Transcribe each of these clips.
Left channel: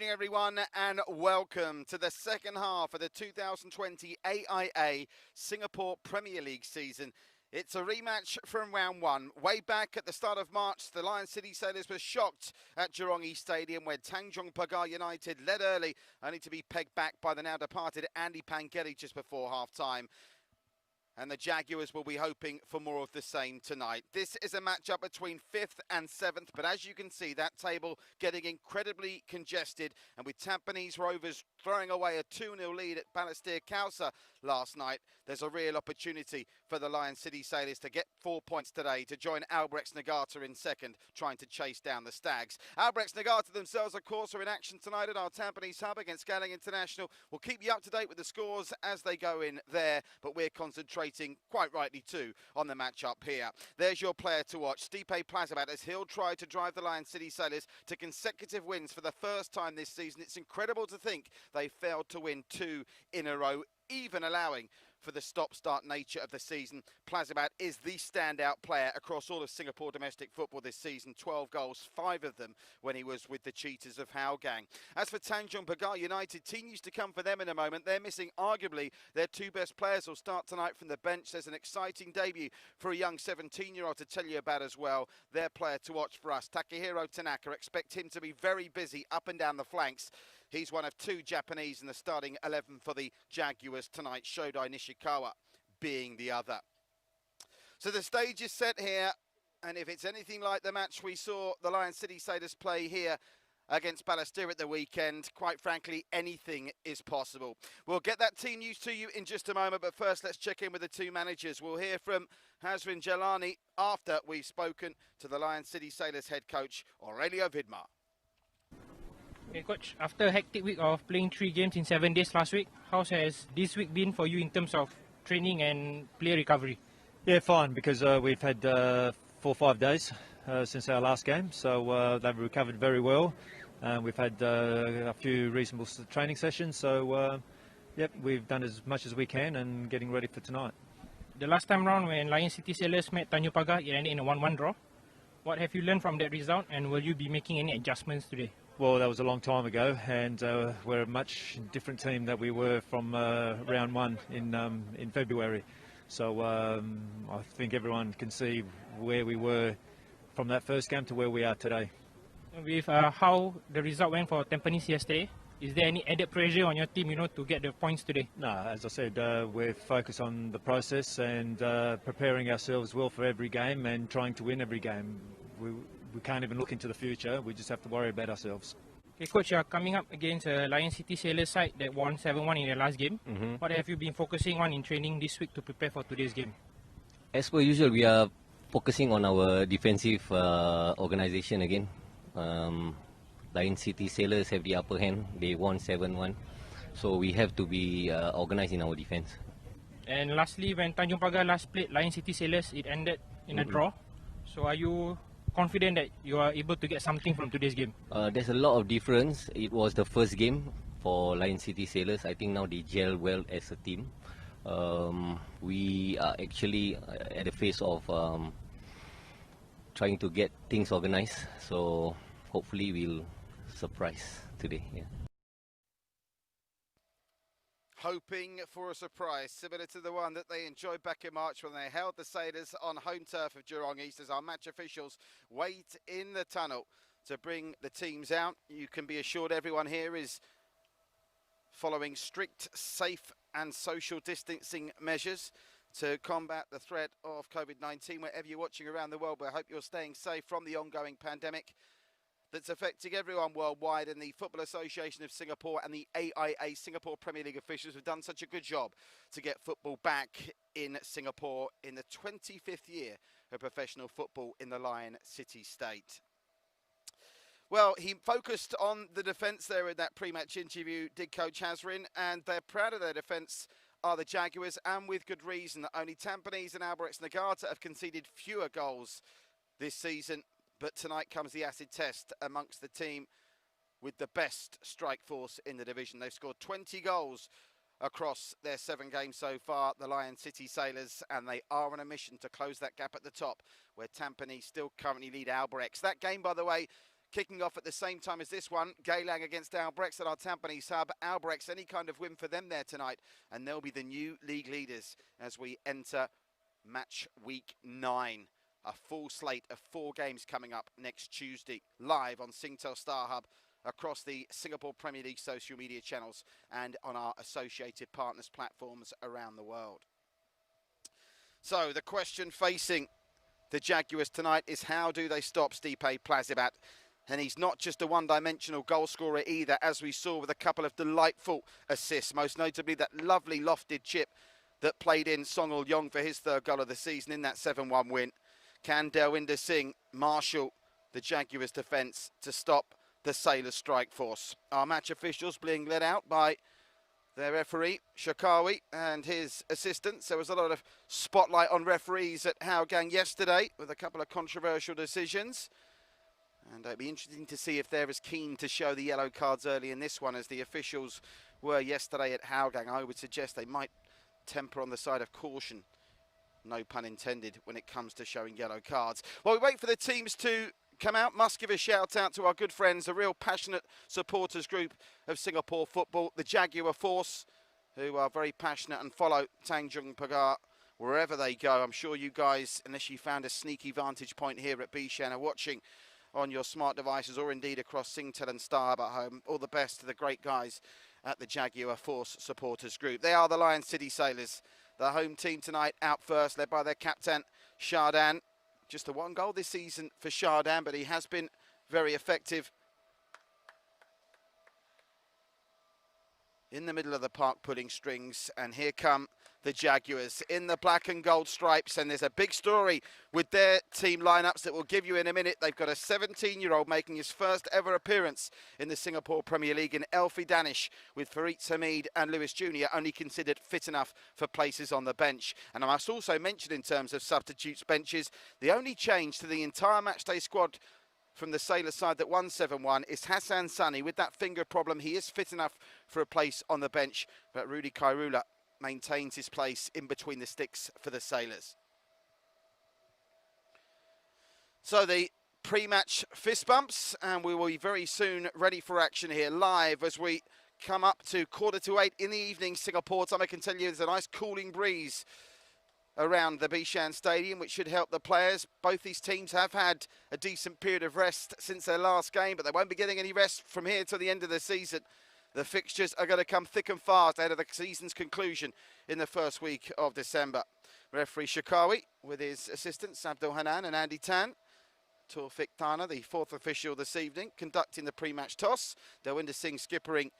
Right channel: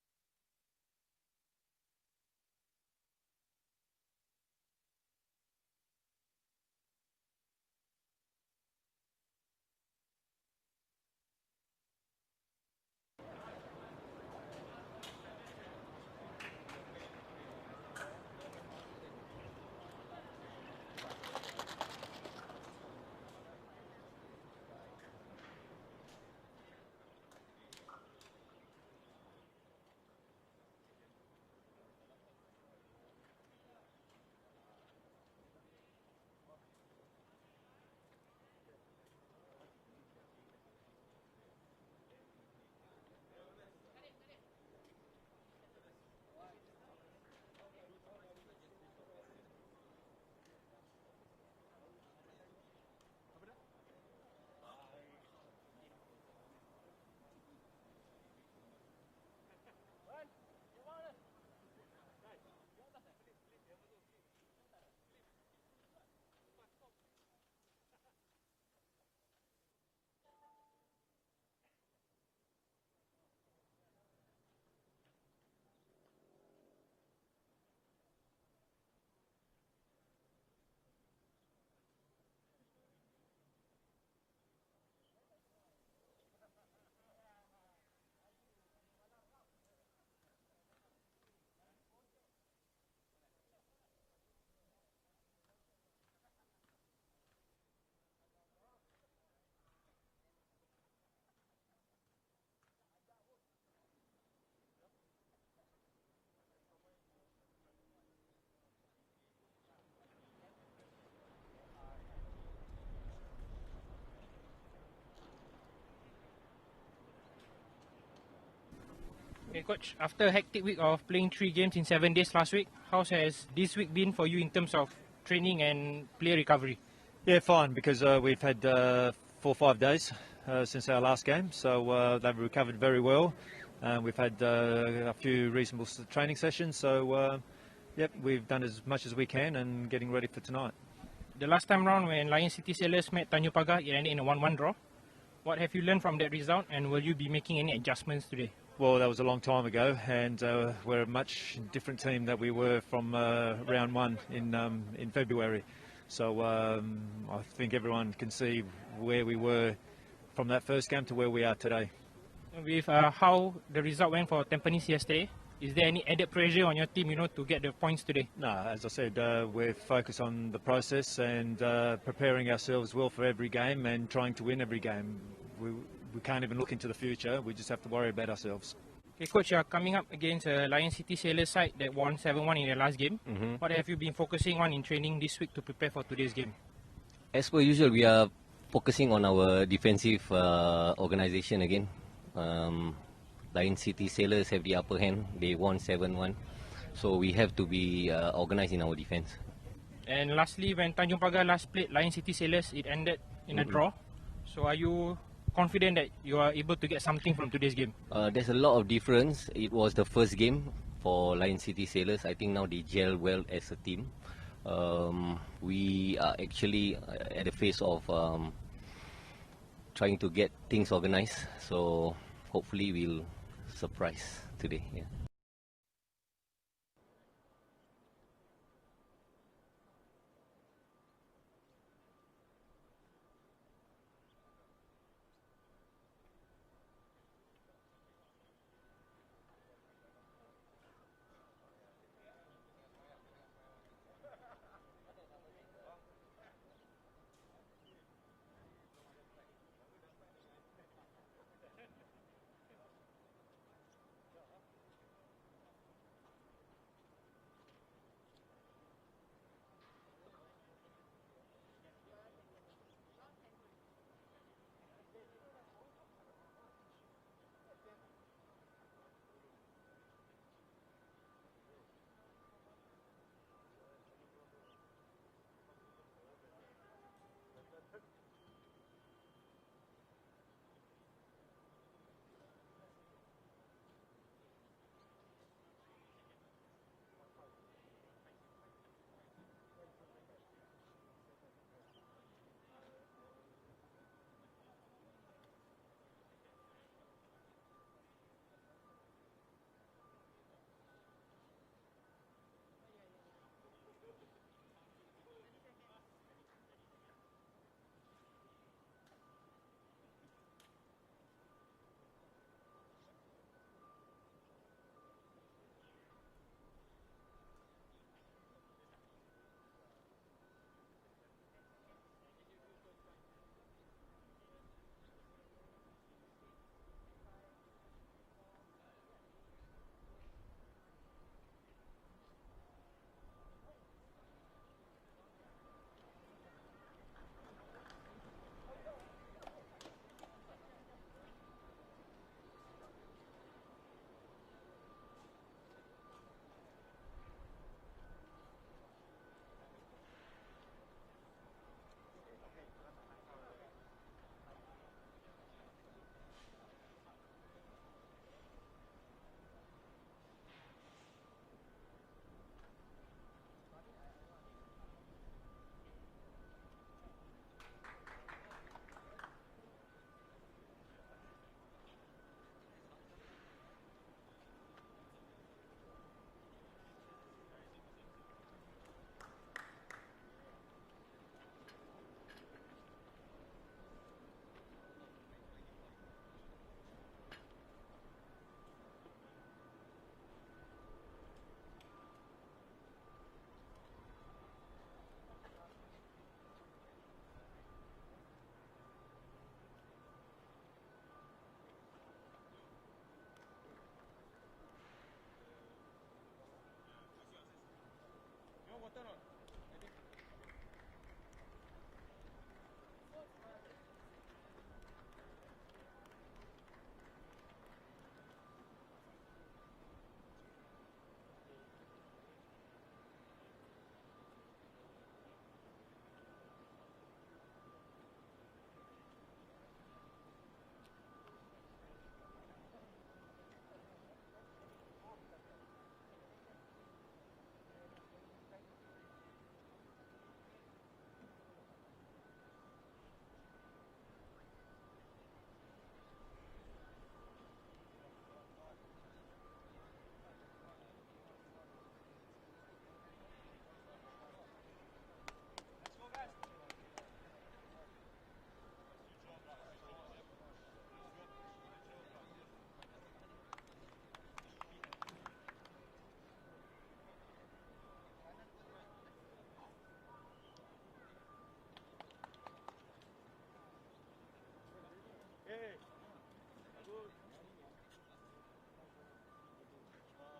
evening, everyone, and welcome to the second half of the 2020 AIA Singapore Premier League season. It's a rematch from round one. Way back at the start of March, the Lion City Sailors were shocked at Jurong East Stadium, where Tanjong Pagar United led early, only to be pegged back by the now departed Andy Pangeli just before half-time. And the Jaguars will be hoping for more of the same tonight. This is a matchup between 5th and 7th, but as you can see, that table getting incredibly congested, and with Tampines Rovers throwing away a 2-0 lead at Balestier Khalsa last night, there's a real opportunity for the Lion City Sailors to get 4 points today to join Albrechts Nagata in second, trying to chase down the Stags. Albrechts Nagata themselves, of course, are in action tonight at our Tampines hub against Galang International. We'll keep you up to date with the scores as they go in there, but we're concentrating, quite rightly too, on the matchup here. There's your player to watch, Stipe Plazibat, as he'll try to drive the Lion City Sailors to consecutive wins for the first time this season. It's incredible to think they failed to win 2 in a row, even allowing for the stop-start nature of the season. Plazibat is the standout player across all of Singapore domestic football this season. 12 goals, 5 of them when he was with the Cheetahs of Hougang. As for Tanjong Pagar United, team used to come for them in a moment. They're missing arguably their 2 best players. Will start tonight from the bench. There's an exciting debut for a young 17-year-old to tell you about as well. Their player to watch for us, Takehiro Tanaka. Expect him to be very busy up and down the flanks. He's one of 2 Japanese in the starting 11 for the Jaguars tonight, Shodai Nishikawa being the other. So the stage is set here, and if it's anything like the match we saw the Lion City Sailors play here against Balestier at the weekend, quite frankly, anything is possible. We'll get that team news to you in just a moment, but first let's check in with the 2 managers. We'll hear from Hazrin Jalani after we've spoken to the Lion City Sailors head coach, Aurelio Vidmar. Okay, Coach, after a hectic week of playing 3 games in 7 days last week, how has this week been for you in terms of training and player recovery? Yeah, fine, because we've had 4 or 5 days since our last game, so they've recovered very well. We've had a few reasonable training sessions, so yep, we've done as much as we can and getting ready for tonight. The last time round when Lion City Sailors met Tanjong Pagar, it ended in a 1-1 draw. What have you learned from that result, and will you be making any adjustments today? Well, that was a long time ago, and we're a much different team that we were from round 1 in February. So I think everyone can see where we were from that first game to where we are today. With how the result went for Tampines yesterday, is there any added pressure on your team, to get the points today? No, as I said, we're focused on the process and preparing ourselves well for every game and trying to win every game. We can't even look into the future. We just have to worry about ourselves. Okay, Coach, you are coming up against a Lion City Sailors side that won 7-1 in their last game. What have you been focusing on in training this week to prepare for today's game? As per usual, we are focusing on our defensive organisation again. Lion City Sailors have the upper hand. They won 7-1. So we have to be organised in our defence. And lastly, when Tanjong Pagar last played Lion City Sailors, it ended in a draw. So are you confident that you are able to get something from today's game? There's a lot of difference. It was the first game for Lion City Sailors. I think now they gel well as a team. We are actually at the phase of trying to get things organised. So hopefully we'll surprise today. Yeah. Hoping for a surprise, similar to the one that they enjoyed back in March when they held the Sailors on home turf of Jurong East, as our match officials wait in the tunnel to bring the teams out. You can be assured everyone here is following strict, safe and social distancing measures to combat the threat of COVID-19. Wherever you're watching around the world, we hope you're staying safe from the ongoing pandemic that's affecting everyone worldwide, and the Football Association of Singapore and the AIA Singapore Premier League officials have done such a good job to get football back in Singapore in the 25th year of professional football in the Lion City state. Well, he focused on the defence there in that pre-match interview, did Coach Hazrin, and they're proud of their defence, are the Jaguars, and with good reason. Only Tampines and Albrechts Nagata have conceded fewer goals this season. But tonight comes the acid test amongst the team with the best strike force in the division. They've scored 20 goals across their 7 games so far, the Lion City Sailors, and they are on a mission to close that gap at the top, where Tampines still currently lead Albrechts. That game, by the way, kicking off at the same time as this one. Geylang against Albrechts at our Tampines hub. Albrechts, any kind of win for them there tonight, and they'll be the new league leaders as we enter match week 9. A full slate of 4 games coming up next Tuesday, live on Singtel Star Hub, across the Singapore Premier League social media channels and on our associated partners platforms around the world. So the question facing the Jaguars tonight is, how do they stop Stipe Plazibat? And he's not just a one-dimensional goal scorer either, as we saw with a couple of delightful assists, most notably that lovely lofted chip that played in Songul Yong for his 3rd goal of the season in that 7-1 win. Can Delwinder Singh marshal the Jaguars' defence to stop the Sailors' strike force? Our match officials being led out by their referee, Shakawi, and his assistants. There was a lot of spotlight on referees at Hougang yesterday with a couple of controversial decisions. And it'd be interesting to see if they're as keen to show the yellow cards early in this one as the officials were yesterday at Hougang. I would suggest they might temper on the side of caution, no pun intended, when it comes to showing yellow cards. While we wait for the teams to come out, must give a shout out to our good friends, a real passionate supporters group of Singapore football, the Jaguar Force, who are very passionate and follow Tanjong Pagar wherever they go. I'm sure you guys, unless you found a sneaky vantage point here at Bishan, are watching on your smart devices or indeed across Singtel and Star at home. All the best to the great guys at the Jaguar Force supporters group. They are the Lion City Sailors, the home team tonight, out first, led by their captain, Shardan. Just the 1 goal this season for Shardan, but he has been very effective in the middle of the park pulling strings. And here come the Jaguars in the black and gold stripes, and there's a big story with their team lineups that we'll give you in a minute. They've got a 17-year-old making his first ever appearance in the Singapore Premier League in Elfie Danish, with Farid Hamid and Lewis Jr. only considered fit enough for places on the bench. And I must also mention, in terms of substitutes benches, the only change to the entire matchday squad from the Sailor side that won 7-1 is Hassan Sani. With that finger problem, he is fit enough for a place on the bench, but Rudy Kairula maintains his place in between the sticks for the Sailors. So the pre-match fist bumps, and we will be very soon ready for action here live as we come up to 7:45 in the evening Singapore time. I can tell you there's a nice cooling breeze around the Bishan Stadium, which should help the players. Both these teams have had a decent period of rest since their last game, but they won't be getting any rest from here till the end of the season. The fixtures are going to come thick and fast ahead of the season's conclusion in the first week of December. Referee Shakawi with his assistants Abdul Hanan and Andy Tan. Taufik Tana, the 4th official this evening, conducting the pre-match toss. Delwinder Singh skippering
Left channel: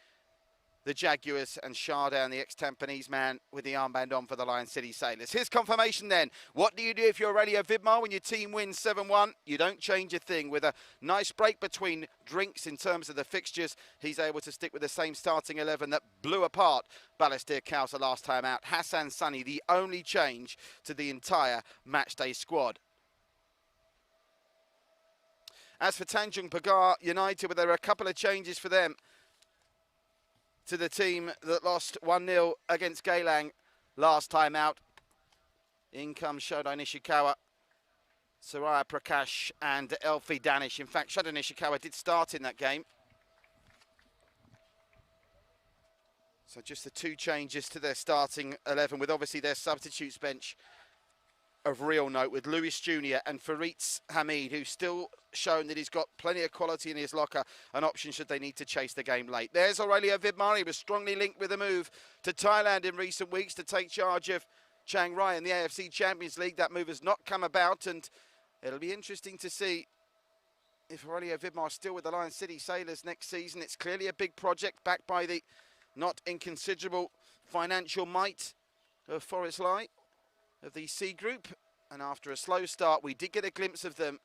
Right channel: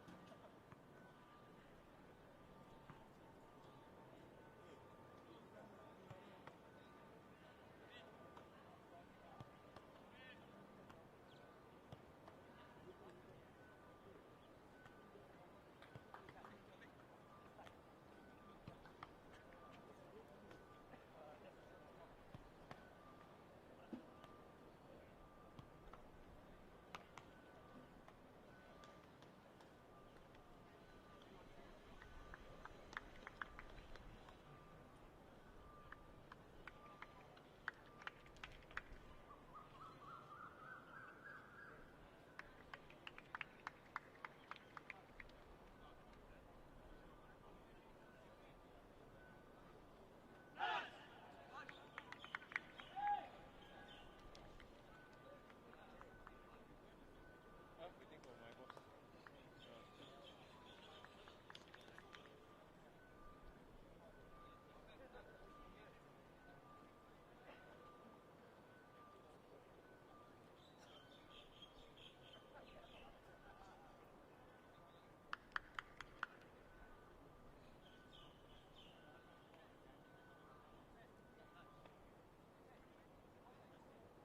the Jaguars, and Shardan, the ex-Tampines man, with the armband on for the Lion City Sailors. Here's confirmation then. What do you do if you're Aurelio Vidmar when your team wins 7-1? You don't change a thing. With a nice break between drinks in terms of the fixtures, he's able to stick with the same starting 11 that blew apart Balestier Kausa last time out. Hassan Sani, the only change to the entire matchday squad. As for Tanjong Pagar United, well, there are a couple of changes for them to the team that lost 1-0 against Geylang last time out. In comes Shodai Nishikawa, Saraya Prakash and Elfie Danish. In fact, Shodai Nishikawa did start in that game. So just the 2 changes to their starting 11, with obviously their substitutes bench of real note, with Lewis Jr. and Farid Hamid, who's still shown that he's got plenty of quality in his locker, an option should they need to chase the game late. There's Aurelio Vidmar. He was strongly linked with a move to Thailand in recent weeks to take charge of Chiang Rai in the AFC Champions League. That move has not come about, and it'll be interesting to see if Aurelio Vidmar is still with the Lion City Sailors next season. It's clearly a big project backed by the not inconsiderable financial might of Forest Light, of the C Group. And after a slow start, we did get a glimpse of them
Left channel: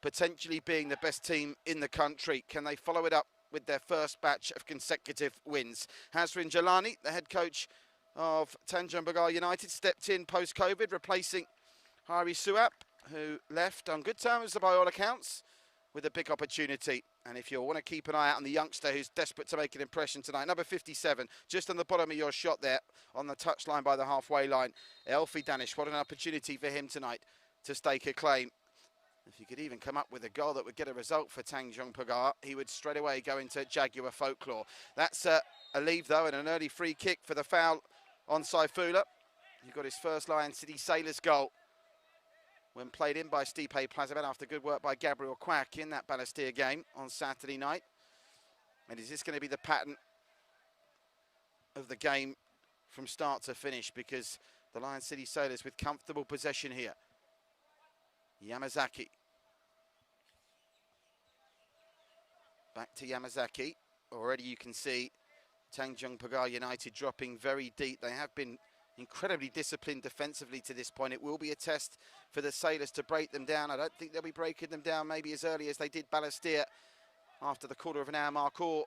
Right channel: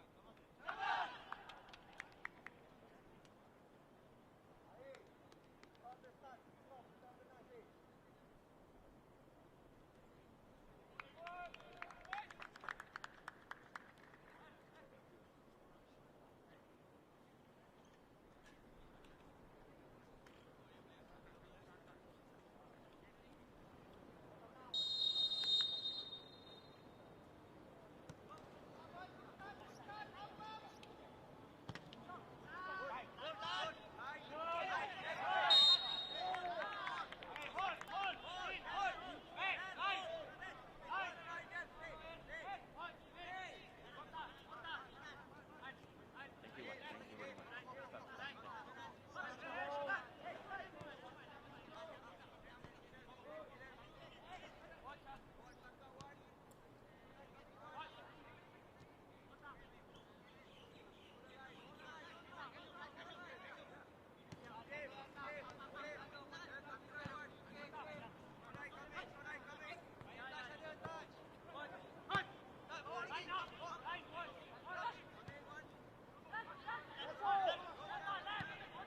potentially being the best team in the country. Can they follow it up with their first batch of consecutive wins? Hazrin Jalani, the head coach of Tanjong Pagar United, stepped in post-COVID, replacing Hari Suap, who left on good terms by all accounts, with a big opportunity. And if you want to keep an eye out on the youngster who's desperate to make an impression tonight, number 57, just on the bottom of your shot there, on the touchline by the halfway line, Elfie Danish. What an opportunity for him tonight to stake a claim. If you he could even come up with a goal that would get a result for Tanjong Pagar. He would straight away go into Jaguar folklore. That's a leave, though, and an early free kick for the foul on Saifullah. He got his first Lion City Sailors goal when played in by Stipe Plazibat after good work by Gabriel Quack in that Balestier game on Saturday night. And is this going to be the pattern of the game from start to finish? Because the Lion City Sailors with comfortable possession here. Yamazaki. Back to Yamazaki. Already you can see Tanjong Pagar United dropping very deep. They have been incredibly disciplined defensively to this point. It will be a test for the Sailors to break them down. I don't think they'll be breaking them down maybe as early as they did Balestier after the quarter of an hour mark, or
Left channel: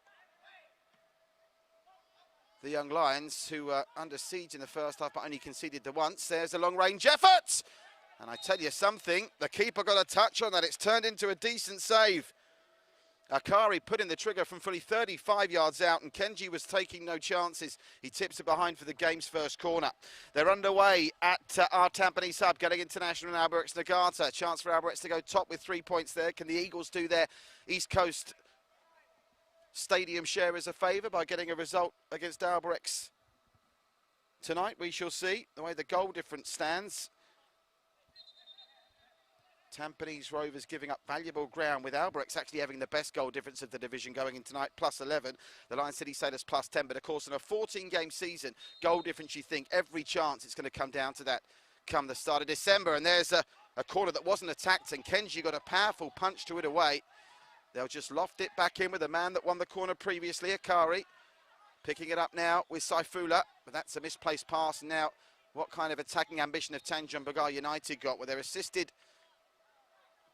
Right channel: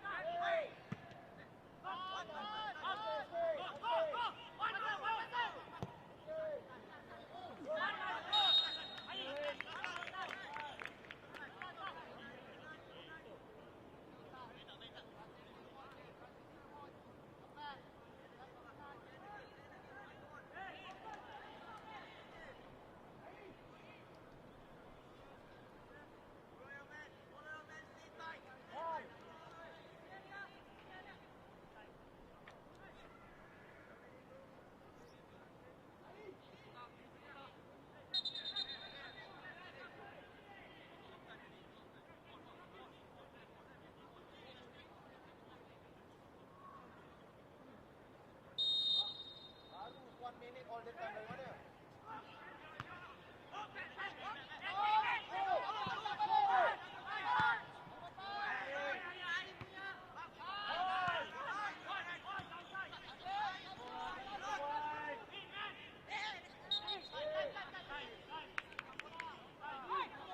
the Young Lions, who were under siege in the first half but only conceded the once. There's a long-range effort! And I tell you something, the keeper got a touch on that. It's turned into a decent save. Akari put in the trigger from fully 35 yards out, and Kenji was taking no chances. He tips it behind for the game's first corner. They're underway at our Tampines hub, getting international in Albirex Niigata. Chance for Albirex to go top with 3 points there. Can the Eagles do their East Coast Stadium share as a favour by getting a result against Albirex tonight? We shall see. The way the goal difference stands, Tampines Rovers giving up valuable ground, with Albirex actually having the best goal difference of the division going in tonight, +11. The Lion City Sailors +10, but of course in a 14-game season, goal difference, you think every chance it's going to come down to that come the start of December. And there's a corner that wasn't attacked, and Kenji got a powerful punch to it away. They'll just loft it back in with the man that won the corner previously, Akari. Picking it up now with Saifullah, but that's a misplaced pass. And now what kind of attacking ambition have Tanjong Pagar United got, where they're assisted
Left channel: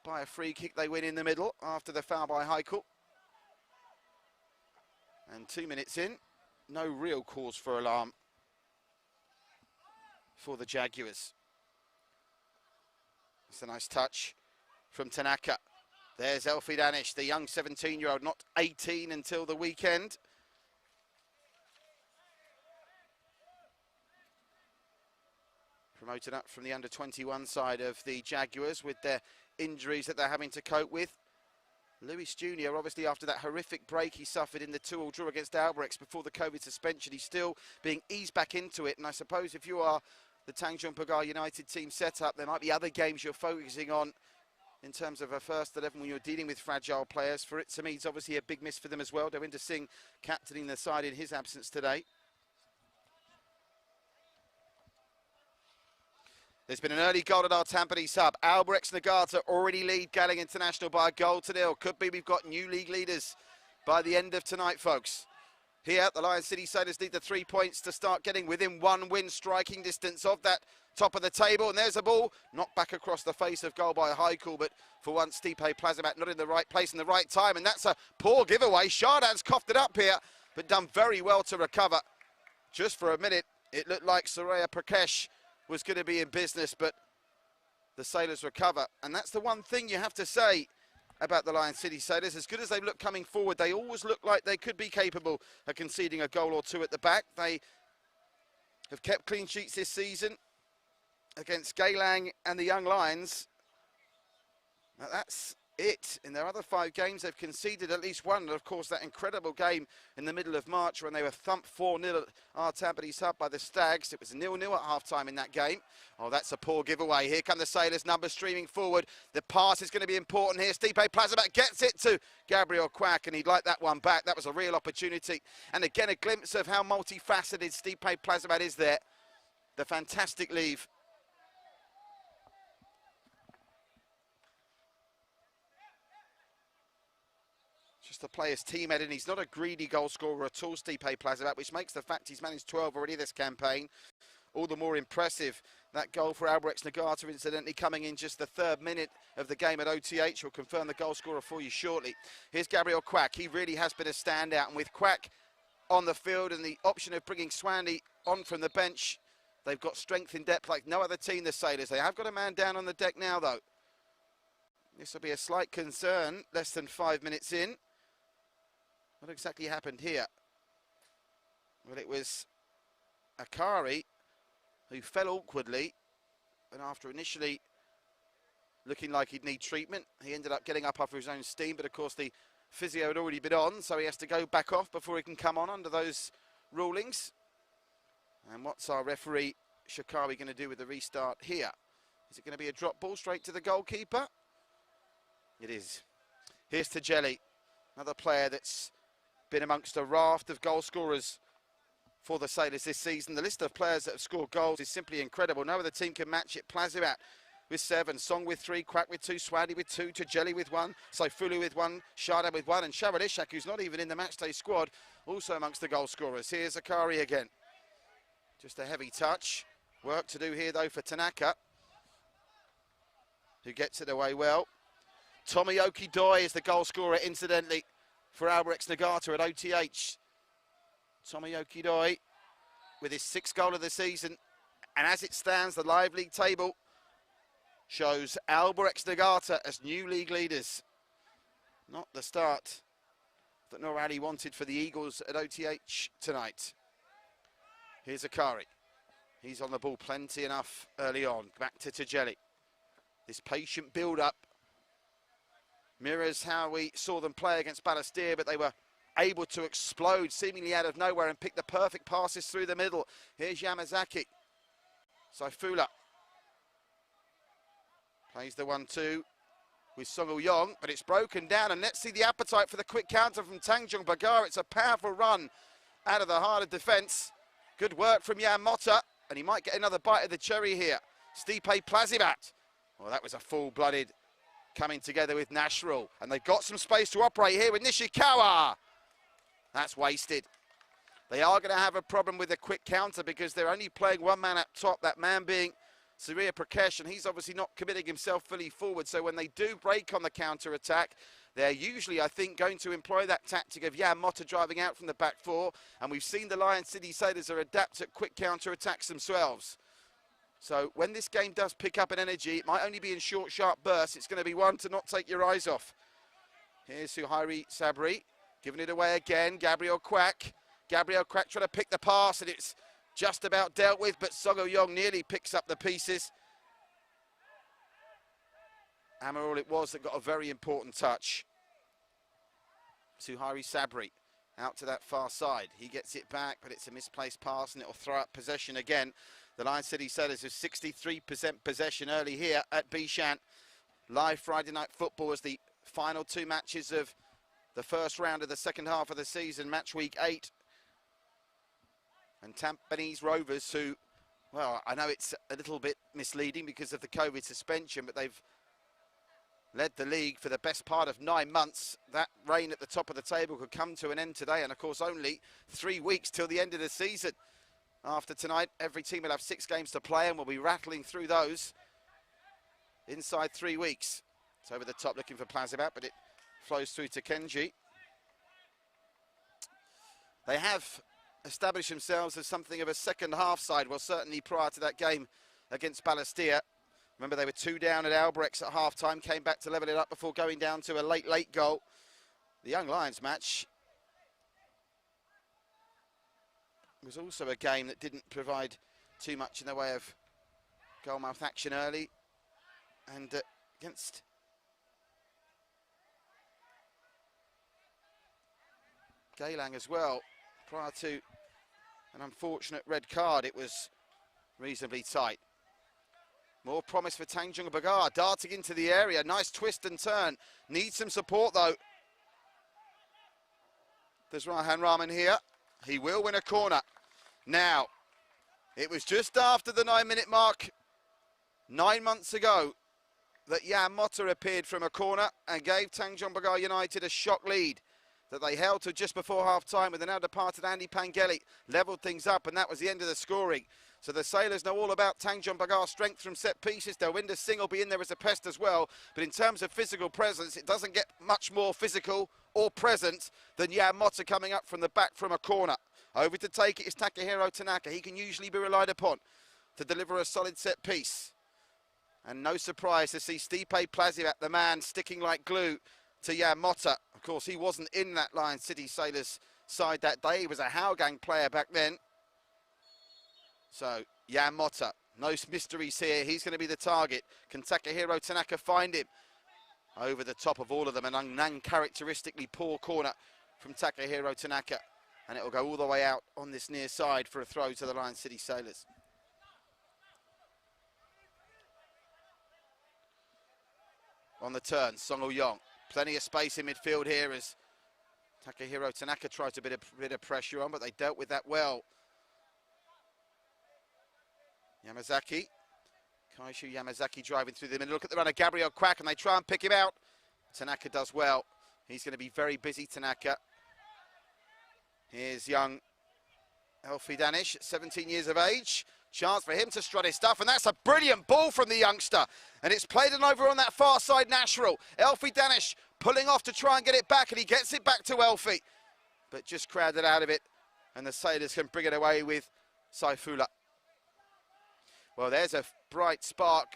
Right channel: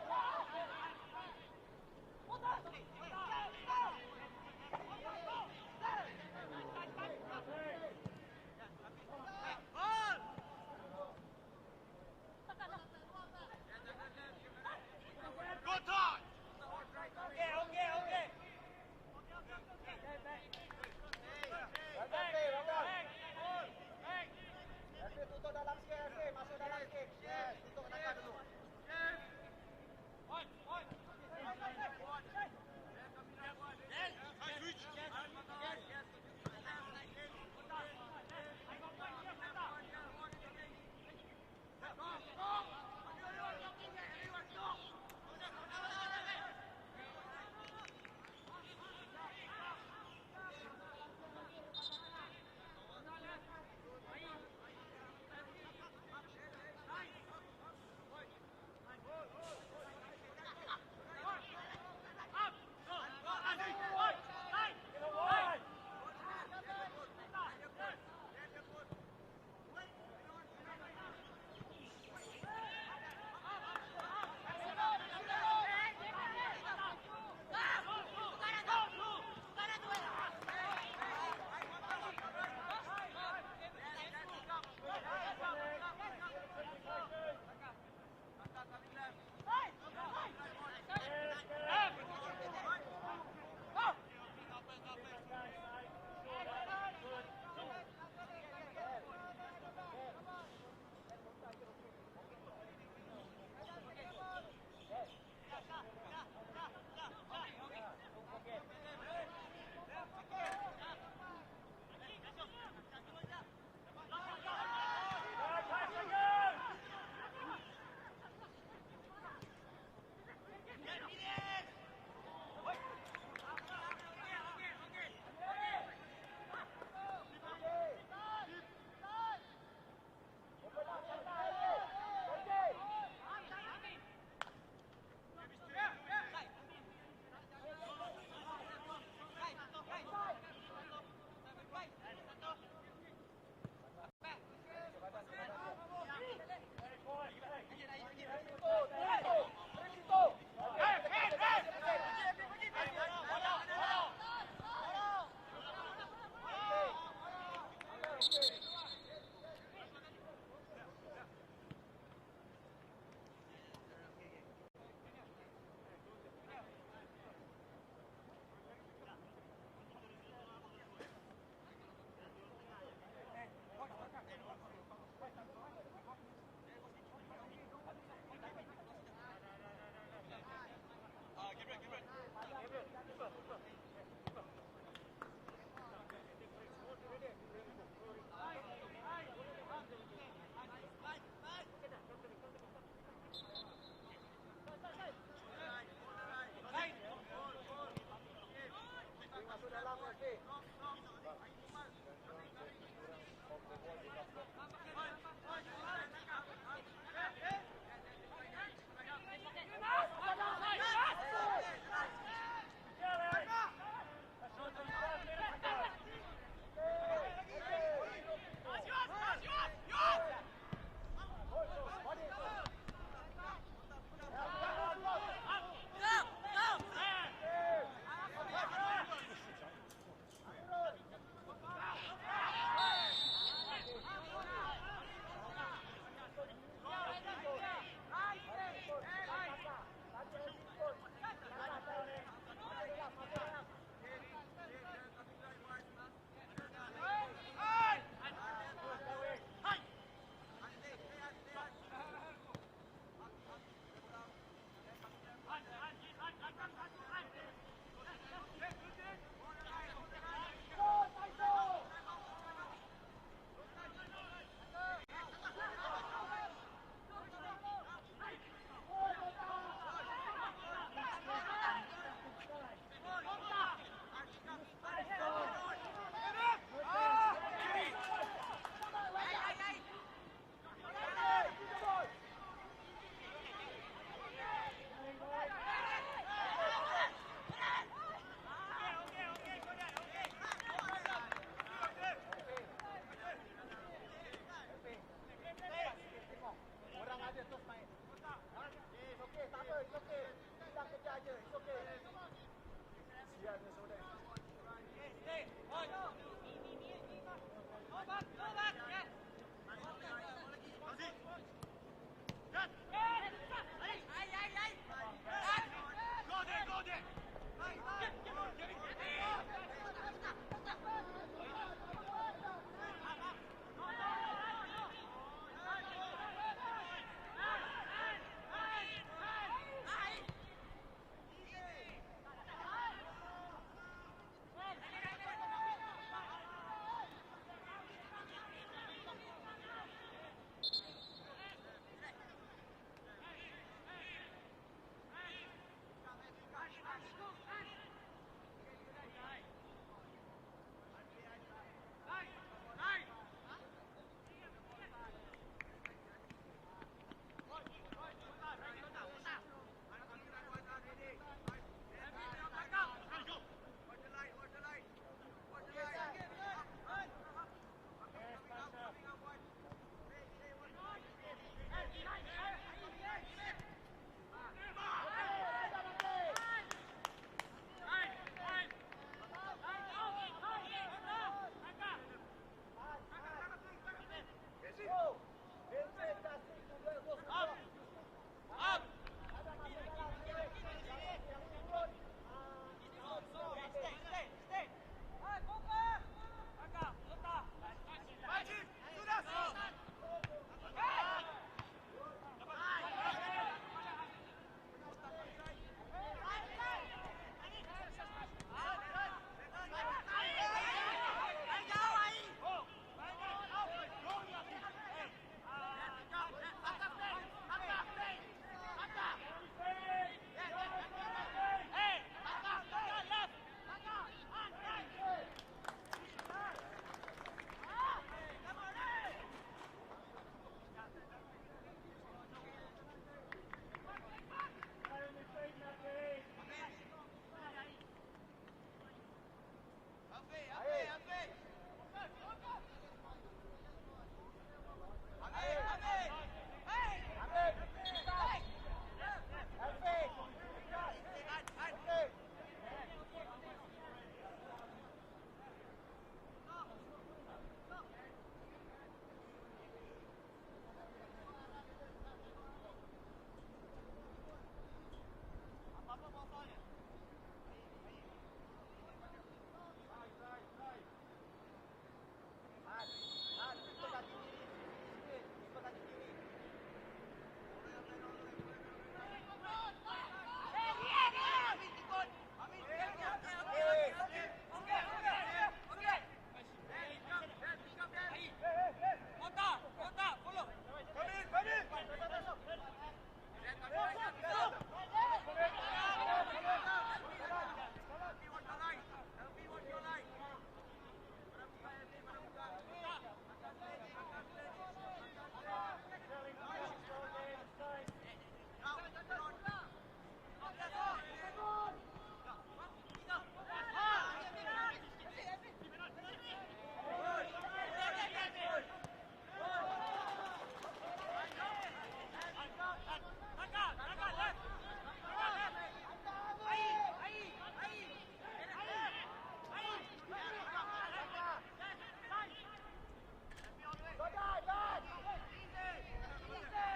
by a free kick? They win in the middle after the foul by Haikul. And 2 minutes in, no real cause for alarm for the Jaguars. It's a nice touch from Tanaka. There's Elfie Danish, the young 17-year-old, not 18 until the weekend. Promoted up from the under-21 side of the Jaguars with their injuries that they're having to cope with. Lewis Jr., obviously after that horrific break he suffered in the 2-2 draw against Albirex before the COVID suspension, he's still being eased back into it. And I suppose if you are the Tanjong Pagar United team setup, there might be other games you're focusing on in terms of a first 11 when you're dealing with fragile players. For it to me, it's obviously a big miss for them as well. Devinder Singh captaining the side in his absence today. There's been an early goal at our Tampines hub. Albirex Niigata already lead Galing International by a goal to nil. Could be we've got new league leaders by the end of tonight, folks. Here, the Lion City Sailors need the 3 points to start getting within one win striking distance of that top of the table. And there's a ball knocked back across the face of goal by Haikul, but for once Stipe Plazibat not in the right place in the right time, and that's a poor giveaway. Shardad's coughed it up here, but done very well to recover. Just for a minute, it looked like Soraya Prakesh was going to be in business, but the Sailors recover. And that's the one thing you have to say about the Lion City Sailors. As good as they look coming forward, they always look like they could be capable of conceding a goal or two at the back. They have kept clean sheets this season against Galang and the Young Lions. Now that's it. In their other 5 games, they've conceded at least one. And of course, that incredible game in the middle of March when they were thumped 4-0 at our Tampines hub by the Stags. It was 0-0 at half-time in that game. Oh, that's a poor giveaway. Here come the Sailors, numbers streaming forward. The pass is going to be important here. Stipe Plazibat gets it to Gabriel Quack, and he'd like that one back. That was a real opportunity. And again, a glimpse of how multifaceted Stipe Plazibat is there. The fantastic leave. To play his team head in. He's not a greedy goal scorer at all, Stipe Plazibat, which makes the fact he's managed 12 already this campaign all the more impressive. That goal for Albirex Niigata, incidentally, coming in just the 3rd minute of the game at OTH. We'll confirm the goal scorer for you shortly. Here's Gabriel Quack. He really has been a standout, and with Quack on the field and the option of bringing Swanley on from the bench, they've got strength in depth like no other team, the Sailors. They have got a man down on the deck now, though. This will be a slight concern, less than 5 minutes in. What exactly happened here? Well, it was Akari who fell awkwardly, and after initially looking like he'd need treatment. He ended up getting up off his own steam, but of course the physio had already been on, so he has to go back off before he can come on under those rulings. And what's our referee Shakawi going to do with the restart here? Is it going to be a drop ball straight to the goalkeeper? It is. Here's Tajeli, another player that's been amongst a raft of goal scorers for the Sailors this season. The list of players that have scored goals is simply incredible. No other team can match it. Plazibat with 7, Song with 3, Quack with 2, Swadi with 2, Tajeli with 1, Saifulu with 1, Sharda with 1, and Sharon Ishak, who's not even in the matchday squad, also amongst the goal scorers. Here's Akari again. Just a heavy touch. Work to do here though for Tanaka, who gets it away well. Tomoyoki Doi is the goal scorer, incidentally, for Albirex Nagata at OTH. Tomoyoki Doi with his 6th goal of the season. And as it stands, the live league table shows Albirex Nagata as new league leaders. Not the start that Norali wanted for the Eagles at OTH tonight. Here's Akari. He's on the ball plenty enough early on. Back to Tajeli. This patient build-up mirrors how we saw them play against Balestier, but they were able to explode seemingly out of nowhere and pick the perfect passes through the middle. Here's Yamazaki. Saifula plays the 1-2 with Song Yong, but it's broken down, and let's see the appetite for the quick counter from Tanjong Pagar. It's a powerful run out of the heart of defence. Good work from Jan Motta, and he might get another bite of the cherry here. Stipe Plazibat. Well, that was a full-blooded coming together with Nashrul, and they've got some space to operate here with Nishikawa. That's wasted. They are going to have a problem with the quick counter because they're only playing one man up top, that man being Surya Prakash, and he's obviously not committing himself fully forward. So when they do break on the counter-attack, they're usually, I think, going to employ that tactic of Jan Motta driving out from the back four, and we've seen the Lion City Sailors are adept at quick counter-attacks themselves. So when this game does pick up in energy, it might only be in short, sharp bursts. It's going to be one to not take your eyes off. Here's Suhairi Sabri, giving it away again. Gabriel Quack. Gabriel Quack trying to pick the pass, and it's just about dealt with, but Sogo Yong nearly picks up the pieces. Amaral it was that got a very important touch. Suhairi Sabri out to that far side. He gets it back, but it's a misplaced pass, and it'll throw up possession again. The Lion City Sailors have 63% possession early here at Bishan. Live Friday night football as the final 2 matches of the first round of the second half of the season, match week 8. And Tampines Rovers, who, well, I know it's a little bit misleading because of the COVID suspension, but they've led the league for the best part of 9 months. That reign at the top of the table could come to an end today, and of course only 3 weeks till the end of the season. After tonight, every team will have 6 games to play, and we'll be rattling through those inside 3 weeks. It's over the top looking for Plazibat, but it flows through to Kenji. They have established themselves as something of a second half side, well certainly prior to that game against Balestier. Remember they were 2 down at Albirex at half time, came back to level it up before going down to a late goal. The Young Lions match was also a game that didn't provide too much in the way of goalmouth action early, and against Geylang as well, prior to an unfortunate red card, it was reasonably tight. More promise for Tanjong Pagar, darting into the area, nice twist and turn, needs some support though. There's Rahan Rahman here, he will win a corner. Now, it was just after the 9-minute mark 9 months ago that Jan Motta appeared from a corner and gave Tanjong Pagar United a shock lead that they held to just before half-time, with the now departed Andy Pangeli levelled things up, and that was the end of the scoring. So the Sailors know all about Tanjong Pagar's strength from set pieces. Delwinder Singh will be in there as a pest as well, but in terms of physical presence, it doesn't get much more physical or present than Jan Motta coming up from the back from a corner. Over to take it is Takahiro Tanaka. He can usually be relied upon to deliver a solid set piece. And no surprise to see Stipe Plazibat, the man, sticking like glue to Jan Motta. Of course, he wasn't in that Lion City Sailors side that day. He was a Howgang player back then. So, Jan Motta No mysteries here. He's going to be the target. Can Takahiro Tanaka find him? Over the top of all of them, an uncharacteristically poor corner from Takahiro Tanaka. And it will go all the way out on this near side for a throw to the Lion City Sailors. On the turn, Song Woo-young. Plenty of space in midfield here as Takahiro Tanaka tried to bit of pressure on, but they dealt with that well. Yamazaki. Kaishu Yamazaki driving through the middle. Look at the runner, Gabriel Kwak, and they try and pick him out. Tanaka does well. He's going to be very busy, Tanaka. Here's young Elfie Danish at 17 years of age. Chance for him to strut his stuff, and that's a brilliant ball from the youngster. And it's played on over on that far side, Natural. Elfie Danish pulling off to try and get it back, and he gets it back to Elfie. But just crowded out of it, and the Sailors can bring it away with Saifullah. Well, there's a bright spark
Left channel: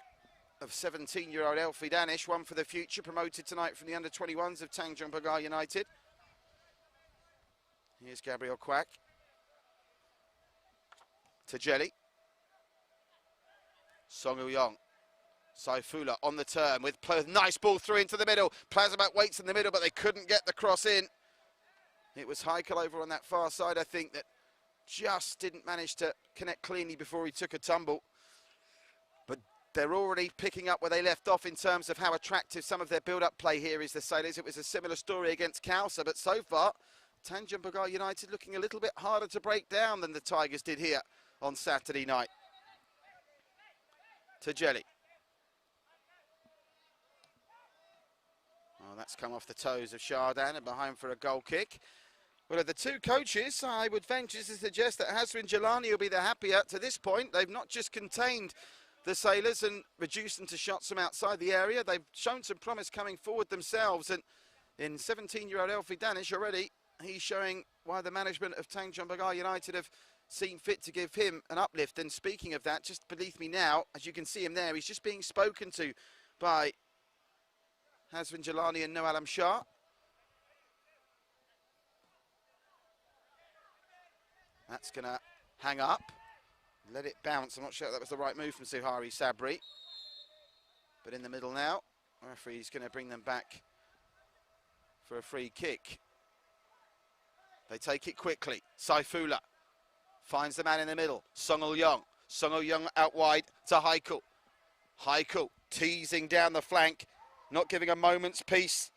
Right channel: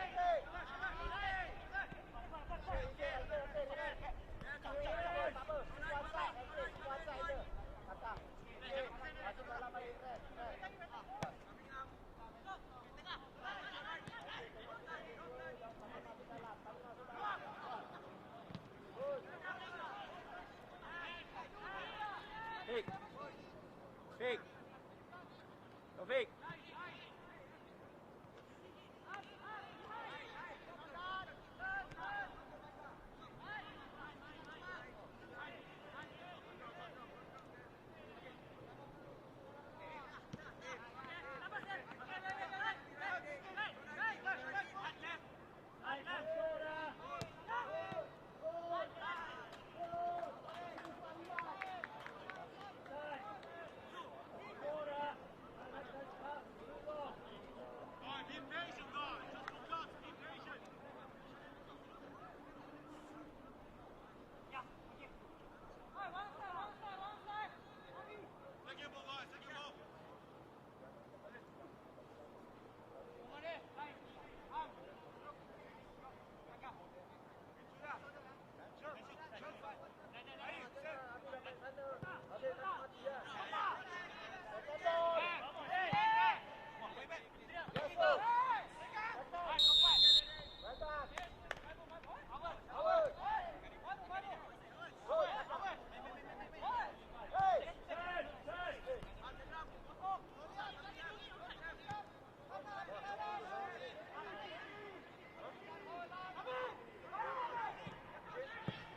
of 17-year-old Elfie Danish, one for the future, promoted tonight from the under-21s of Tanjong Pagar United. Here's Gabriel Kwak. To Jelly. Song Woo-young. Saifullah on the turn with nice ball through into the middle. Plazamak waits in the middle, but they couldn't get the cross in. It was Heikel over on that far side, I think, that just didn't manage to connect cleanly before he took a tumble. But they're already picking up where they left off in terms of how attractive some of their build-up play here is, the Sailors. It was a similar story against Khalsa, but so far, Tanjong Pagar United looking a little bit harder to break down than the Tigers did here on Saturday night. To Jelly. Well, that's come off the toes of Shardan and behind for a goal kick. Well, of the two coaches, I would venture to suggest that Hazrin Jelani will be the happier to this point. They've not just contained the Sailors and reduced them to shots from outside the area. They've shown some promise coming forward themselves, and in 17-year-old Elfie Danish already, he's showing why the management of Tanjong Pagar United have seen fit to give him an uplift. And speaking of that, just beneath me now, as you can see him there, he's just being spoken to by Hazrin Jelani and No Alam Shah. That's going to hang up, let it bounce. I'm not sure that was the right move from Suhari Sabri. But in the middle now, the referee's going to bring them back for a free kick. They take it quickly. Saifullah finds the man in the middle. Song Woo-young. Song Woo-young out wide to Heikel. Heikel teasing down the flank, not giving a moment's peace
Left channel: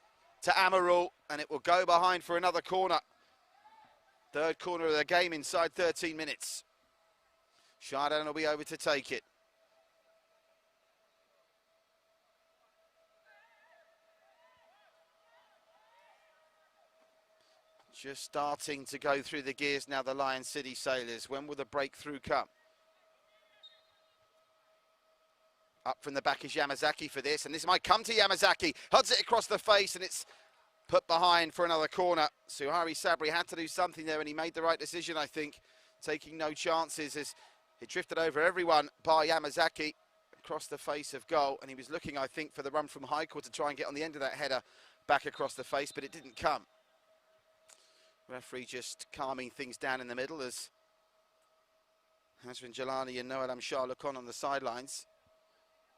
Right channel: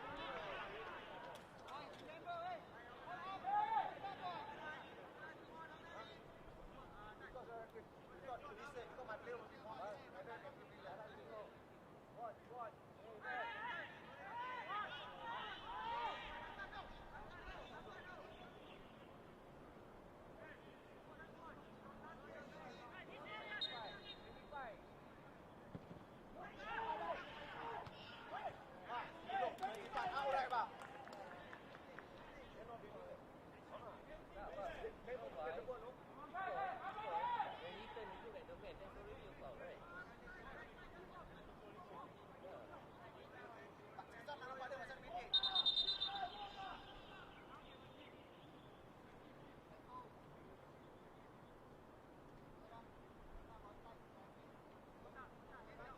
to Amarul, and it will go behind for another corner. Third corner of the game inside 13 minutes. Shardan will be over to take it. Just starting to go through the gears now, the Lion City Sailors. When will the breakthrough come? Up from the back is Yamazaki for this, and this might come to Yamazaki. Huds it across the face, and it's put behind for another corner. Suhari Sabri had to do something there, and he made the right decision, I think, taking no chances as it drifted over everyone by Yamazaki across the face of goal, and he was looking, I think, for the run from Heikel to try and get on the end of that header back across the face, but it didn't come. Referee just calming things down in the middle as Hazrin Jelani and No Alam Shah look on the sidelines.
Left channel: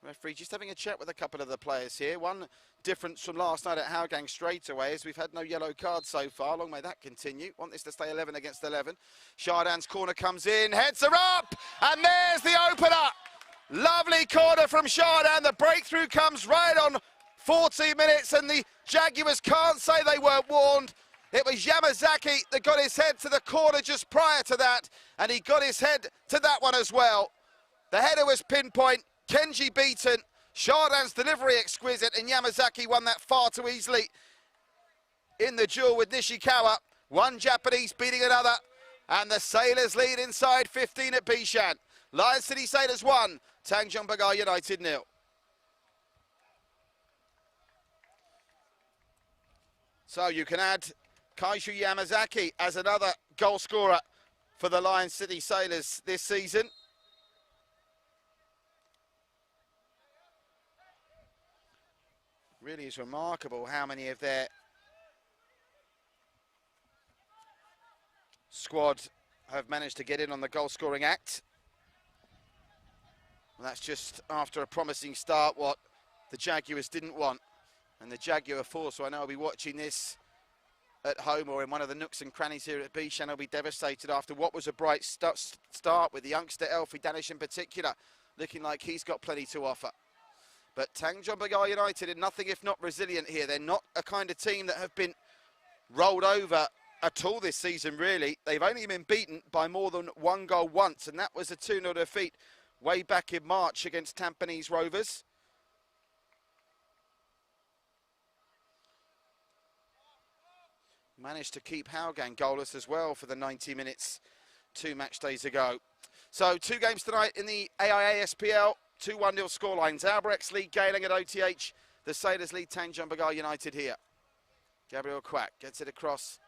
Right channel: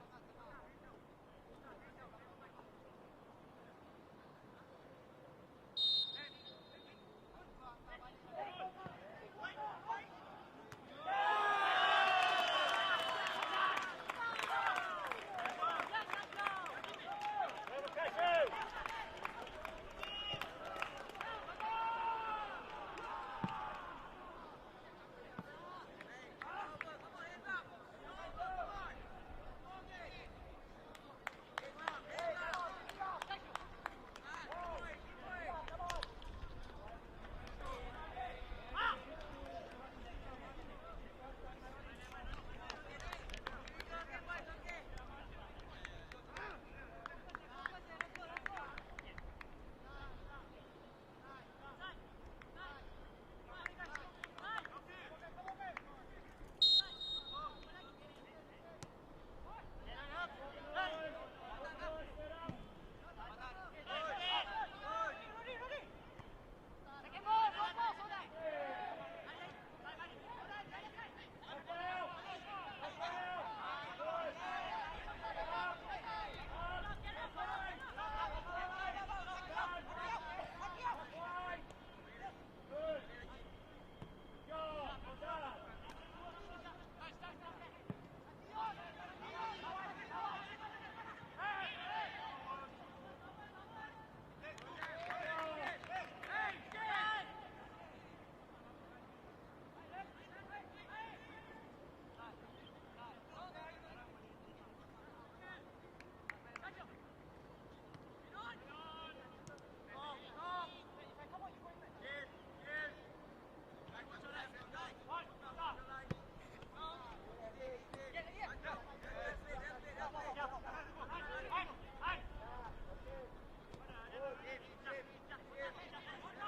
Referee just having a chat with a couple of the players here. One difference from last night at Hougang straight away is we've had no yellow cards so far. Long may that continue. Want this to stay 11 against 11. Shardan's corner comes in, heads are up, and there's the opener. Lovely corner from Shardan. The breakthrough comes right on 14 minutes, and the Jaguars can't say they weren't warned. It was Yamazaki that got his head to the corner just prior to that, and he got his head to that one as well. The header was pinpoint, Kenji beaten, Shardan's delivery exquisite, and Yamazaki won that far too easily in the duel with Nishikawa. One Japanese beating another, and the Sailors lead inside 15 at Bishan. Lion City Sailors 1, Tanjong Pagar United 0. So you can add Kaishu Yamazaki as another goal scorer for the Lion City Sailors this season. Really is remarkable how many of their squad have managed to get in on the goal scoring act. That's just after a promising start, what the Jaguars didn't want. And the Jaguar force, so I know I'll be watching this at home or in one of the nooks and crannies here at Bishan, will be devastated after what was a bright start with the youngster Elfie Danish in particular, looking like he's got plenty to offer. But Tanjong Pagar United are nothing if not resilient here. They're not a kind of team that have been rolled over at all this season, really. They've only been beaten by more than one goal once, and that was a 2-0 defeat way back in March against Tampines Rovers. Managed to keep Howgang goalless as well for the 90 minutes 2 match days ago. So 2 games tonight in the AIA SPL, 2-1-0 scorelines. Albrechts lead Geylang at OTH, the Sailors lead Tanjong Pagar United here. Gabriel Quack gets it across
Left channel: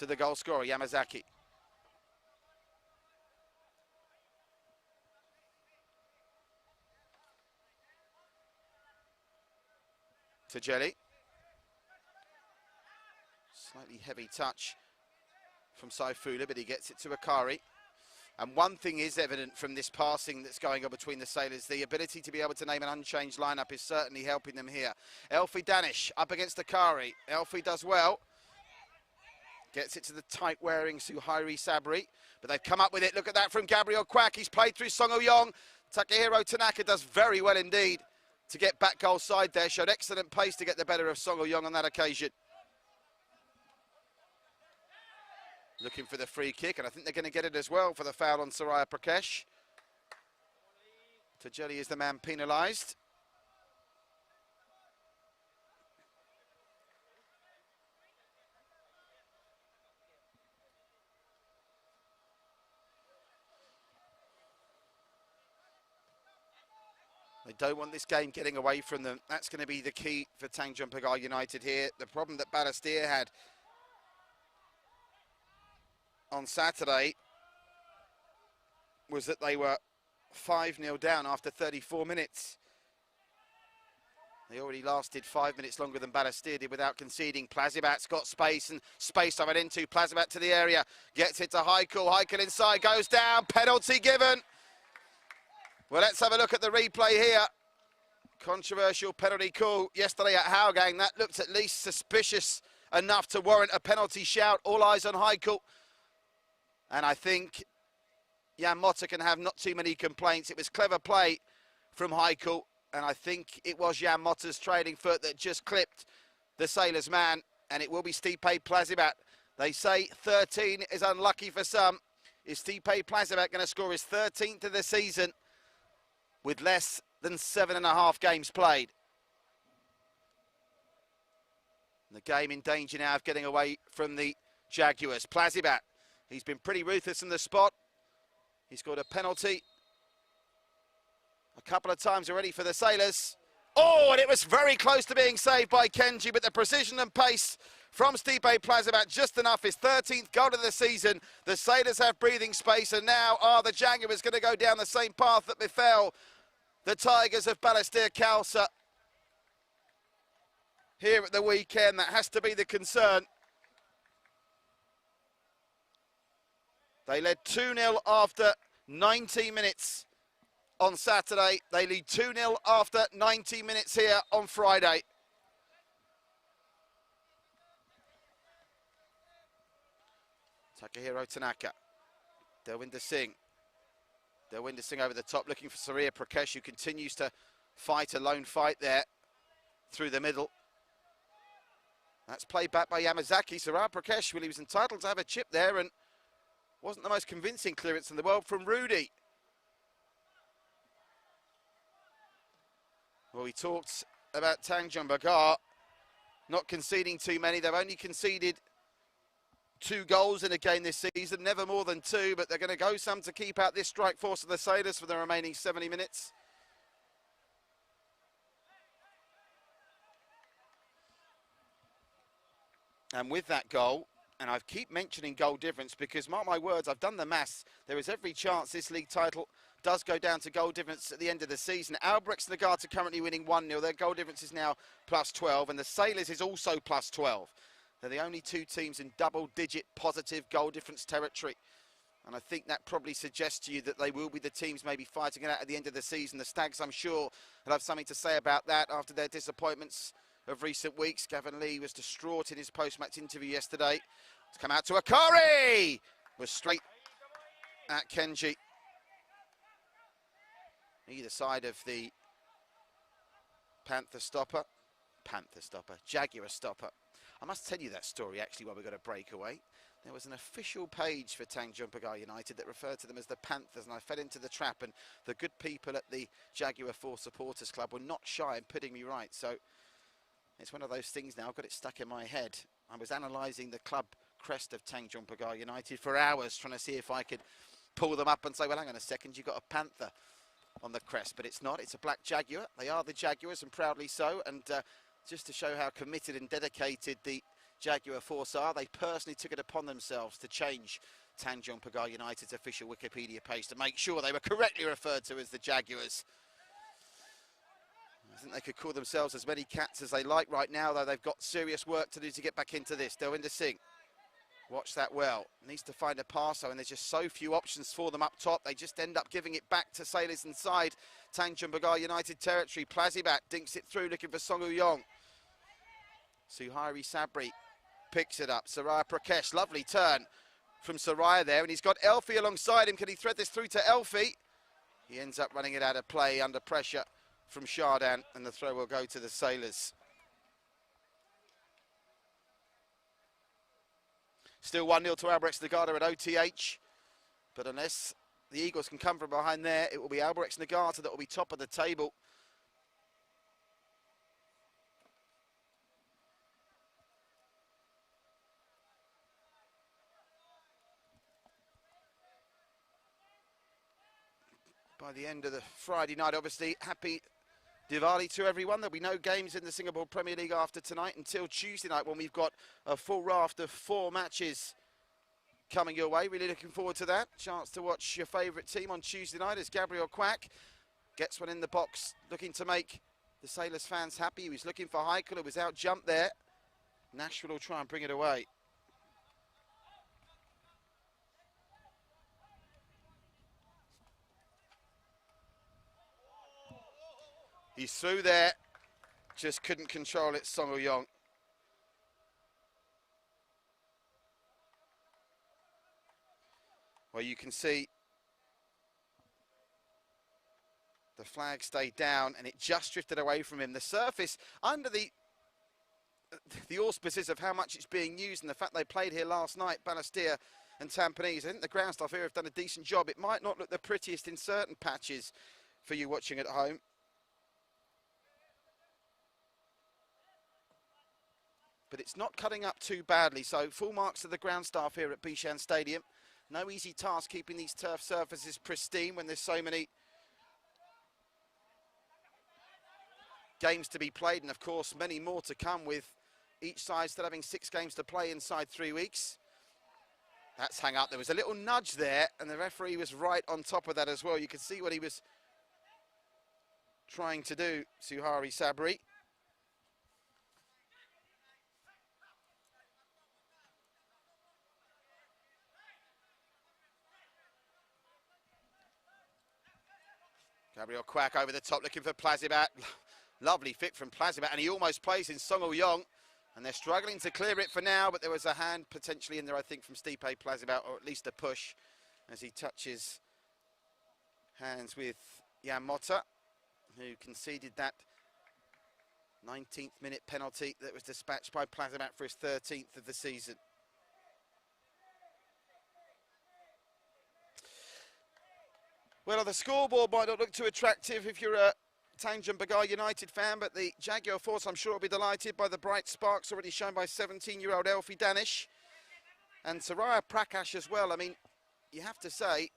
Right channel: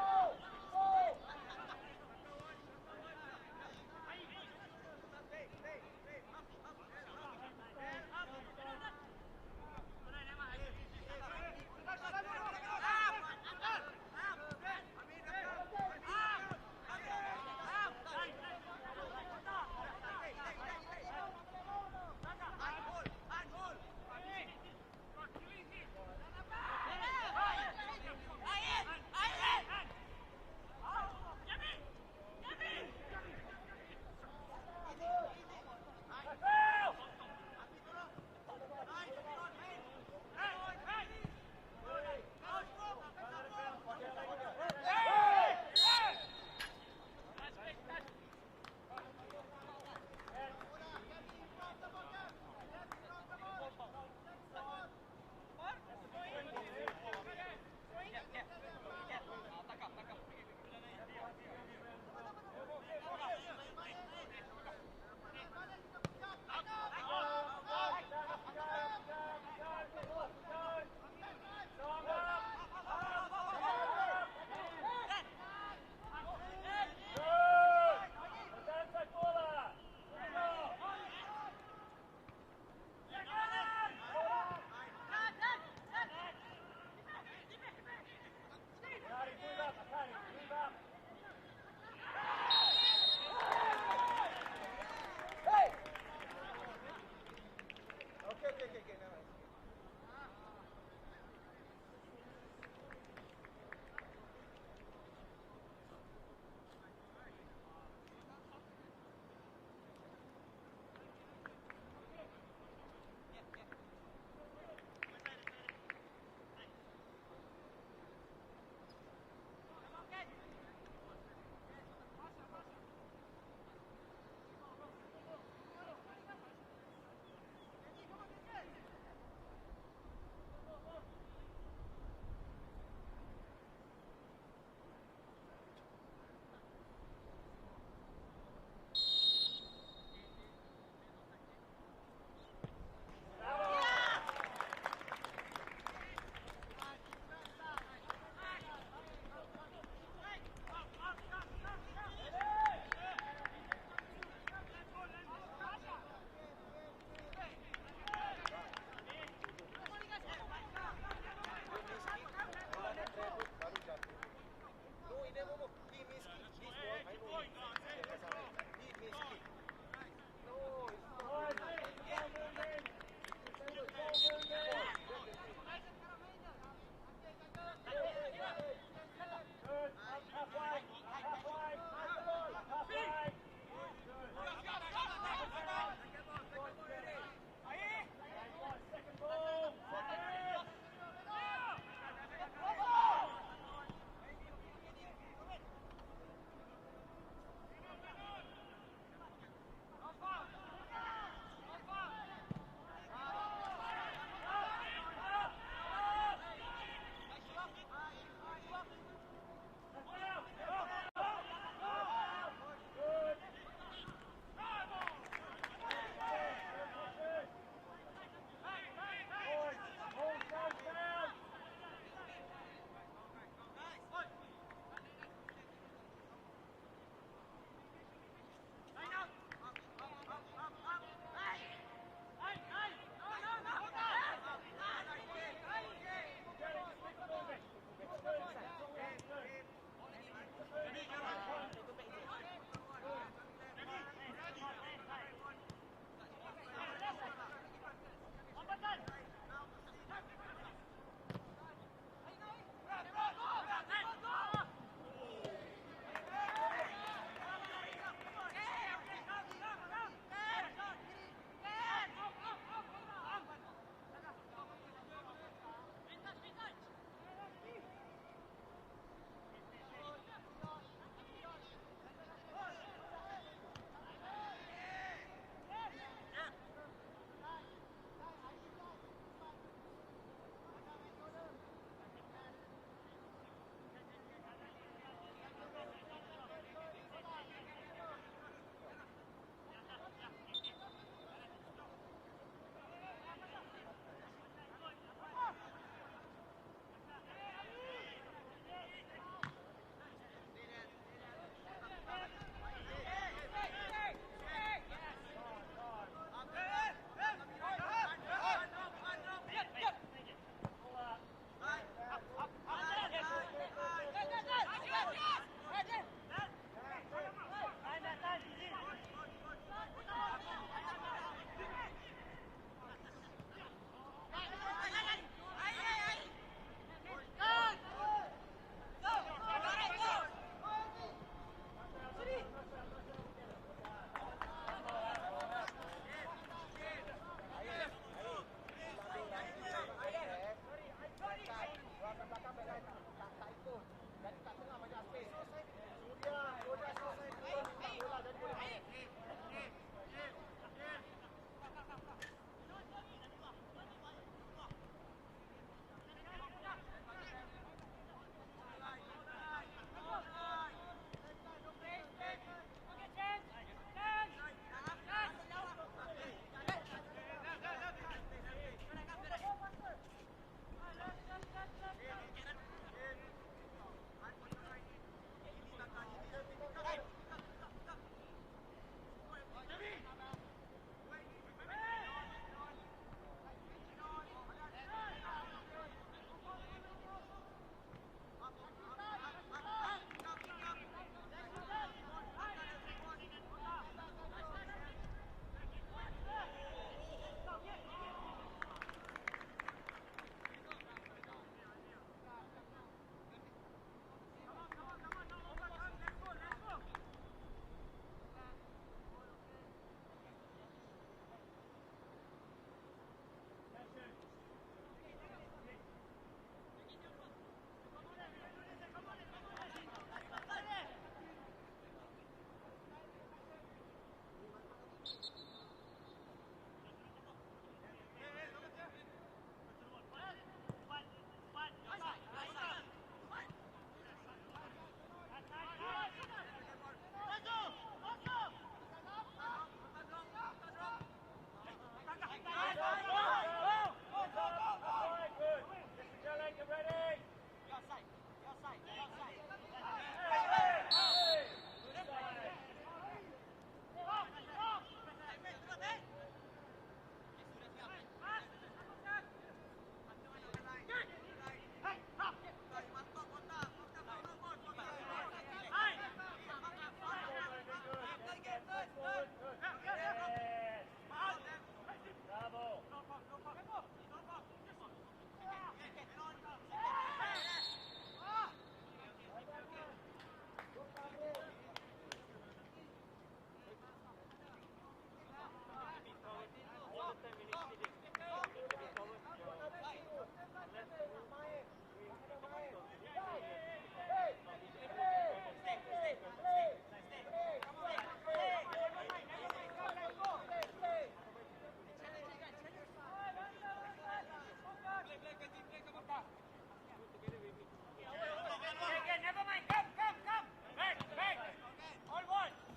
to the goal scorer, Yamazaki. To Jelly. Slightly heavy touch from Saifu, but he gets it to Akari. And one thing is evident from this passing that's going on between the Sailors, the ability to be able to name an unchanged lineup is certainly helping them here. Elfie Danish up against Akari. Elfie does well. Gets it to the tight-wearing Suhairi Sabri. But they've come up with it. Look at that from Gabriel Quack. He's played through Song Oyong. Takehiro Tanaka does very well indeed to get back goal side there. Showed excellent pace to get the better of Song Oyong on that occasion. Looking for the free kick, and I think they're going to get it as well for the foul on Soraya Prakesh. Tajeli is the man penalised. They don't want this game getting away from them. That's going to be the key for Tanjong Pagar United here. The problem that Balestier had on Saturday was that they were 5-0 down after 34 minutes. They already lasted 5 minutes longer than Balestier did without conceding. Plazibat's got space, and space over into Plazibat to the area. Gets it to Heikel. Heikel inside, goes down. Penalty given. Well, let's have a look at the replay here. Controversial penalty call yesterday at Howgang. That looked at least suspicious enough to warrant a penalty shout. All eyes on Heikel. And I think Jan Motta can have not too many complaints. It was clever play from Heikel, and I think it was Jan Motta's trailing foot that just clipped the Sailors' man, and it will be Stipe Plazibat. They say 13 is unlucky for some. Is Stipe Plazibat going to score his 13th of the season with less than 7.5 games played? The game in danger now of getting away from the Jaguars. Plazibat. He's been pretty ruthless in the spot. He's scored a penalty a couple of times already for the Sailors. Oh, and it was very close to being saved by Kenji, but the precision and pace from Stipe Plazibat just enough. His 13th goal of the season. The Sailors have breathing space, and now are the Jaguars going to go down the same path that befell the Tigers of Balestier Khalsa here at the weekend? That has to be the concern. They led 2-0 after 90 minutes on Saturday. They lead 2-0 after 90 minutes here on Friday. Takehiro Tanaka. Delwinder Singh. Delwinder Singh over the top, looking for Saria Prakesh, who continues to fight a lone fight there through the middle. That's played back by Yamazaki. Saria Prakesh, well, he was entitled to have a chip there, and wasn't the most convincing clearance in the world from Rudy. Well, he talks about Tanjong Pagar not conceding too many. They've only conceded 2 goals in a game this season, never more than 2, but they're going to go some to keep out this strike force of the Sailors for the remaining 70 minutes. And with that goal, and I keep mentioning goal difference because, mark my words, I've done the maths. There is every chance this league title does go down to goal difference at the end of the season. Albrechts and the Guards are currently winning 1-0. Their goal difference is now +12, and the Sailors is also +12. They're the only 2 teams in double-digit positive goal difference territory. And I think that probably suggests to you that they will be the teams maybe fighting it out at the end of the season. The Stags, I'm sure, will have something to say about that after their disappointments of recent weeks. Gavin Lee was distraught in his post-match interview yesterday. To come out to Akari! Was straight at Kenji. Either side of the Jaguar stopper. I must tell you that story actually while we got a breakaway. There was an official page for Tanjong Pagar United that referred to them as the Panthers, and I fell into the trap, and the good people at the Jaguar 4 Supporters Club were not shy in putting me right. So it's one of those things now, I've got it stuck in my head. I was analysing the club crest of Tanjong Pagar United for hours, trying to see if I could pull them up and say, well, hang on a second, you've got a panther on the crest, but it's not. It's a black Jaguar. They are the Jaguars, and proudly so. And just to show how committed and dedicated the Jaguar force are, they personally took it upon themselves to change Tanjong Pagar United's official Wikipedia page to make sure they were correctly referred to as the Jaguars. They could call themselves as many cats as they like right now, though they've got serious work to do to get back into this. Delwinder Singh, watch that well. Needs to find a passer, and there's just so few options for them up top. They just end up giving it back to sailors inside Tanjong Pagar United territory. Plazibat dinks it through, looking for Song Uyong. Suhairi Sabri picks it up. Saraya Prakesh, lovely turn from Saraya there, and he's got Elfie alongside him. Can he thread this through to Elfie? He ends up running it out of play under pressure from Shardan, and the throw will go to the sailors. Still 1-0 to Albirex Nagata at OTH, but unless the Eagles can come from behind there, it will be Albirex Nagata that will be top of the table. By the end of the Friday night, obviously, happy Diwali to everyone. There'll be no games in the Singapore Premier League after tonight until Tuesday night, when we've got a full raft of 4 matches coming your way. Really looking forward to that. Chance to watch your favourite team on Tuesday night as Gabriel Quack gets one in the box, looking to make the Sailors fans happy. He was looking for Heikel, who was out jumped there. Nashville will try and bring it away. He's through there, just couldn't control it, Song Uyong. Well, you can see the flag stayed down and it just drifted away from him. The surface, under the auspices of how much it's being used and the fact they played here last night, Balestier and Tampines, I think the ground staff here have done a decent job. It might not look the prettiest in certain patches for you watching at home. But it's not cutting up too badly, so full marks to the ground staff here at Bishan Stadium. No easy task keeping these turf surfaces pristine when there's so many games to be played, and of course many more to come, with each side still having 6 games to play inside 3 weeks. That's hung up. There was a little nudge there, and the referee was right on top of that as well. You could see what he was trying to do, Suhairi Sabri. Gabriel Quack over the top looking for Plazibat. Lovely fit from Plazibat, and he almost plays in Song Uyong. And they're struggling to clear it for now, but there was a hand potentially in there, I think, from Stipe Plazibat, or at least a push, as he touches hands with Jan Motta, who conceded that 19th minute penalty that was dispatched by Plazibat for his 13th of the season. Well, the scoreboard might not look too attractive if you're a Tanjong Pagar United fan, but the Jaguar force, I'm sure, will be delighted by the bright sparks already shown by 17-year-old Elfie Danish. And Saraya Prakash as well. I mean, you have to say,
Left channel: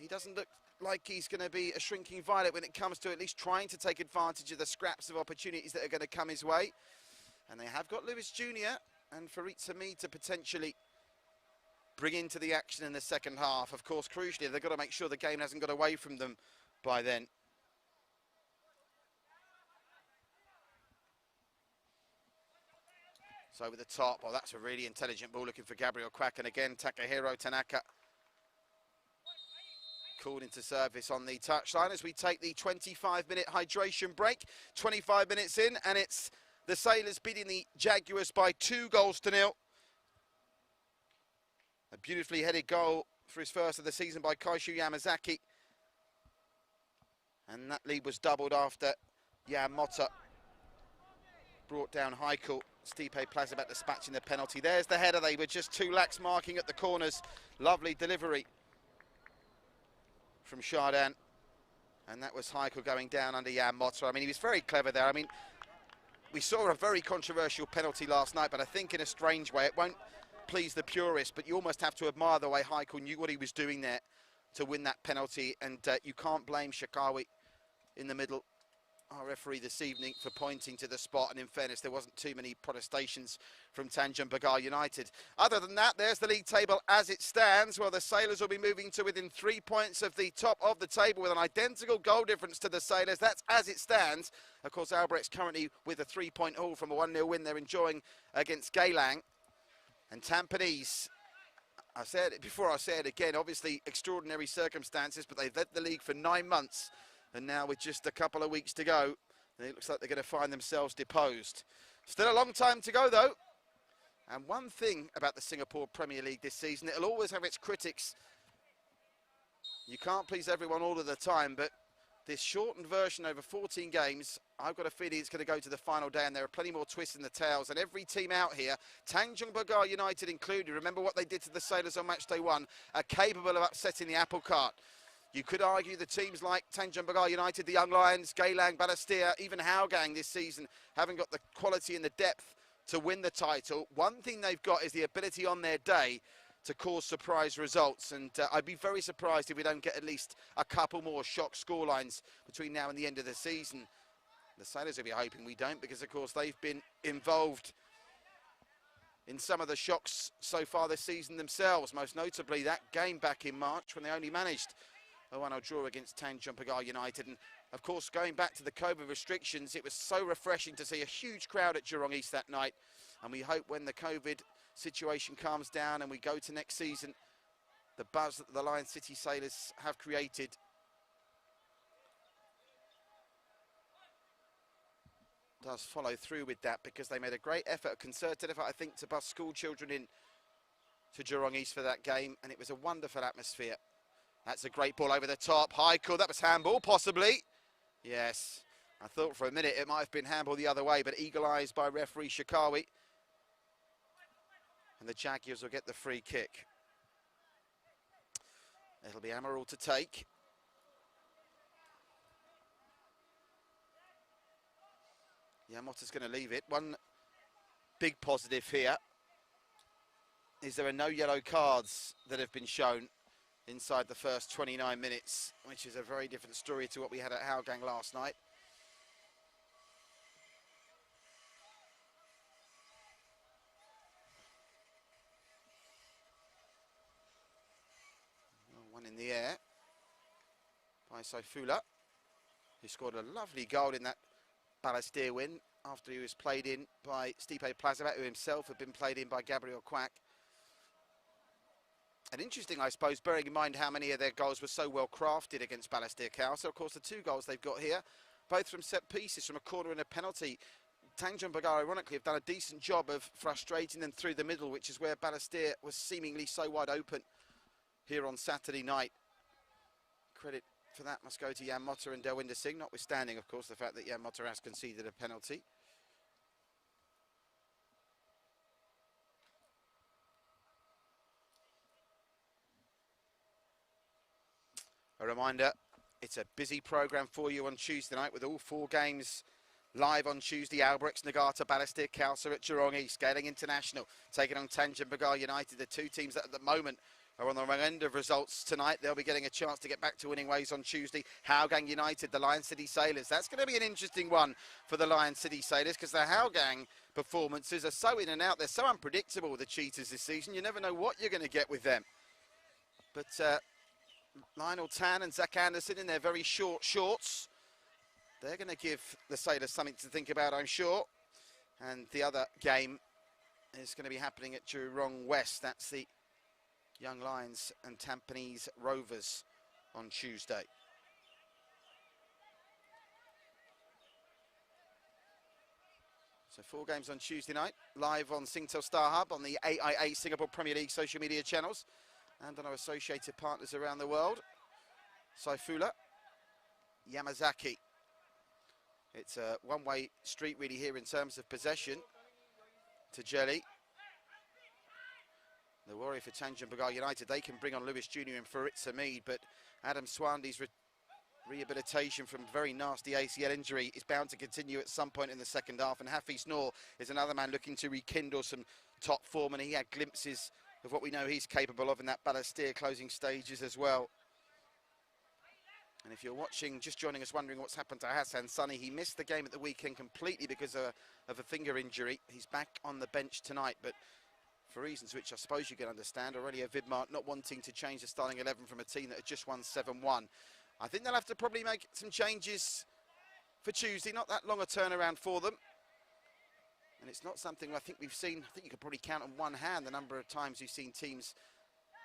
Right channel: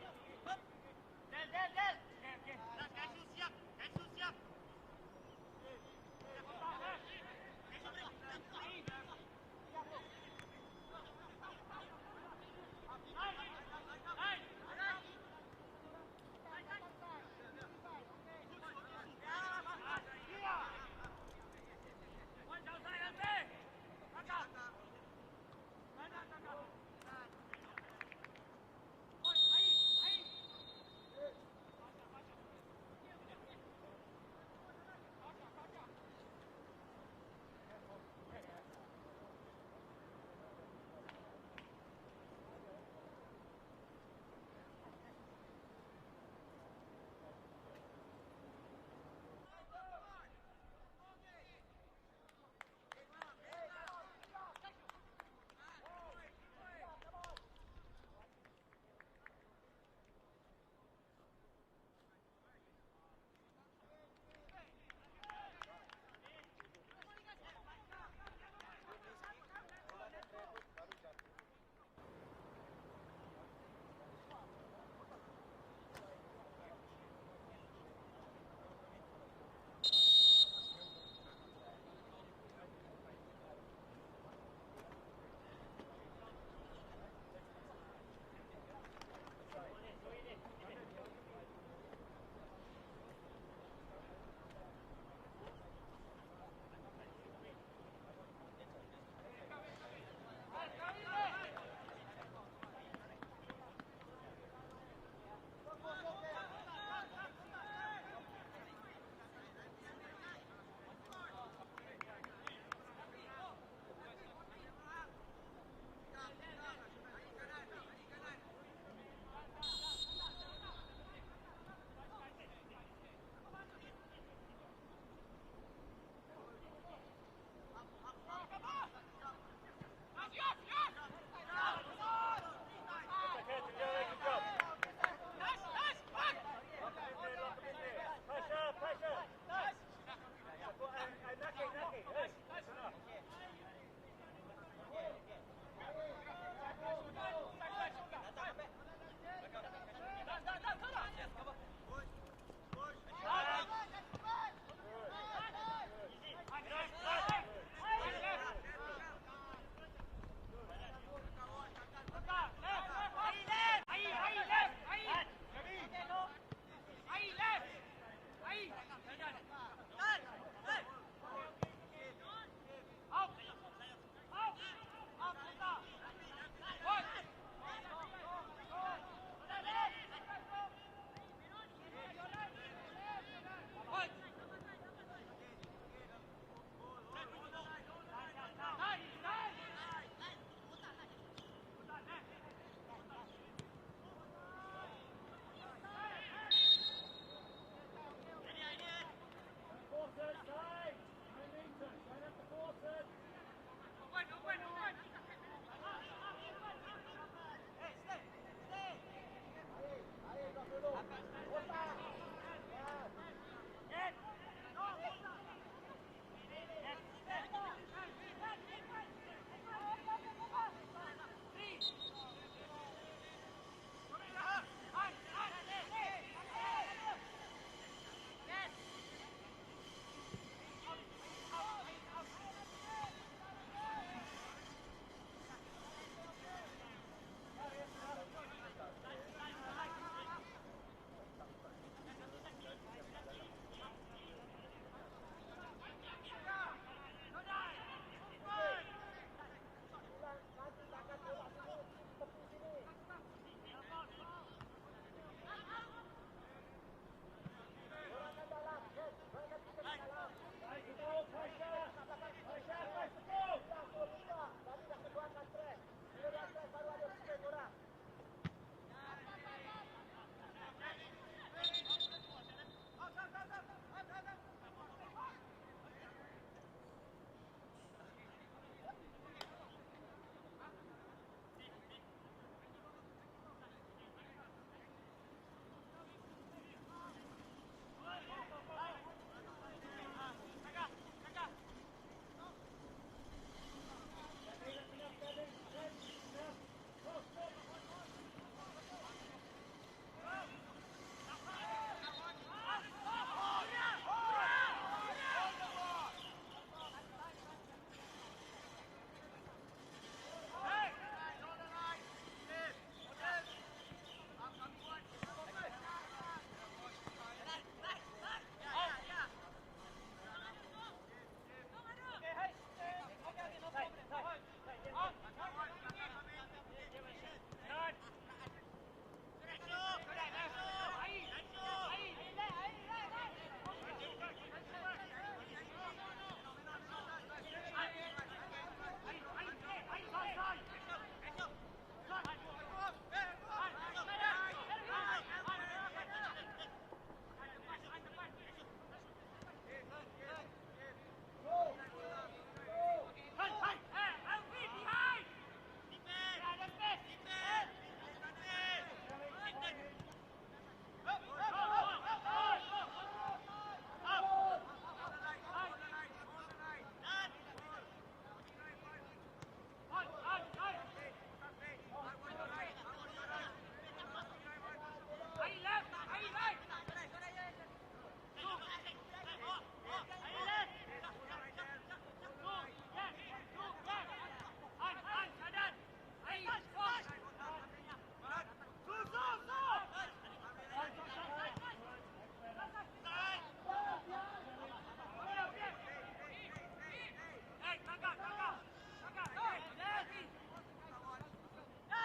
he doesn't look like he's going to be a shrinking violet when it comes to at least trying to take advantage of the scraps of opportunities that are going to come his way. And they have got Lewis Jr. and Farid Samid to potentially bring into the action in the second half. Of course, crucially, they've got to make sure the game hasn't got away from them by then. Over the top. Well, that's a really intelligent ball looking for Gabriel Quack, and again Takahiro Tanaka called into service on the touchline as we take the 25-minute hydration break. 25 minutes in, and it's the Sailors beating the Jaguars by 2-0. A beautifully headed goal for his first of the season by Kaishu Yamazaki. And that lead was doubled after Jan Motta brought down Heikel. Stipe Plazabat dispatching the penalty. There's the header. They were just too lax marking at the corners. Lovely delivery from Chardin. And that was Heikel going down under Jan Motta. I mean, he was very clever there. I mean, we saw a very controversial penalty last night, but I think in a strange way, it won't please the purists, but you almost have to admire the way Heikel knew what he was doing there to win that penalty. And you can't blame Shakawi in the middle, our referee this evening, for pointing to the spot. And in fairness, there wasn't too many protestations from Tanjong Pagar United. Other than that, there's the league table as it stands. Well, the Sailors will be moving to within 3 points of the top of the table with an identical goal difference to the Sailors. That's as it stands. Of course, Albrecht's currently with a 3-point haul from a 1-0 win they're enjoying against Geylang. And Tampines, I said it before, I say it again, obviously extraordinary circumstances, but they've led the league for 9 months. And now with just a couple of weeks to go, it looks like they're going to find themselves deposed. Still a long time to go, though. And one thing about the Singapore Premier League this season, it'll always have its critics. You can't please everyone all of the time, but this shortened version over 14 games, I've got a feeling it's going to go to the final day, and there are plenty more twists in the tails. And every team out here, Tanjong Pagar United included, remember what they did to the Sailors on Matchday 1, are capable of upsetting the apple cart. You could argue the teams like Tanjong Pagar United, the Young Lions, Geylang, Balestier, even Hougang this season haven't got the quality and the depth to win the title. One thing they've got is the ability on their day to cause surprise results, and I'd be very surprised if we don't get at least a couple more shock scorelines between now and the end of the season. The Sailors will be hoping we don't, because of course they've been involved in some of the shocks so far this season themselves, most notably that game back in March when they only managed a 1-0 draw against Tanjong Pagar United. And of course, going back to the COVID restrictions, it was so refreshing to see a huge crowd at Jurong East that night. And we hope when the COVID situation calms down and we go to next season, the buzz that the Lion City Sailors have created does follow through with that, because they made a great effort, a concerted effort, I think, to bus school children in to Jurong East for that game, and it was a wonderful atmosphere. That's a great ball over the top. Heikel, that was handball, possibly. Yes, I thought for a minute it might have been handball the other way, but eagle eyes by referee Shakawi. And the Jaguars will get the free kick. It'll be Amaral to take. Yamota's going to leave it. One big positive here is there are no yellow cards that have been shown inside the first 29 minutes, which is a very different story to what we had at Hougang last night. One in the air by Saifullah. He scored a lovely goal in that Balestier win after he was played in by Stipe Plazabat, who himself had been played in by Gabriel Quack. And interesting, I suppose, bearing in mind how many of their goals were so well crafted against Balestier Cow. So, of course, the 2 goals they've got here, both from set pieces, from a corner and a penalty. Tanjong Pagar, ironically, have done a decent job of frustrating them through the middle, which is where Balestier was seemingly so wide open here on Saturday night. Credit for that must go to Jan Motta and Delwinder Singh, notwithstanding, of course, the fact that Jan Motta has conceded a penalty. A reminder, it's a busy programme for you on Tuesday night, with all 4 games live on Tuesday. Albrechts, Nagata, Balestier, Khalsa at Jurong East. Geylang International taking on Tanjong Pagar United, the 2 teams that at the moment are on the wrong end of results tonight. They'll be getting a chance to get back to winning ways on Tuesday. Hougang United, the Lion City Sailors. That's going to be an interesting one for the Lion City Sailors, because the Hougang performances are so in and out. They're so unpredictable, the Cheetahs, this season. You never know what you're going to get with them. But Lionel Tan and Zach Anderson in their very short shorts, they're going to give the Sailors something to think about, I'm sure. And the other game is going to be happening at Jurong West. That's the Young Lions and Tampines Rovers on Tuesday. So 4 games on Tuesday night, live on Singtel Star Hub, on the AIA Singapore Premier League social media channels, and on our associated partners around the world. Saifullah, Yamazaki. It's a one-way street really here in terms of possession. Tajeli. The worry for Tanjong Pagar United, they can bring on Lewis Jr. and Faritza Mead, but Adam Swandy's rehabilitation from very nasty ACL injury is bound to continue at some point in the second half, and Hafiz Noor is another man looking to rekindle some top form, and he had glimpses of what we know he's capable of in that Balestier closing stages as well. And if you're watching, just joining us, wondering what's happened to Hassan Sunny, he missed the game at the weekend completely because of a finger injury. He's back on the bench tonight, but for reasons which I suppose you can understand, already a Vidmark not wanting to change the starting 11 from a team that had just won 7-1. I think they'll have to probably make some changes for Tuesday, not that long a turnaround for them. And it's not something I think we've seen, I think you could probably count on one hand the number of times you've seen teams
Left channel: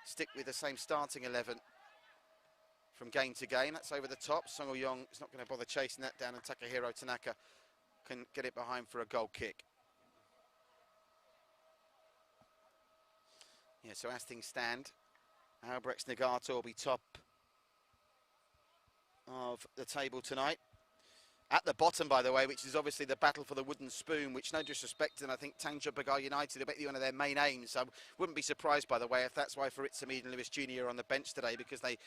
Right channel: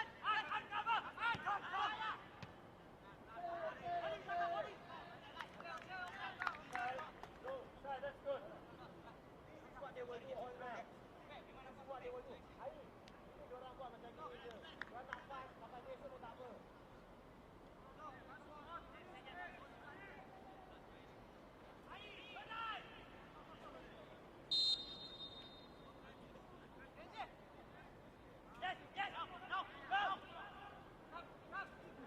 stick with the same starting 11 from game to game. That's over the top. Song Yong is not going to bother chasing that down, and Takahiro Tanaka can get it behind for a goal kick. Yeah, so as things stand, Albrecht Nagata will be top of the table tonight. At the bottom, by the way, which is obviously the battle for the wooden spoon, which, no disrespect, and I think Tanjong Pagar United will be one of their main aims. I wouldn't be surprised, by the way, if that's why Faritza Mead and Lewis Jr. are on the bench today, because they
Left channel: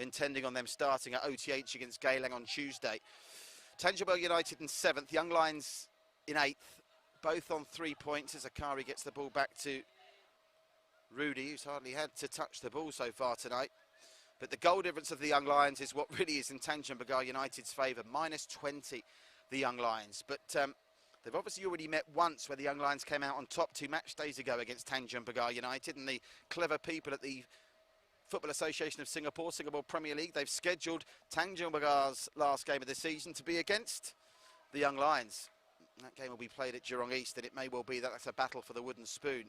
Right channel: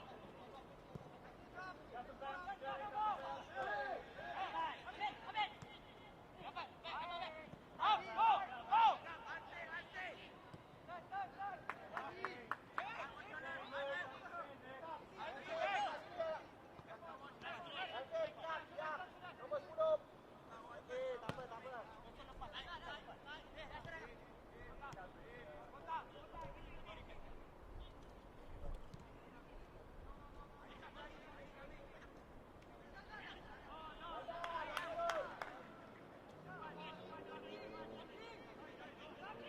intending on them starting at OTH against Geylang on Tuesday. Tanjong Pagar United in 7th, Young Lions in 8th, both on 3 points as Akari gets the ball back to Rudy, who's hardly had to touch the ball so far tonight. But the goal difference of the Young Lions is what really is in Tanjong Pagar United's favour, -20, the Young Lions. But they've obviously already met once where the Young Lions came out on top 2 match days ago against Tanjong Pagar United, and the clever people at the Football Association of Singapore, Singapore Premier League, they've scheduled Tanjong Pagar's last game of the season to be against the Young Lions. That game will be played at Jurong East, and it may well be that that's a battle for the wooden spoon.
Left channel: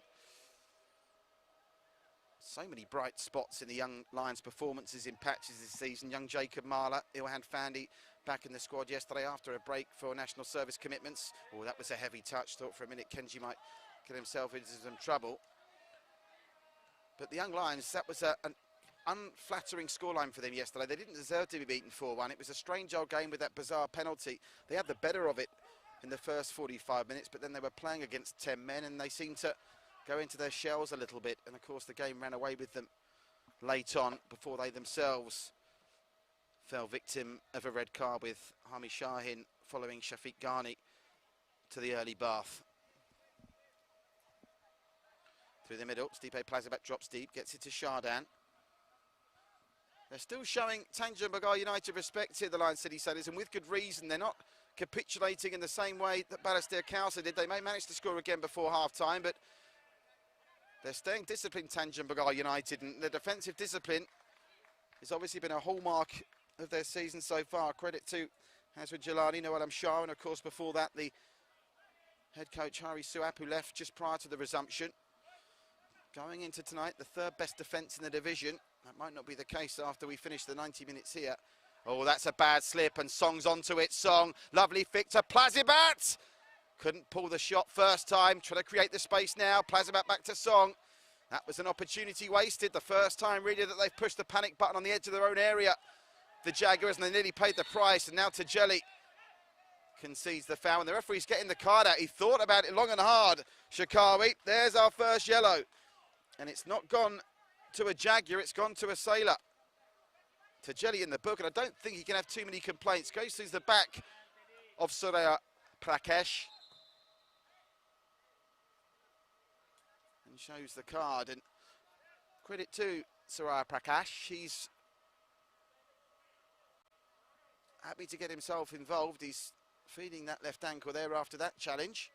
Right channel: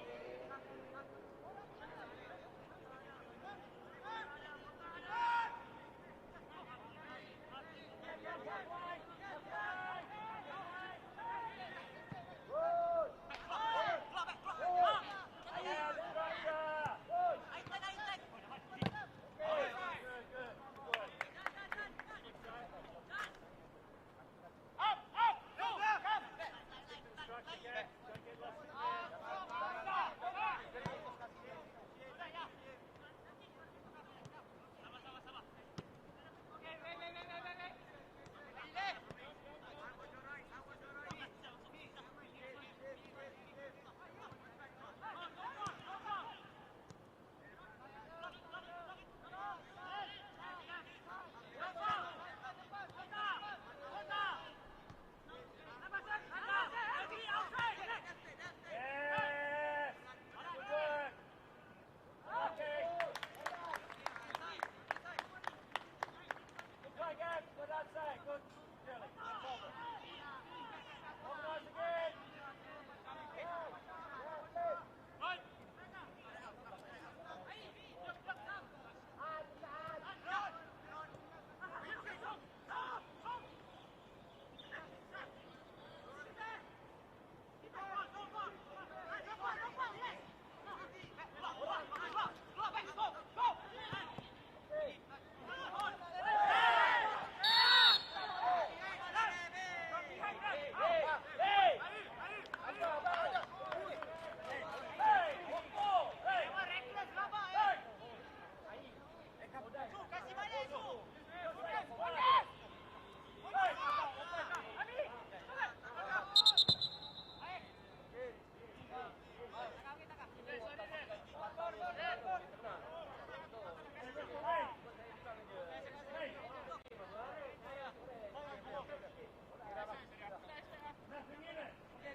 So many bright spots in the Young Lions' performances in patches this season. Young Jacob Marler, Ilhan Fandi back in the squad yesterday after a break for national service commitments. Oh, that was a heavy touch. Thought for a minute Kenji might get himself into some trouble. But the Young Lions, that was an unflattering scoreline for them yesterday. They didn't deserve to be beaten 4-1. It was a strange old game with that bizarre penalty. They had the better of it in the first 45 minutes, but then they were playing against 10 men, and they seemed to go into their shells a little bit, and of course the game ran away with them late on before they themselves fell victim of a red card, with Hami Shahin following Shafiq Ghani to the early bath. Through the middle, Stipe Plazabat drops deep, gets it to Shardan. They're still showing Tanjong Pagar United respect here, the Lion City Sailors, and with good reason. They're not capitulating in the same way that Balestier Council did. They may manage to score again before half-time, but they're staying disciplined, Tanjong Pagar United, and their defensive discipline has obviously been a hallmark of their season so far. Credit to Azwar Jalani, Noel Shah, and of course before that the head coach Hari Suap, who left just prior to the resumption. Going into tonight, the 3rd best defence in the division. That might not be the case after we finish the 90 minutes here. Oh, that's a bad slip, and Song's onto it. Song, lovely flick to Plazibat. Couldn't pull the shot first time, trying to create the space now. Plazibat back to Song. That was an opportunity wasted, the first time really that they've pushed the panic button on the edge of their own area. The Jaguars, and they nearly paid the price, and now Tajeli concedes the foul, and the referee's getting the card out. He thought about it long and hard. Shakawi, there's our first yellow. And it's not gone to a Jaguar, it's gone to a Sailor. Tajeli in the book, and I don't think he can have too many complaints. Goes through the back of Surya Prakash. Shows the card, and credit to Surya Prakash. He's happy to get himself involved. He's feeling that left ankle there after that challenge.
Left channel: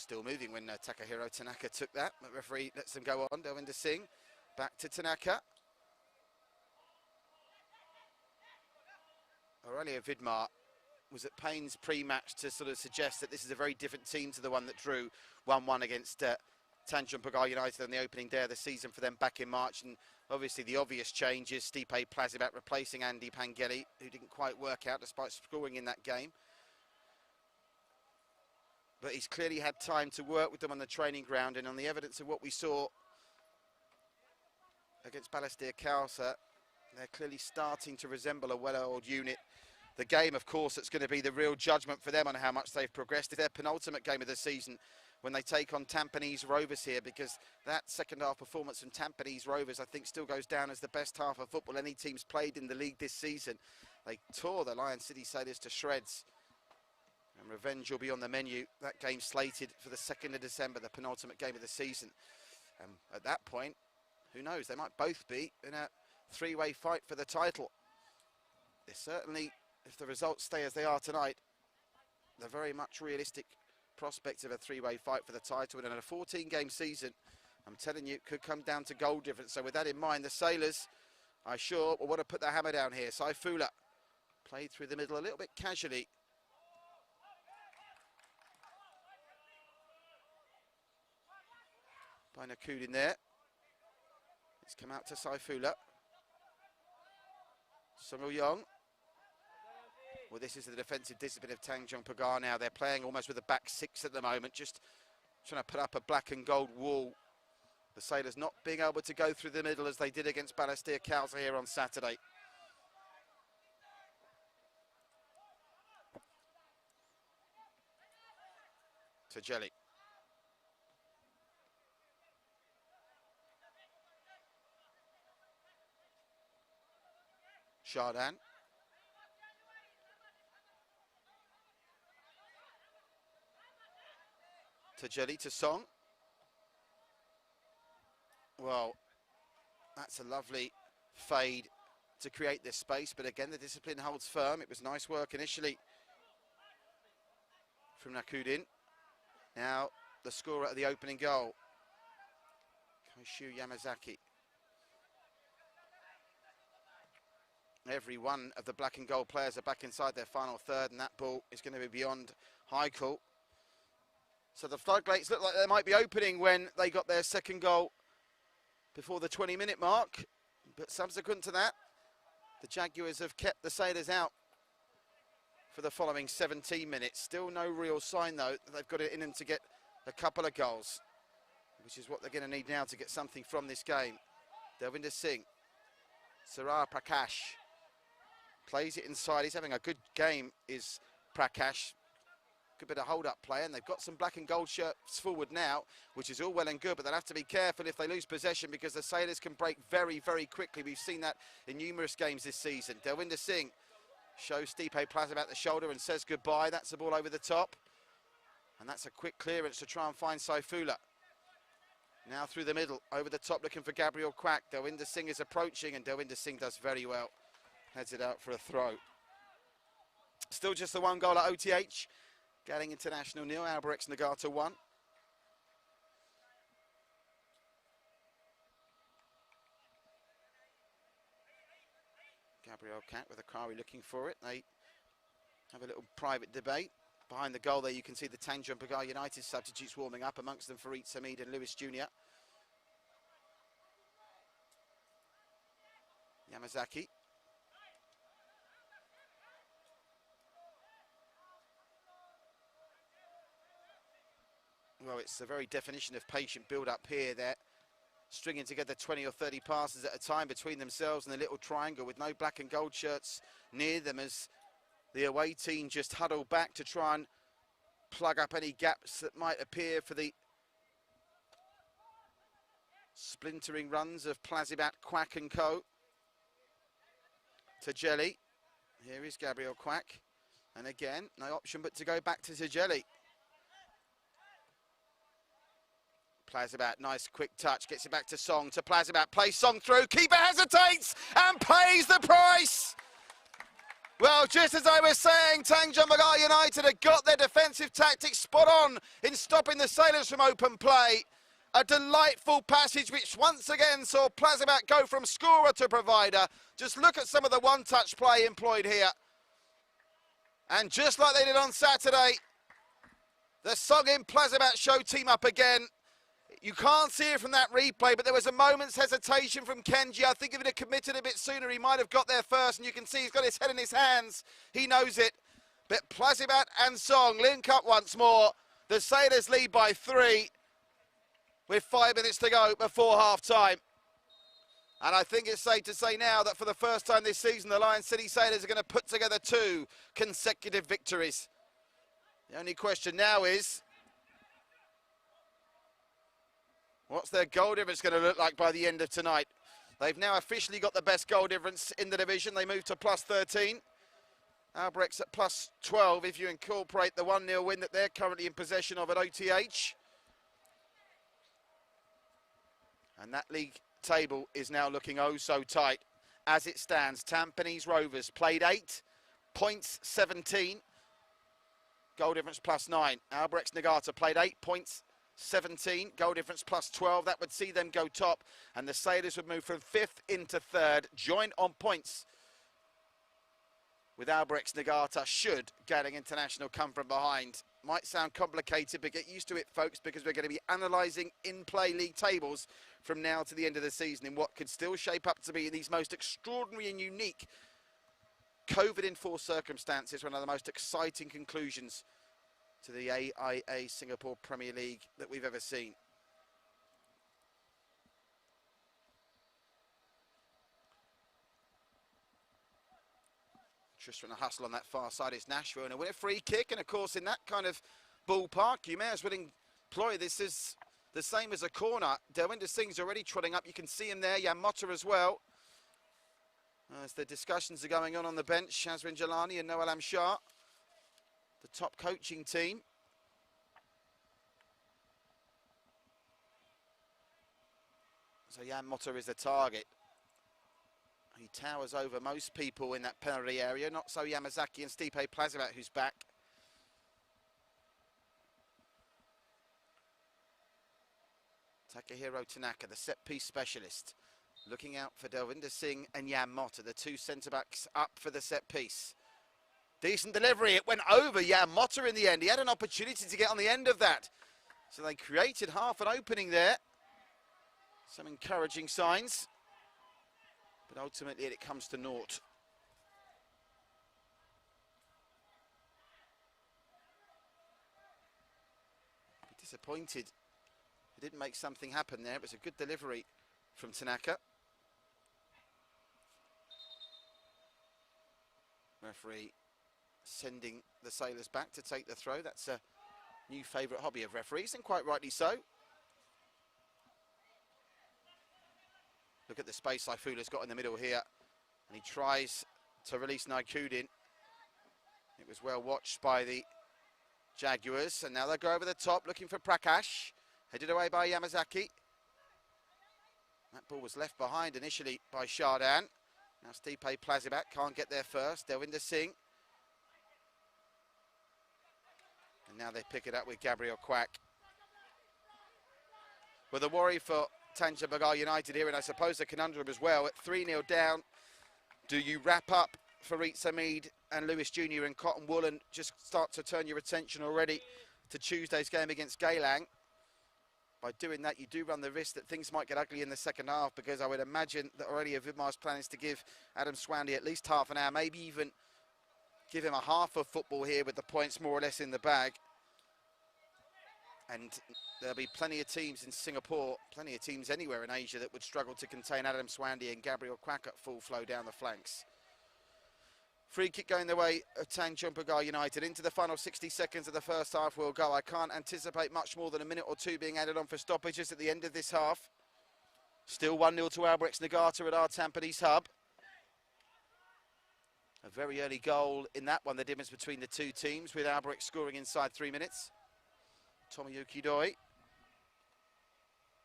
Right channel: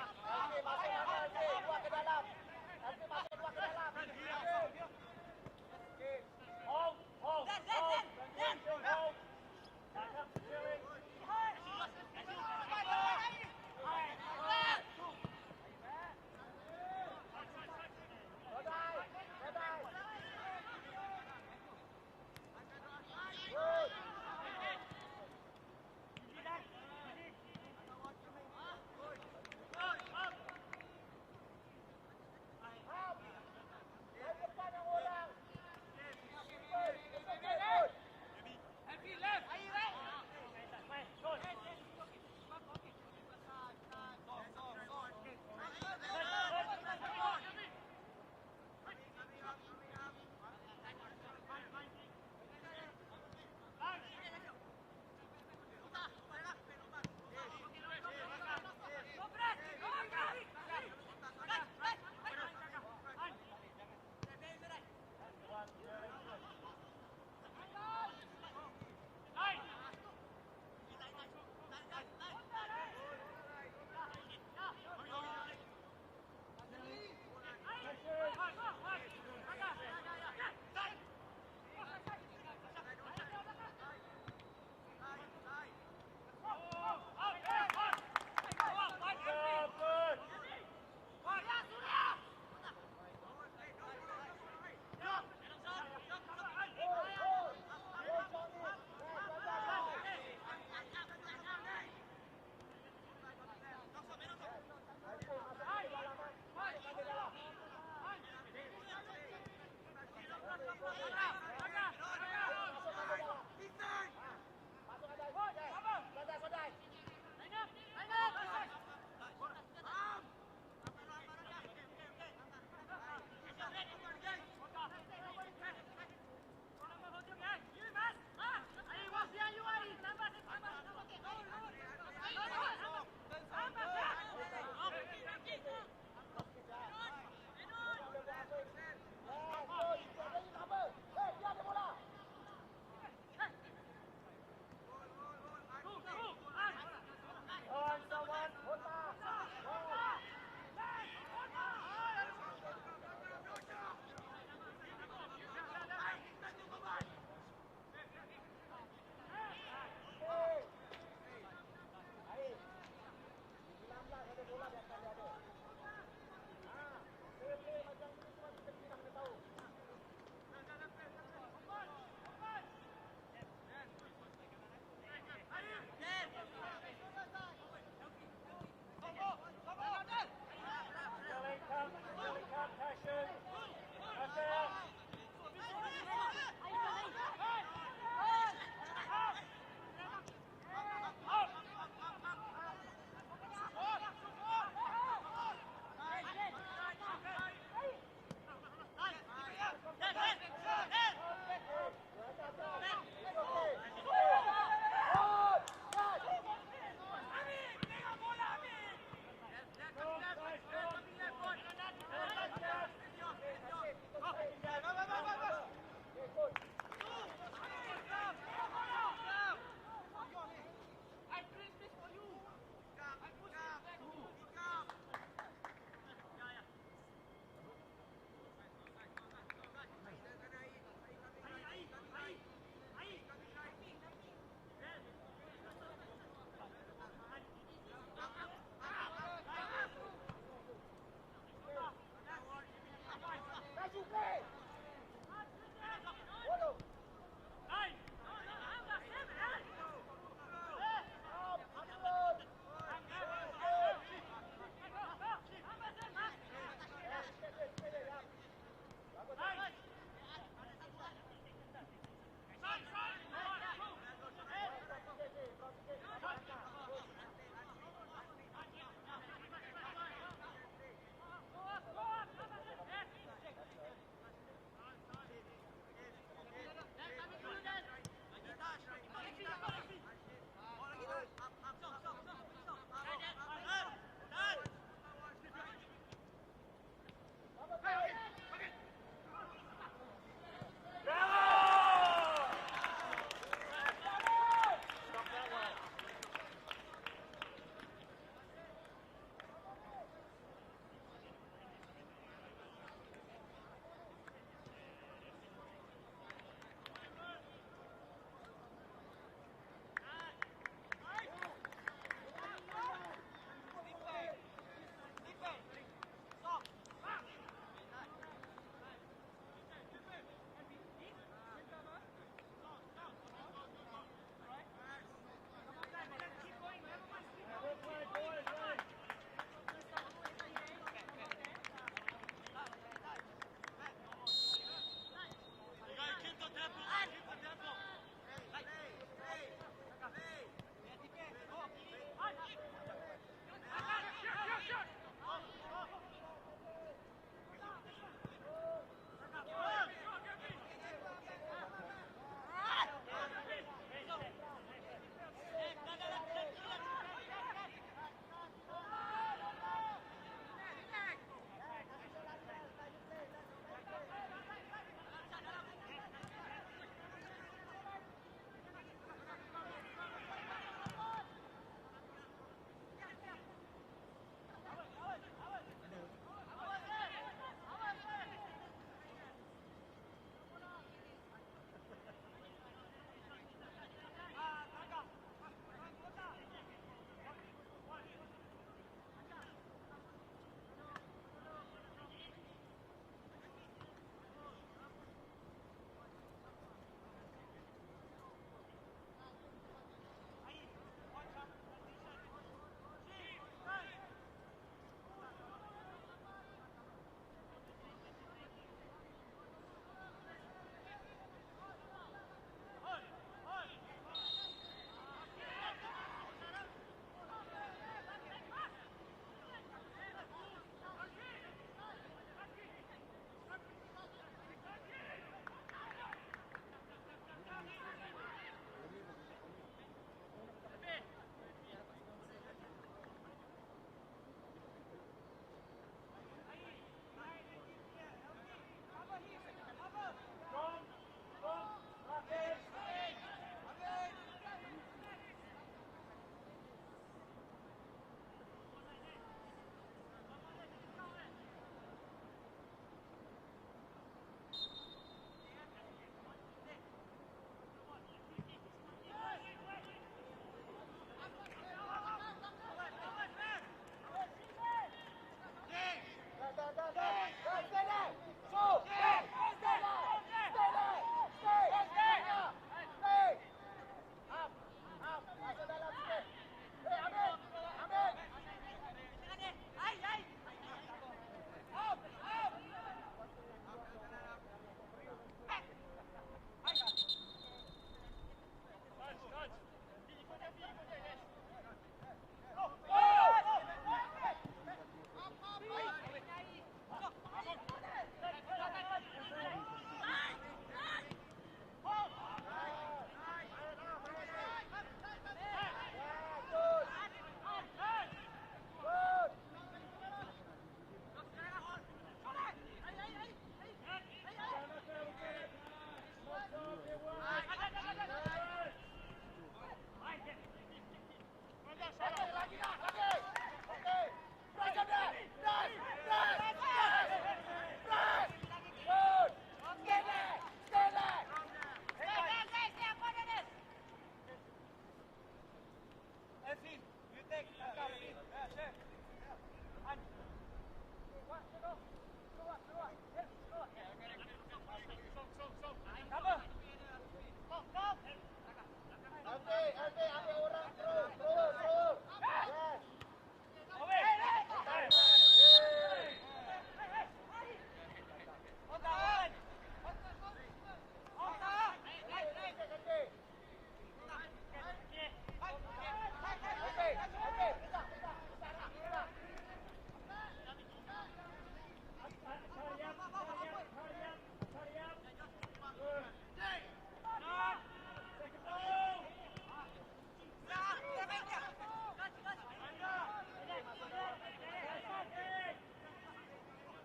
Still moving when Takahiro Tanaka took that. The referee lets them go on. Delvinder Singh back to Tanaka. Aurelio Vidmar was at pains pre-match to sort of suggest that this is a very different team to the one that drew 1-1 against Tanjong Pagar United on the opening day of the season for them back in March. And obviously the obvious change is Stipe Plazivat replacing Andy Pangeli, who didn't quite work out despite scoring in that game. But he's clearly had time to work with them on the training ground, and on the evidence of what we saw against Balestier Khalsa, they're clearly starting to resemble a well-oiled unit. The game, of course, that's going to be the real judgment for them on how much they've progressed is their penultimate game of the season when they take on Tampines Rovers here, because that second half performance from Tampines Rovers, I think, still goes down as the best half of football any team's played in the league this season. They tore the Lion City Sailors to shreds. Revenge will be on the menu. That game's slated for the 2nd of December, the penultimate game of the season. And at that point, who knows, they might both be in a three-way fight for the title. There's certainly, if the results stay as they are tonight, they're very much realistic prospects of a three-way fight for the title. And in a 14-game season, I'm telling you, it could come down to goal difference. So with that in mind, the Sailors, I sure will want to put their hammer down here. Saifullah played through the middle a little bit casually. Nakud in there. Let's come out to Saifullah. Sunil Young. Well, this is the defensive discipline of Tanjong Pagar now. They're playing almost with a back six at the moment, just trying to put up a black and gold wall. The Sailors not being able to go through the middle as they did against Balestier Khalsa here on Saturday. Tajeli. Shardan. Tajeli to Song. Well, that's a lovely fade to create this space, but again the discipline holds firm. It was nice work initially from Nakudin. Now the scorer at the opening goal, Shu Yamazaki. Every one of the black and gold players are back inside their final third, and that ball is going to be beyond Heichel. So the floodgates look like they might be opening when they got their second goal before the 20-minute mark. But subsequent to that, the Jaguars have kept the Sailors out for the following 17 minutes. Still no real sign, though, that they've got it in them to get a couple of goals, which is what they're going to need now to get something from this game. Delvinder Singh, Sarar Prakash. Plays it inside. He's having a good game, is Prakash. Good bit of hold-up play, and they've got some black and gold shirts forward now, which is all well and good, but they'll have to be careful if they lose possession, because the Sailors can break very, very quickly. We've seen that in numerous games this season. Delvinder Singh shows Stipe Plazivat the shoulder and says goodbye. That's the ball over the top. And that's a quick clearance to try and find Saifullah. Now through the middle, over the top, looking for Gabriel Quack. Delvinder Singh is approaching, and Delvinder Singh does very well. Heads it out for a throw. Still just the one goal at OTH. Getting International 0, Albirex Nagata 1. Gabriel Quack with Akari looking for it. They have a little private debate. Behind the goal there, you can see the Tanjong Pagar United substitutes warming up, amongst them Farid Samid and Lewis Jr. Yamazaki. Well, it's the very definition of patient build-up here. They're stringing together 20 or 30 passes at a time between themselves in the little triangle with no black and gold shirts near them, as the away team just huddle back to try and plug up any gaps that might appear for the splintering runs of Plazivat, Quack and co. Tajeli. Here is Gabriel Quack. And again, no option but to go back to Tajeli. Plazivat, nice quick touch, gets it back to Song, to Plazivat, plays Song through, keeper hesitates and pays the price. Well, just as I was saying, Tanjong Pagar United have got their defensive tactics spot on in stopping the Sailors from open play. A delightful passage which once again saw Plazivat go from scorer to provider. Just look at some of the one-touch play employed here. And just like they did on Saturday, the Sogin Plazabat show team up again. You can't see it from that replay, but there was a moment's hesitation from Kenji. I think if he'd have committed a bit sooner, he might have got there first, and you can see he's got his head in his hands. He knows it. But Plazibat and Song link up once more. The Sailors lead by 3 with 5 minutes to go before half-time. And I think it's safe to say now that for the first time this season, the Lion City Sailors are going to put together 2 consecutive victories. The only question now is, what's their goal difference going to look like by the end of tonight? They've now officially got the best goal difference in the division. They move to +13. Albrecht's at +12 if you incorporate the 1-0 win that they're currently in possession of at OTH. And that league table is now looking oh so tight. As it stands, Tampines Rovers played 8, points 17, goal difference +9. Albrecht's Nagata played 8, points 17, goal difference +12. That would see them go top, and the Sailors would move from 5th into 3rd, join on points with Albrecht's Nagata should Gadding International come from behind. Might sound complicated, but get used to it, folks, because we're going to be analysing in-play league tables from now to the end of the season in what could still shape up to be these most extraordinary and unique COVID-enforced circumstances, one of the most exciting conclusions to the AIA Singapore Premier League that we've ever seen. Just from the hustle on that far side, it's Nashville and a winner free kick, and of course in that kind of ballpark you may as well employ this as the same as a corner. Delwinder Singh's already trotting up, you can see him there, Yamota as well. As the discussions are going on the bench, Shazwin Jalani and Noel Amshar, the top coaching team. So Yamota is the target. He towers over most people in that penalty area, not so Yamazaki and Stipe Plazibat, who's back. Takahiro Tanaka, the set-piece specialist, looking out for Delwinder Singh and Yamota, the 2 centre-backs up for the set-piece. Decent delivery, it went over Yamota in the end. He had an opportunity to get on the end of that. So they created half an opening there. Some encouraging signs. Ultimately, it comes to naught. Disappointed. Didn't make something happen there. It was a good delivery from Tanaka. Referee sending the Sailors back to take the throw. That's a new favourite hobby of referees, and quite rightly so. Look at the space Saifulla's got in the middle here. He tries to release Naikudin. It was well watched by the Jaguars, and now they go over the top looking for Prakash. Headed away by Yamazaki. That ball was left behind initially by Shardan. Stipe Plazibat can't get there first. Delwinder Singh. And now they pick it up with Gabriel Quack. With a worry for Tanjong Pagar United here, and I suppose the conundrum as well. At 3-0 down, do you wrap up Farid Samid and Lewis Jr. in cotton wool and just start to turn your attention already to Tuesday's game against Geylang? By doing that, you do run the risk that things might get ugly in the second half, because I would imagine that already Vidmar's plan is to give Adam Swanley at least half an hour, maybe even give him a half of football here with the points more or less in the bag. And there'll be plenty of teams in Singapore, plenty of teams anywhere in Asia that would struggle to contain Adam Swanley and Gabriel Quack at full flow down the flanks. Free kick going the way of Tanjong Pagar United. Into the final 60 seconds of the first half will go. I can't anticipate much more than a minute or two being added on for stoppages at the end of this half. Still 1-0 to Albrecht's Nagata at our Tampines hub. A very early goal in that one, the difference between the two teams, with Albrecht scoring inside 3 minutes. Tomoyuki Doi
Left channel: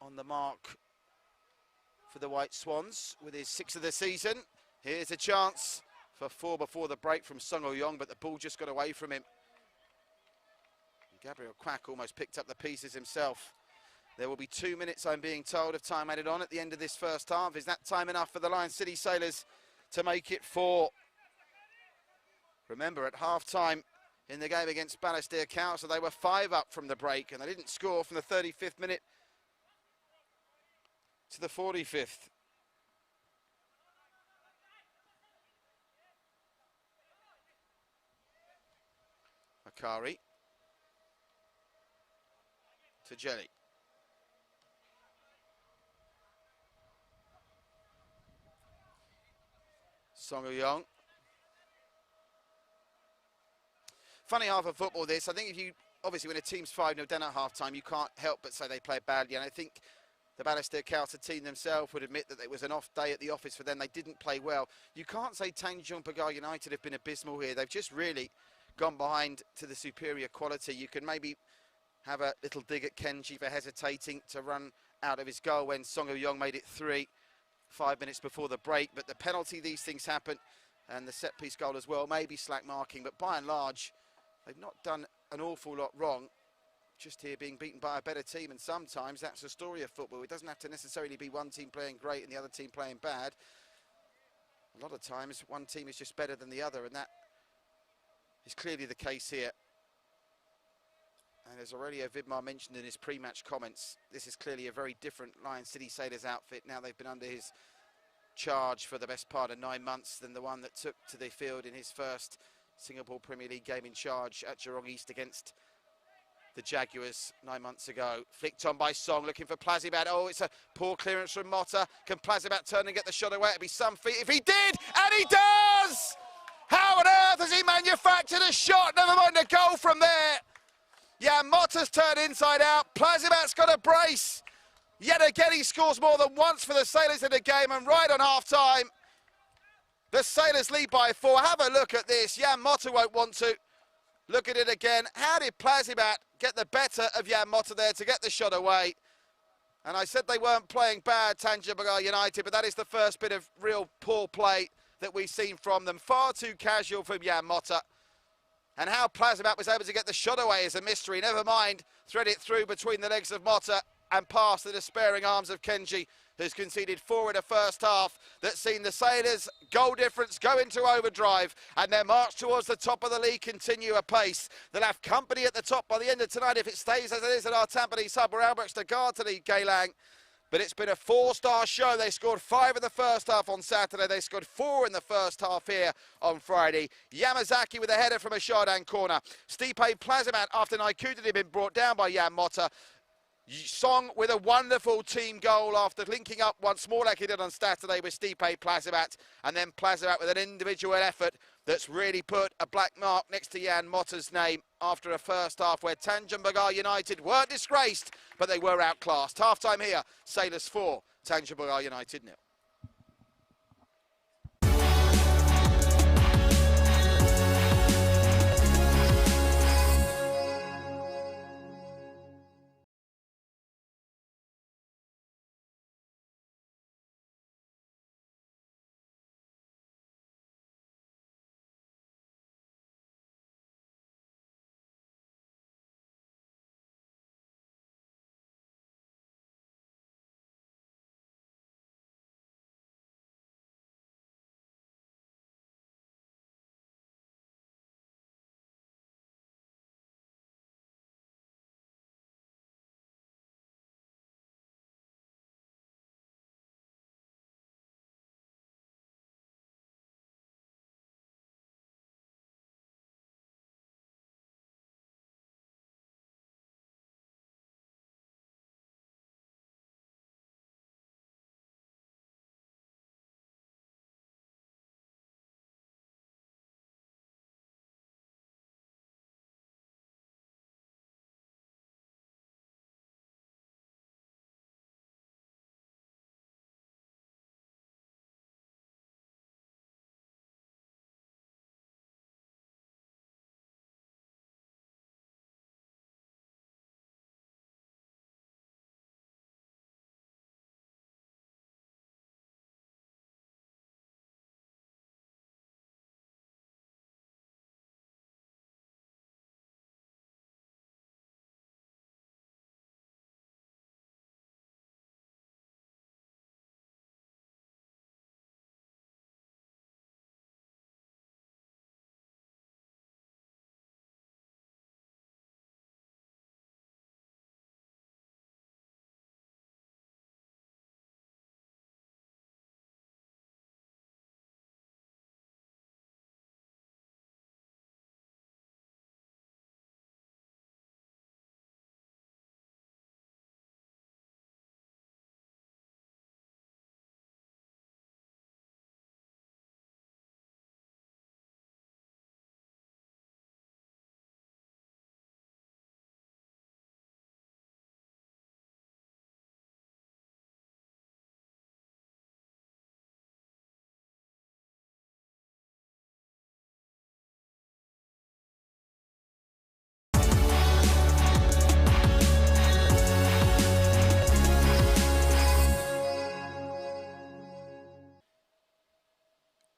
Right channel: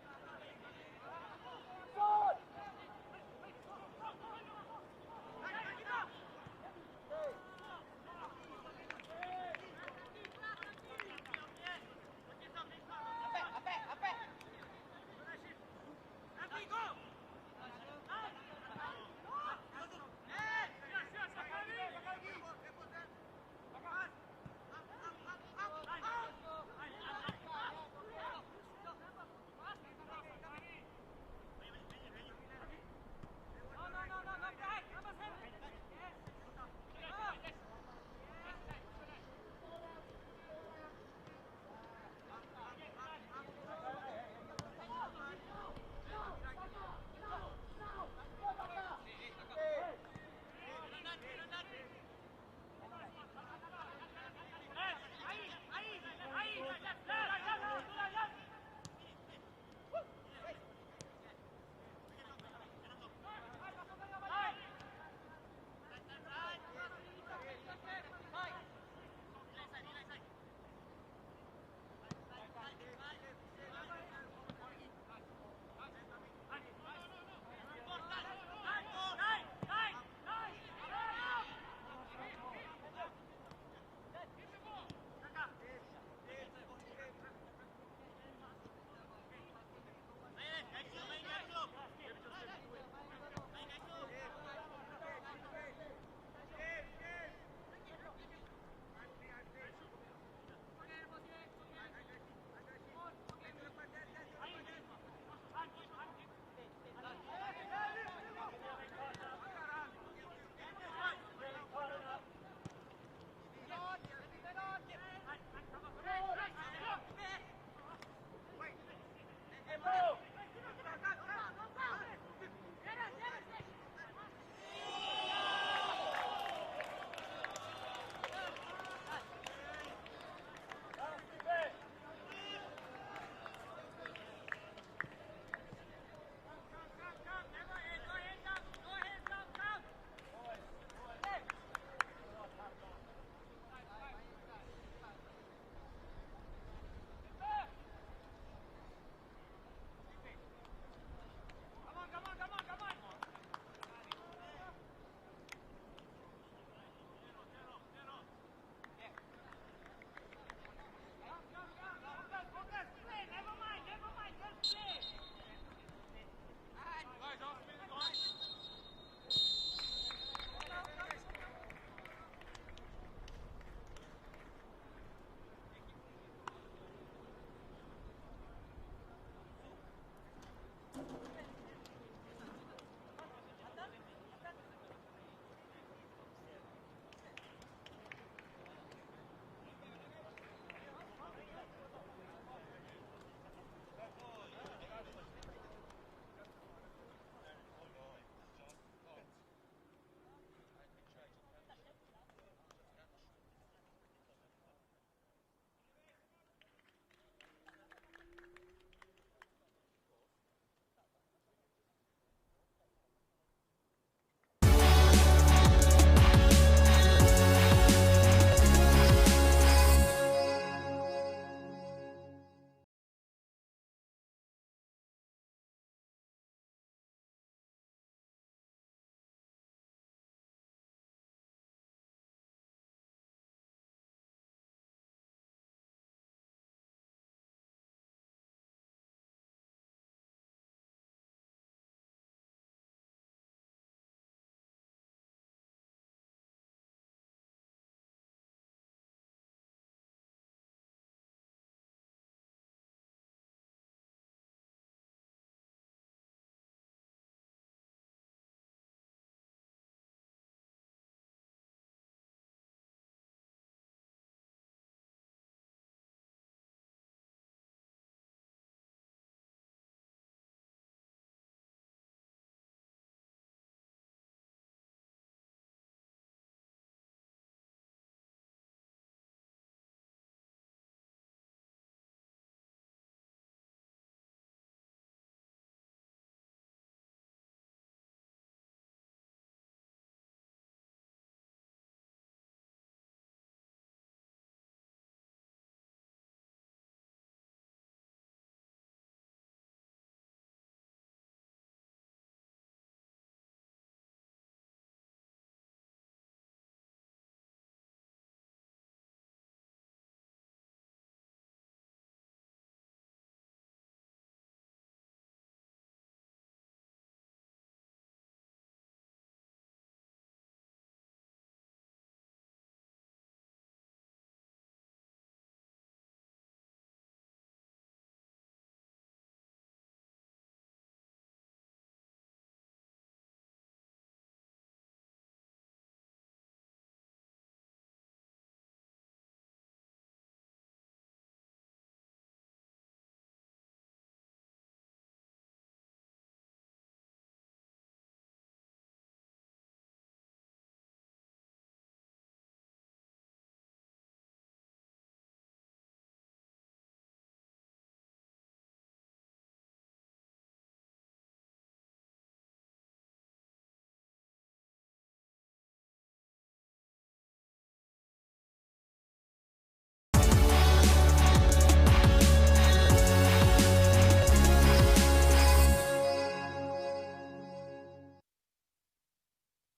on the mark for the White Swans with his 6th of the season. Here's a chance for 4 before the break from Sung Oh-yong, but the ball just got away from him. Gabriel Quack almost picked up the pieces himself. There will be 2 minutes, I'm being told, of time added on at the end of this first half. Is that time enough for the Lion City Sailors to make it 4? Remember, at half-time in the game against Balestier Council, they were 5 up from the break, and they didn't score from the 35th minute to the 45th. Akari to Jelly. Song Young. Funny half of football this. I think if you, obviously when a team's 5-0 down at half-time, you can't help but say they play badly. And I think the Balestier Council team themselves would admit that it was an off day at the office for them. They didn't play well. You can't say Tanjong Pagar United have been abysmal here. They've just really gone behind to the superior quality. You can maybe have a little dig at Kenji for hesitating to run out of his goal when Song Young made it 3 5 minutes before the break. But the penalty, these things happen. And the set-piece goal as well, maybe slack marking. But by and large, they've not done an awful lot wrong. Just here being beaten by a better team, and sometimes that's the story of football. It doesn't have to necessarily be one team playing great and the other team playing bad. A lot of times one team is just better than the other, and that is clearly the case here. And as Aurelio Vidmar mentioned in his pre-match comments, this is clearly a very different Lion City Sailors outfit now they've been under his charge for the best part of 9 months than the one that took to the field in his first Singapore Premier League game in charge at Jurong East against the Jaguars 9 months ago. Flicked on by Song, looking for Plazibat. Oh, it's a poor clearance from Motta. Can Plazibat turn and get the shot away? It'd be some feat if he did, and he does! How on earth has he manufactured a shot? Never mind a goal from there. Yeah, Motta's turned inside out. Plazibat's got a brace. Yet again, he scores more than once for the Sailors in the game, and right on half-time, the Sailors lead by 4. Have a look at this. Jan Motta won't want to. Look at it again. How did Plazibat get the better of Jan Motta there to get the shot away? And I said they weren't playing bad, Tanjong Pagar United, but that is the first bit of real poor play that we've seen from them. Far too casual from Jan Motta. And how Plazibat was able to get the shot away is a mystery. Never mind, thread it through between the legs of Motta and past the despairing arms of Kenji, who's conceded 4 in the first half. That's seen the Sailors' goal difference go into overdrive, and their march towards the top of the league continue apace. They'll have company at the top by the end of tonight if it stays as it is at our Tampines hub, where Albert's to guard to lead Geylang. But it's been a 4-star show. They scored 5 in the first half on Saturday. They scored 4 in the first half here on Friday. Yamazaki with a header from a Chardin corner. Stipe Plazibat after Naikuta had been brought down by Jan Motta. Song with a wonderful team goal after linking up once more like he did on Saturday with Stipe Plazibat. And then Plazibat with an individual effort that's really put a black mark next to Jan Motta's name after a first half where Tanjong Pagar United weren't disgraced, but they were outclassed. Half-time here, Sailors 4, Tanjong Pagar United 0.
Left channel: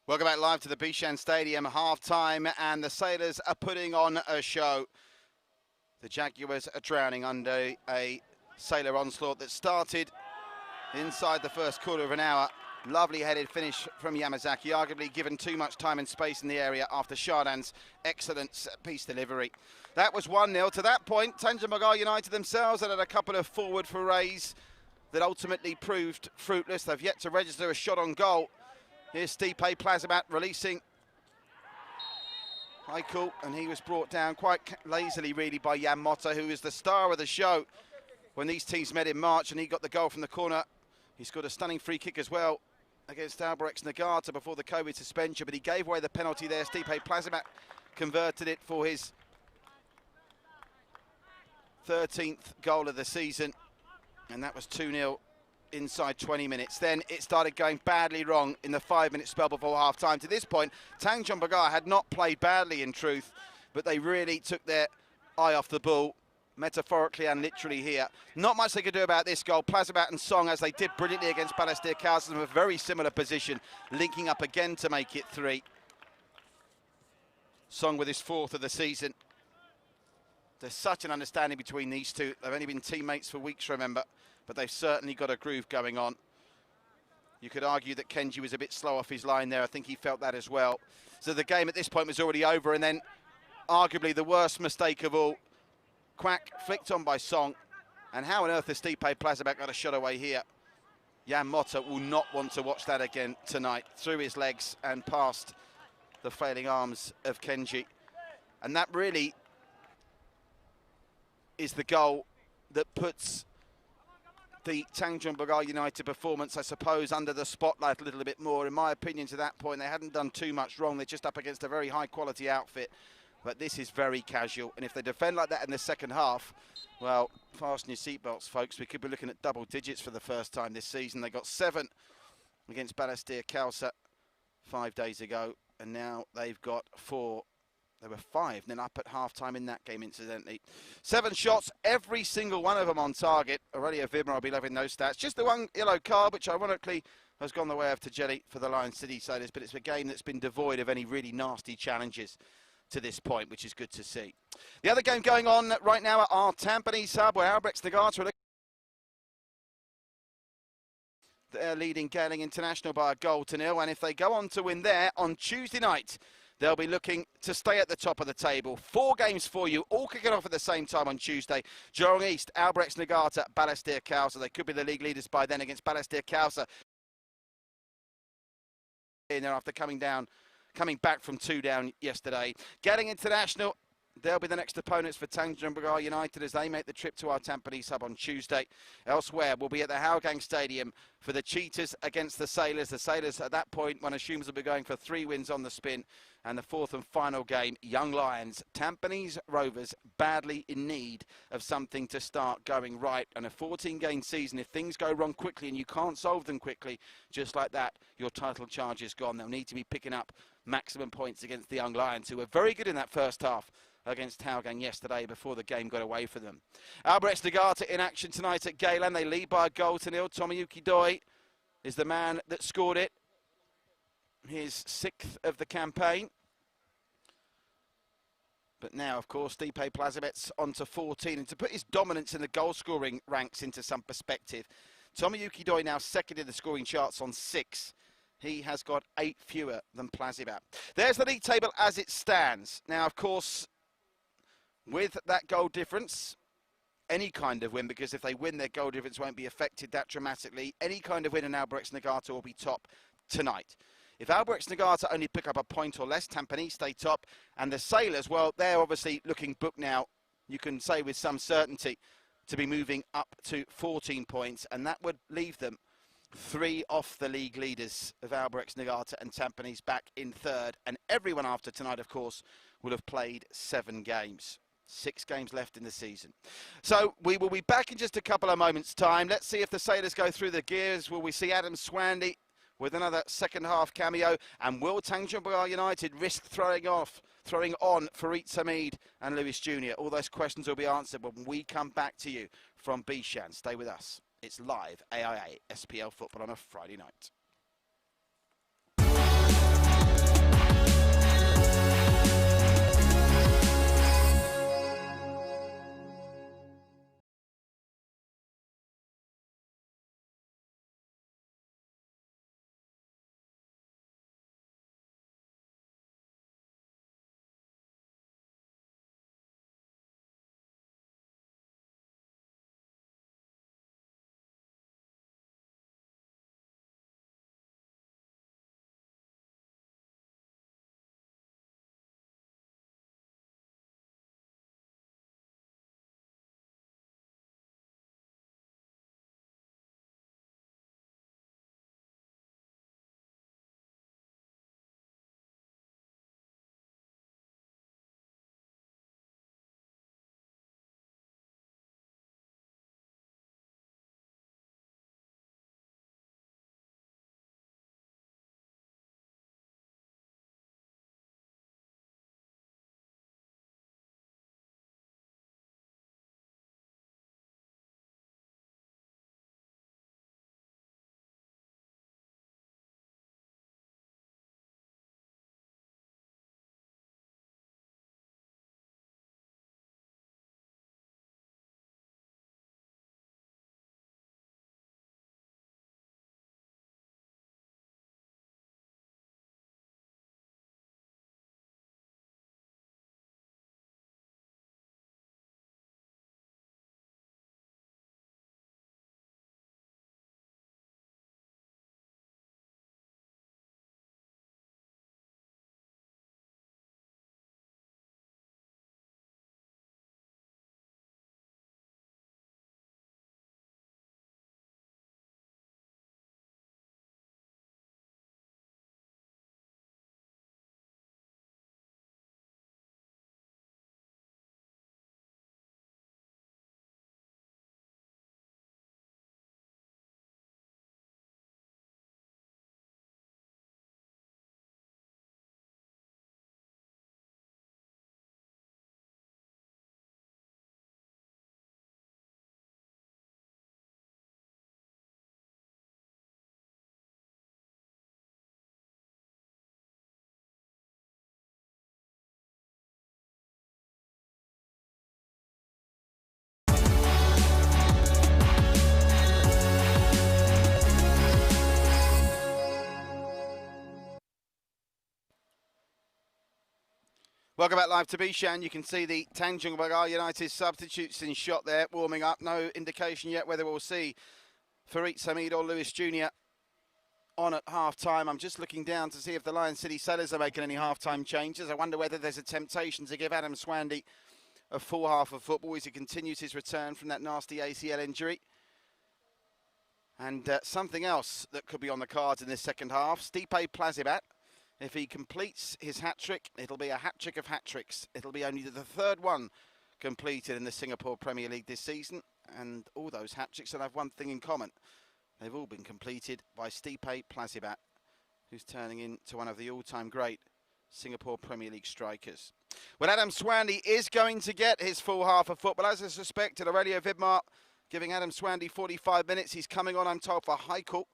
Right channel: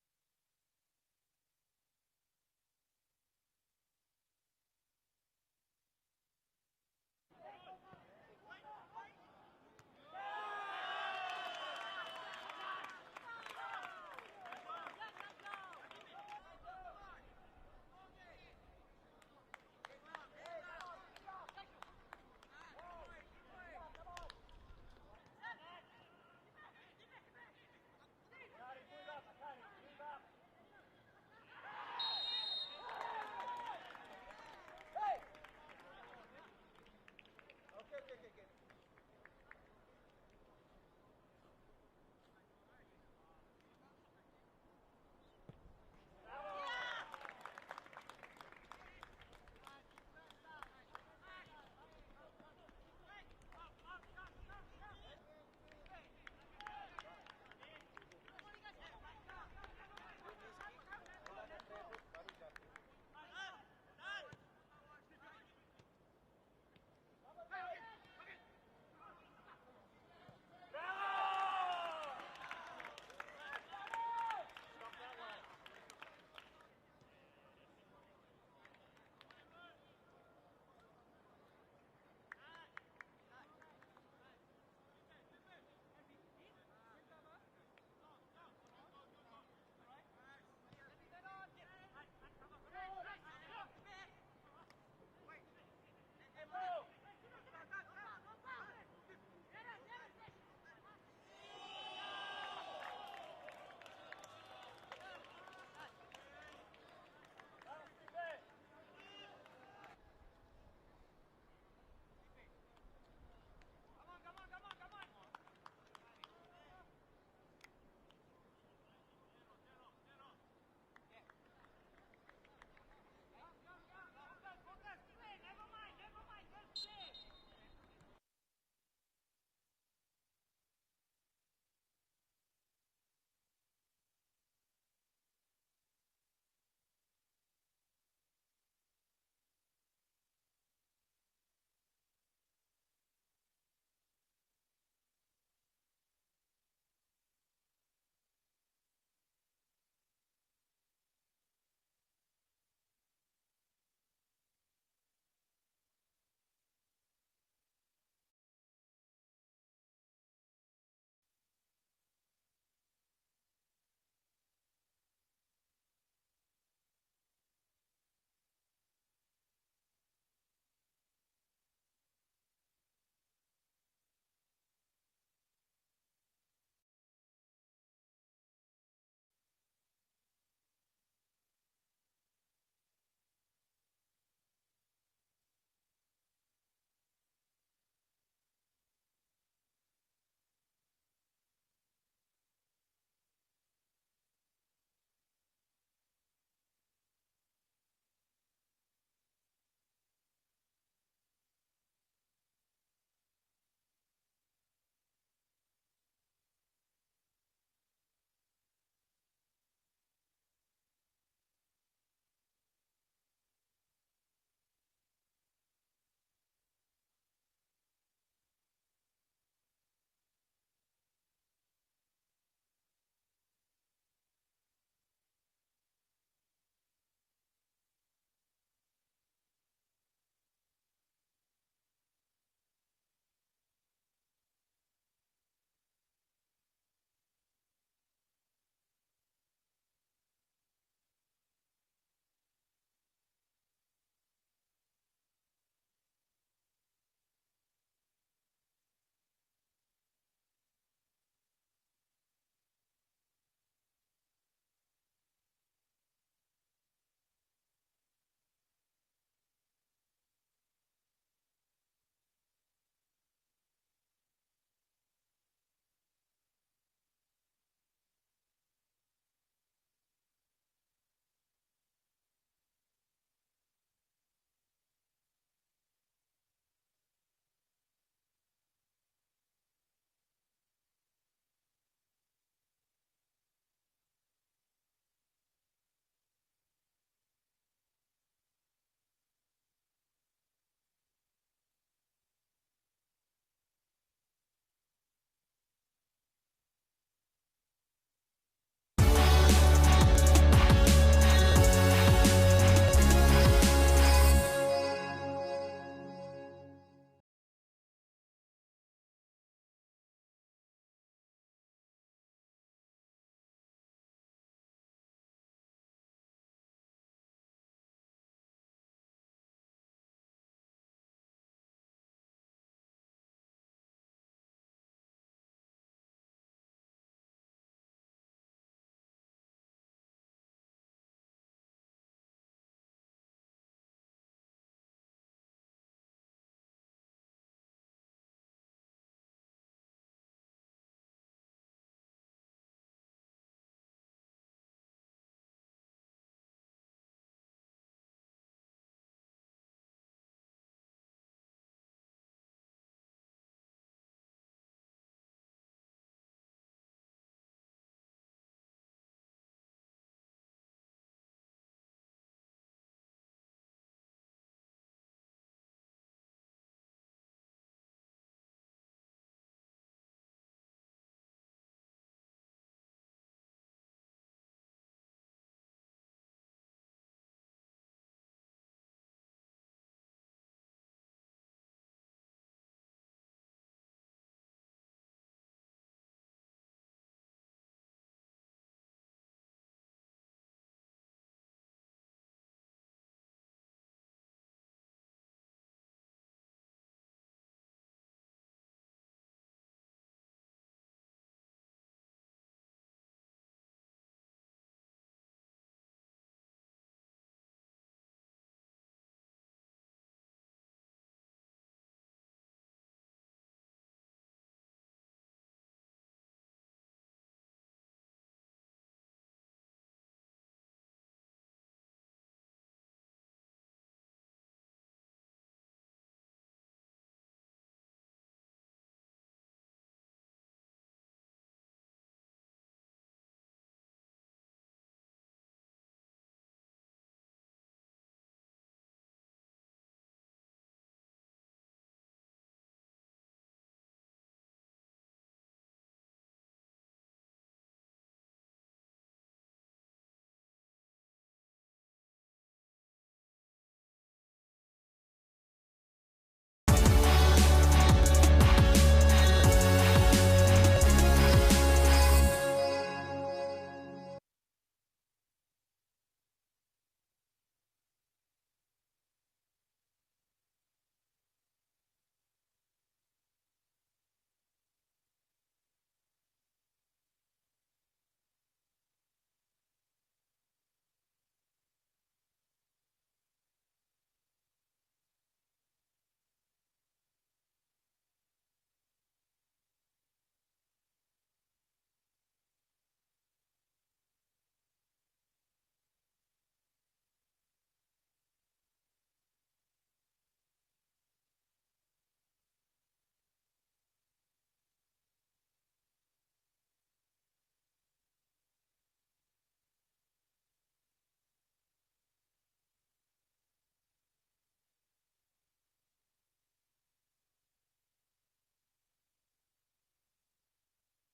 Welcome back live to the Bishan Stadium, half-time, and the Sailors are putting on a show. The Jaguars are drowning under a Sailor onslaught that started inside the first quarter of an hour. Lovely headed finish from Yamazaki, arguably given too much time and space in the area after Chardin's excellent set-piece delivery. That was 1-0. To that point, Tanjong Pagar United themselves had a couple of forward forays that ultimately proved fruitless. They've yet to register a shot on goal. Here's Stipe Plazibat releasing Michael, and he was brought down quite lazily, really, by Jan Motta, who is the star of the show when these teams met in March, and he got the goal from the corner. He scored a stunning free kick as well against Albrecht Nagata before the COVID suspension, but he gave away the penalty there. Stipe Plazibat converted it for his 13th goal of the season, and that was 2-0 inside 20 minutes. Then it started going badly wrong in the 5-minute spell before half-time. To this point, Tanjong Pagar had not played badly in truth, but they really took their eye off the ball, metaphorically and literally here. Not much they could do about this goal. Plazibat and Song, as they did brilliantly against Balestier Carlson, in a very similar position, linking up again to make it 3. Song with his 4th of the season. There's such an understanding between these two. They've only been teammates for weeks, remember, but they've certainly got a groove going on. You could argue that Kenji was a bit slow off his line there. I think he felt that as well. So the game at this point was already over, and then arguably the worst mistake of all, Quack flicked on by Song, and how on earth has Stipe Plazibat got a shot away here? Jan Motta will not want to watch that again tonight. Through his legs and past the failing arms of Kenji. And that really is the goal that puts the Tanjong Pagar United performance, I suppose, under the spotlight a little bit more. In my opinion, to that point, they hadn't done too much wrong. They're just up against a very high-quality outfit. But this is very casual, and if they defend like that in the second half, well, fasten your seatbelts, folks. We could be looking at double digits for the first time this season. They got 7 against Balestier Khalsa 5 days ago, and now they've got 4. They were 5-0 up at half-time in that game, incidentally. 7 shots, every single one of them on target. Aurelio Vidmar will be loving those stats. Just the one yellow card, which ironically has gone the way of Tajeli for the Lion City Sailors, but it's a game that's been devoid of any really nasty challenges to this point, which is good to see. The other game going on right now at our Tampines hub, where Albrecht Nagata, they're leading Gaeling International by a 1-0, and if they go on to win there on Tuesday night, they'll be looking to stay at the top of the table. 4 games for you, all kicking off at the same time on Tuesday. Jurong East, Albrecht Nagata, Balestier Khalsa. They could be the league leaders by then against Balestier Khalsa. In there after coming back from 2 down yesterday. Gaeling International, they'll be the next opponents for Tanjong Pagar United as they make the trip to our Tampines hub on Tuesday. Elsewhere, we'll be at the Hougang Stadium for the Cheetahs against the Sailors. The Sailors, at that point, one assumes will be going for 3 wins on the spin. And the 4th and final game, Young Lions, Tampines Rovers, badly in need of something to start going right. And a 14-game season, if things go wrong quickly and you can't solve them quickly, just like that, your title charge is gone. They'll need to be picking up maximum points against the Young Lions, who were very good in that first half against Hougang yesterday before the game got away for them. Albrecht Nagata in action tonight at Geylang. They lead by a 1-0. Tomoyuki Doi is the man that scored it. His 6th of the campaign. But now, of course, Stipe Plazibat's on to 14. And to put his dominance in the goal-scoring ranks into some perspective, Tomoyuki Doi now 2nd in the scoring charts on 6. He has got 8 fewer than Plazibat. There's the league table as it stands. Now, of course, with that goal difference, any kind of win, because if they win, their goal difference won't be affected that dramatically. Any kind of win in Albrecht Nagata will be top tonight. If Albrecht Nagata only pick up a point or less, Tampines stay top. And the Sailors, well, they're obviously looking booked now, you can say with some certainty, to be moving up to 14 points. And that would leave them 3 off the league leaders of Albrecht Nagata and Tampines back in 3rd. And everyone after tonight, of course, will have played 7 games. 6 games left in the season. So we will be back in just a couple of moments' time. Let's see if the Sailors go through the gears. Will we see Adam Swandy with another second half cameo? And will Tanjong Pagar United risk throwing on Farid Samid and Lewis Jr.? All those questions will be answered when we come back to you from Bishan. Stay with us. It's live AIA SPL football on a Friday night. Welcome back live to Bishan. You can see the Tanjong Pagar United substitutes in shot there, warming up. No indication yet whether we'll see Farid Samid or Lewis Jr. on at half-time. I'm just looking down to see if the Lion City Sailors are making any half-time changes. I wonder whether there's a temptation to give Adam Swandy a full half of football as he continues his return from that nasty ACL injury. And something else that could be on the cards in this second half, Stipe Plazibat. If he completes his hat-trick, it'll be a hat-trick of hat-tricks. It'll be only the third one completed in the Singapore Premier League this season. And all those hat-tricks will have one thing in common. They've all been completed by Stipe Plazibat, who's turning into one of the all-time great Singapore Premier League strikers. Well, Adam Swandy is going to get his full half of football. As I suspected, Aurelio Vidmar giving Adam Swandy 45 minutes. He's coming on, I'm told, for Haikal.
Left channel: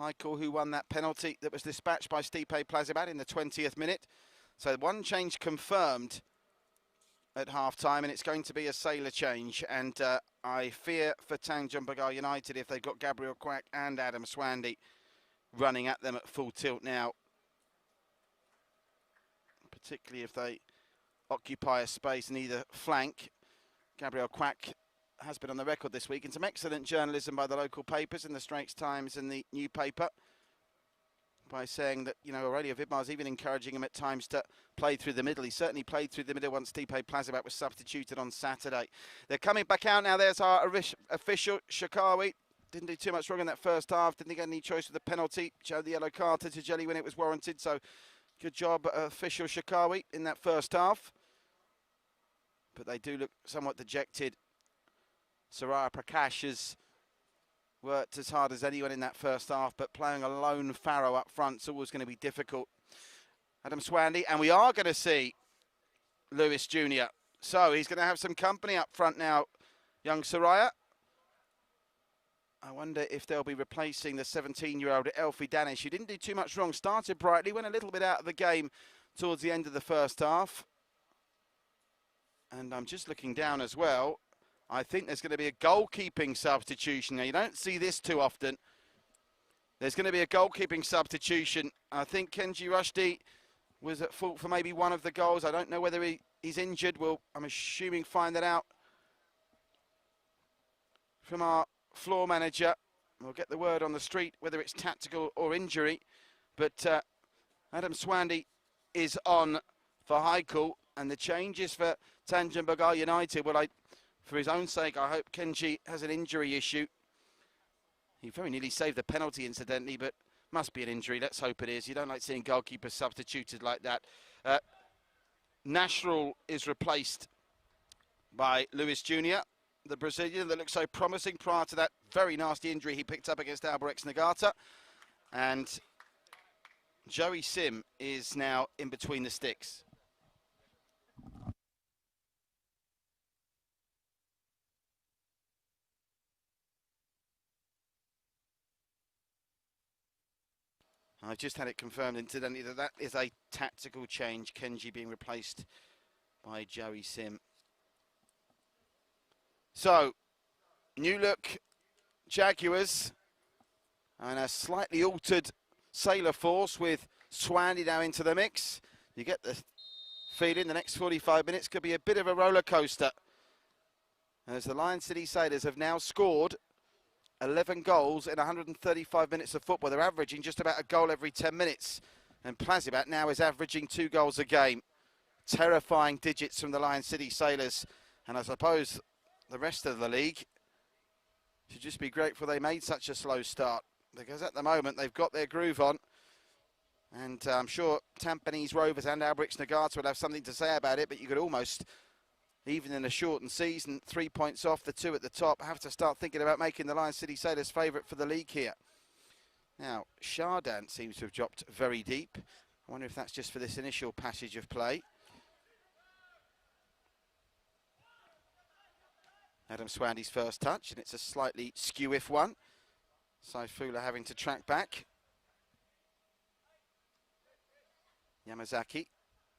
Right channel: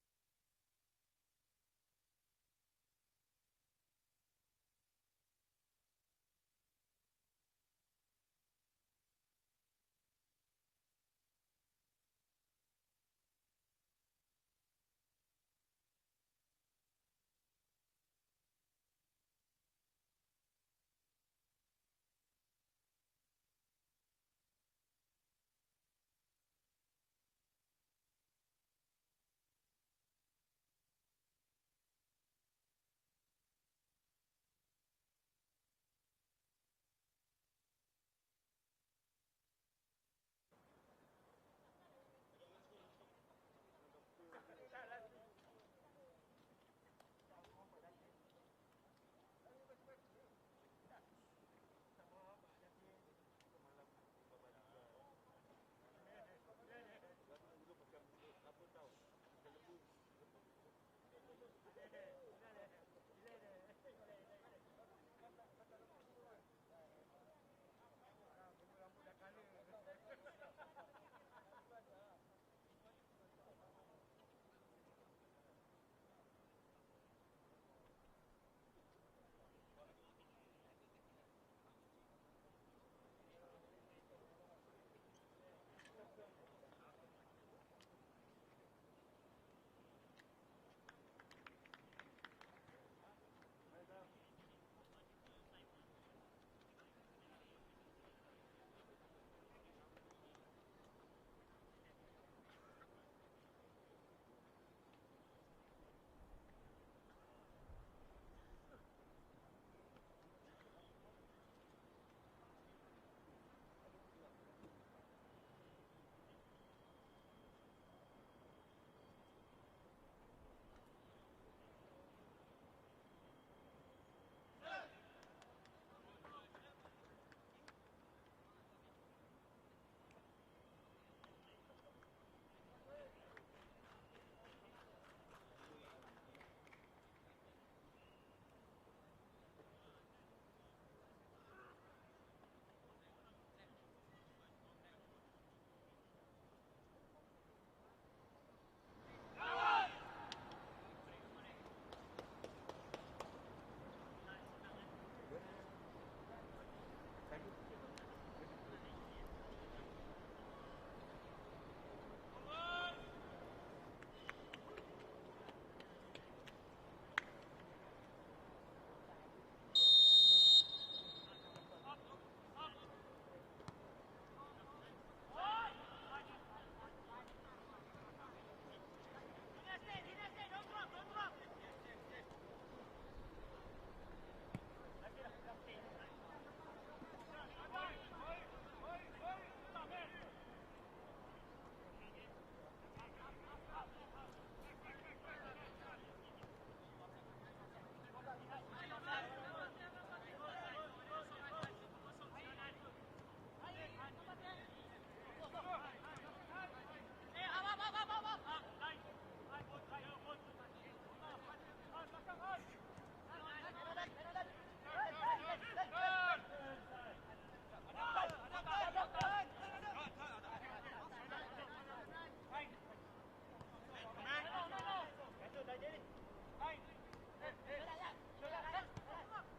Haikal, who won that penalty that was dispatched by Stipe Plazibat in the 20th minute. So one change confirmed at half-time, and it's going to be a Sailor change. And I fear for Tanjong Pagar United if they've got Gabriel Quack and Adam Swandy running at them at full tilt now. Particularly if they occupy a space in either flank. Gabriel Quack has been on the record this week in some excellent journalism by the local papers, in the Straits Times and the New Paper, by saying that, you know, Aurelio Vidmar's even encouraging him at times to play through the middle. He certainly played through the middle once Stipe Plazibat was substituted on Saturday. They're coming back out now. There's our official, Shakawi. Didn't do too much wrong in that first half. Didn't get any choice with the penalty. Showed the yellow card to Tajeli when it was warranted. So good job, official Shakawi, in that first half. But they do look somewhat dejected. Saraya Prakash has worked as hard as anyone in that first half, but playing a lone Farrow up front is always going to be difficult. Adam Swandy, and we are going to see Lewis Jr. So he's going to have some company up front now, young Saraya. I wonder if they'll be replacing the 17-year-old Elfie Danish, who didn't do too much wrong. Started brightly, went a little bit out of the game towards the end of the first half. And I'm just looking down as well. I think there's going to be a goalkeeping substitution. Now, you don't see this too often. There's going to be a goalkeeping substitution. I think Kenji Rushdie was at fault for maybe one of the goals. I don't know whether he's injured. We'll, I'm assuming, find that out from our floor manager. We'll get the word on the street whether it's tactical or injury. But Adam Swandy is on for Haikal, and the changes for Tanjong Pagar United. Well, for his own sake, I hope Kenji has an injury issue. He very nearly saved the penalty, incidentally, but must be an injury. Let's hope it is. You don't like seeing goalkeepers substituted like that. Nashrul is replaced by Lewis Jr., the Brazilian that looked so promising prior to that very nasty injury he picked up against Albirex Niigata. And Joey Sim is now in between the sticks. I've just had it confirmed, incidentally, that that is a tactical change. Kenji being replaced by Joey Sim. So, new look Jaguars and a slightly altered Sailor force with Swandy now into the mix. You get the feeling the next 45 minutes could be a bit of a roller coaster, as the Lion City Sailors have now scored 11 goals in 135 minutes of football. They're averaging just about a goal every 10 minutes. And Plazibat now is averaging 2 goals a game. Terrifying digits from the Lion City Sailors. And I suppose the rest of the league should just be grateful they made such a slow start, because at the moment they've got their groove on. And I'm sure Tampines Rovers and Albirex Niigata will have something to say about it, but you could almost, even in a shortened season, 3 points off the 2 at the top, have to start thinking about making the Lion City Sailors favourite for the league here. Now, Shardan seems to have dropped very deep. I wonder if that's just for this initial passage of play. Adam Swandy's first touch, and it's a slightly skew-if one. Saifullah having to track back. Yamazaki,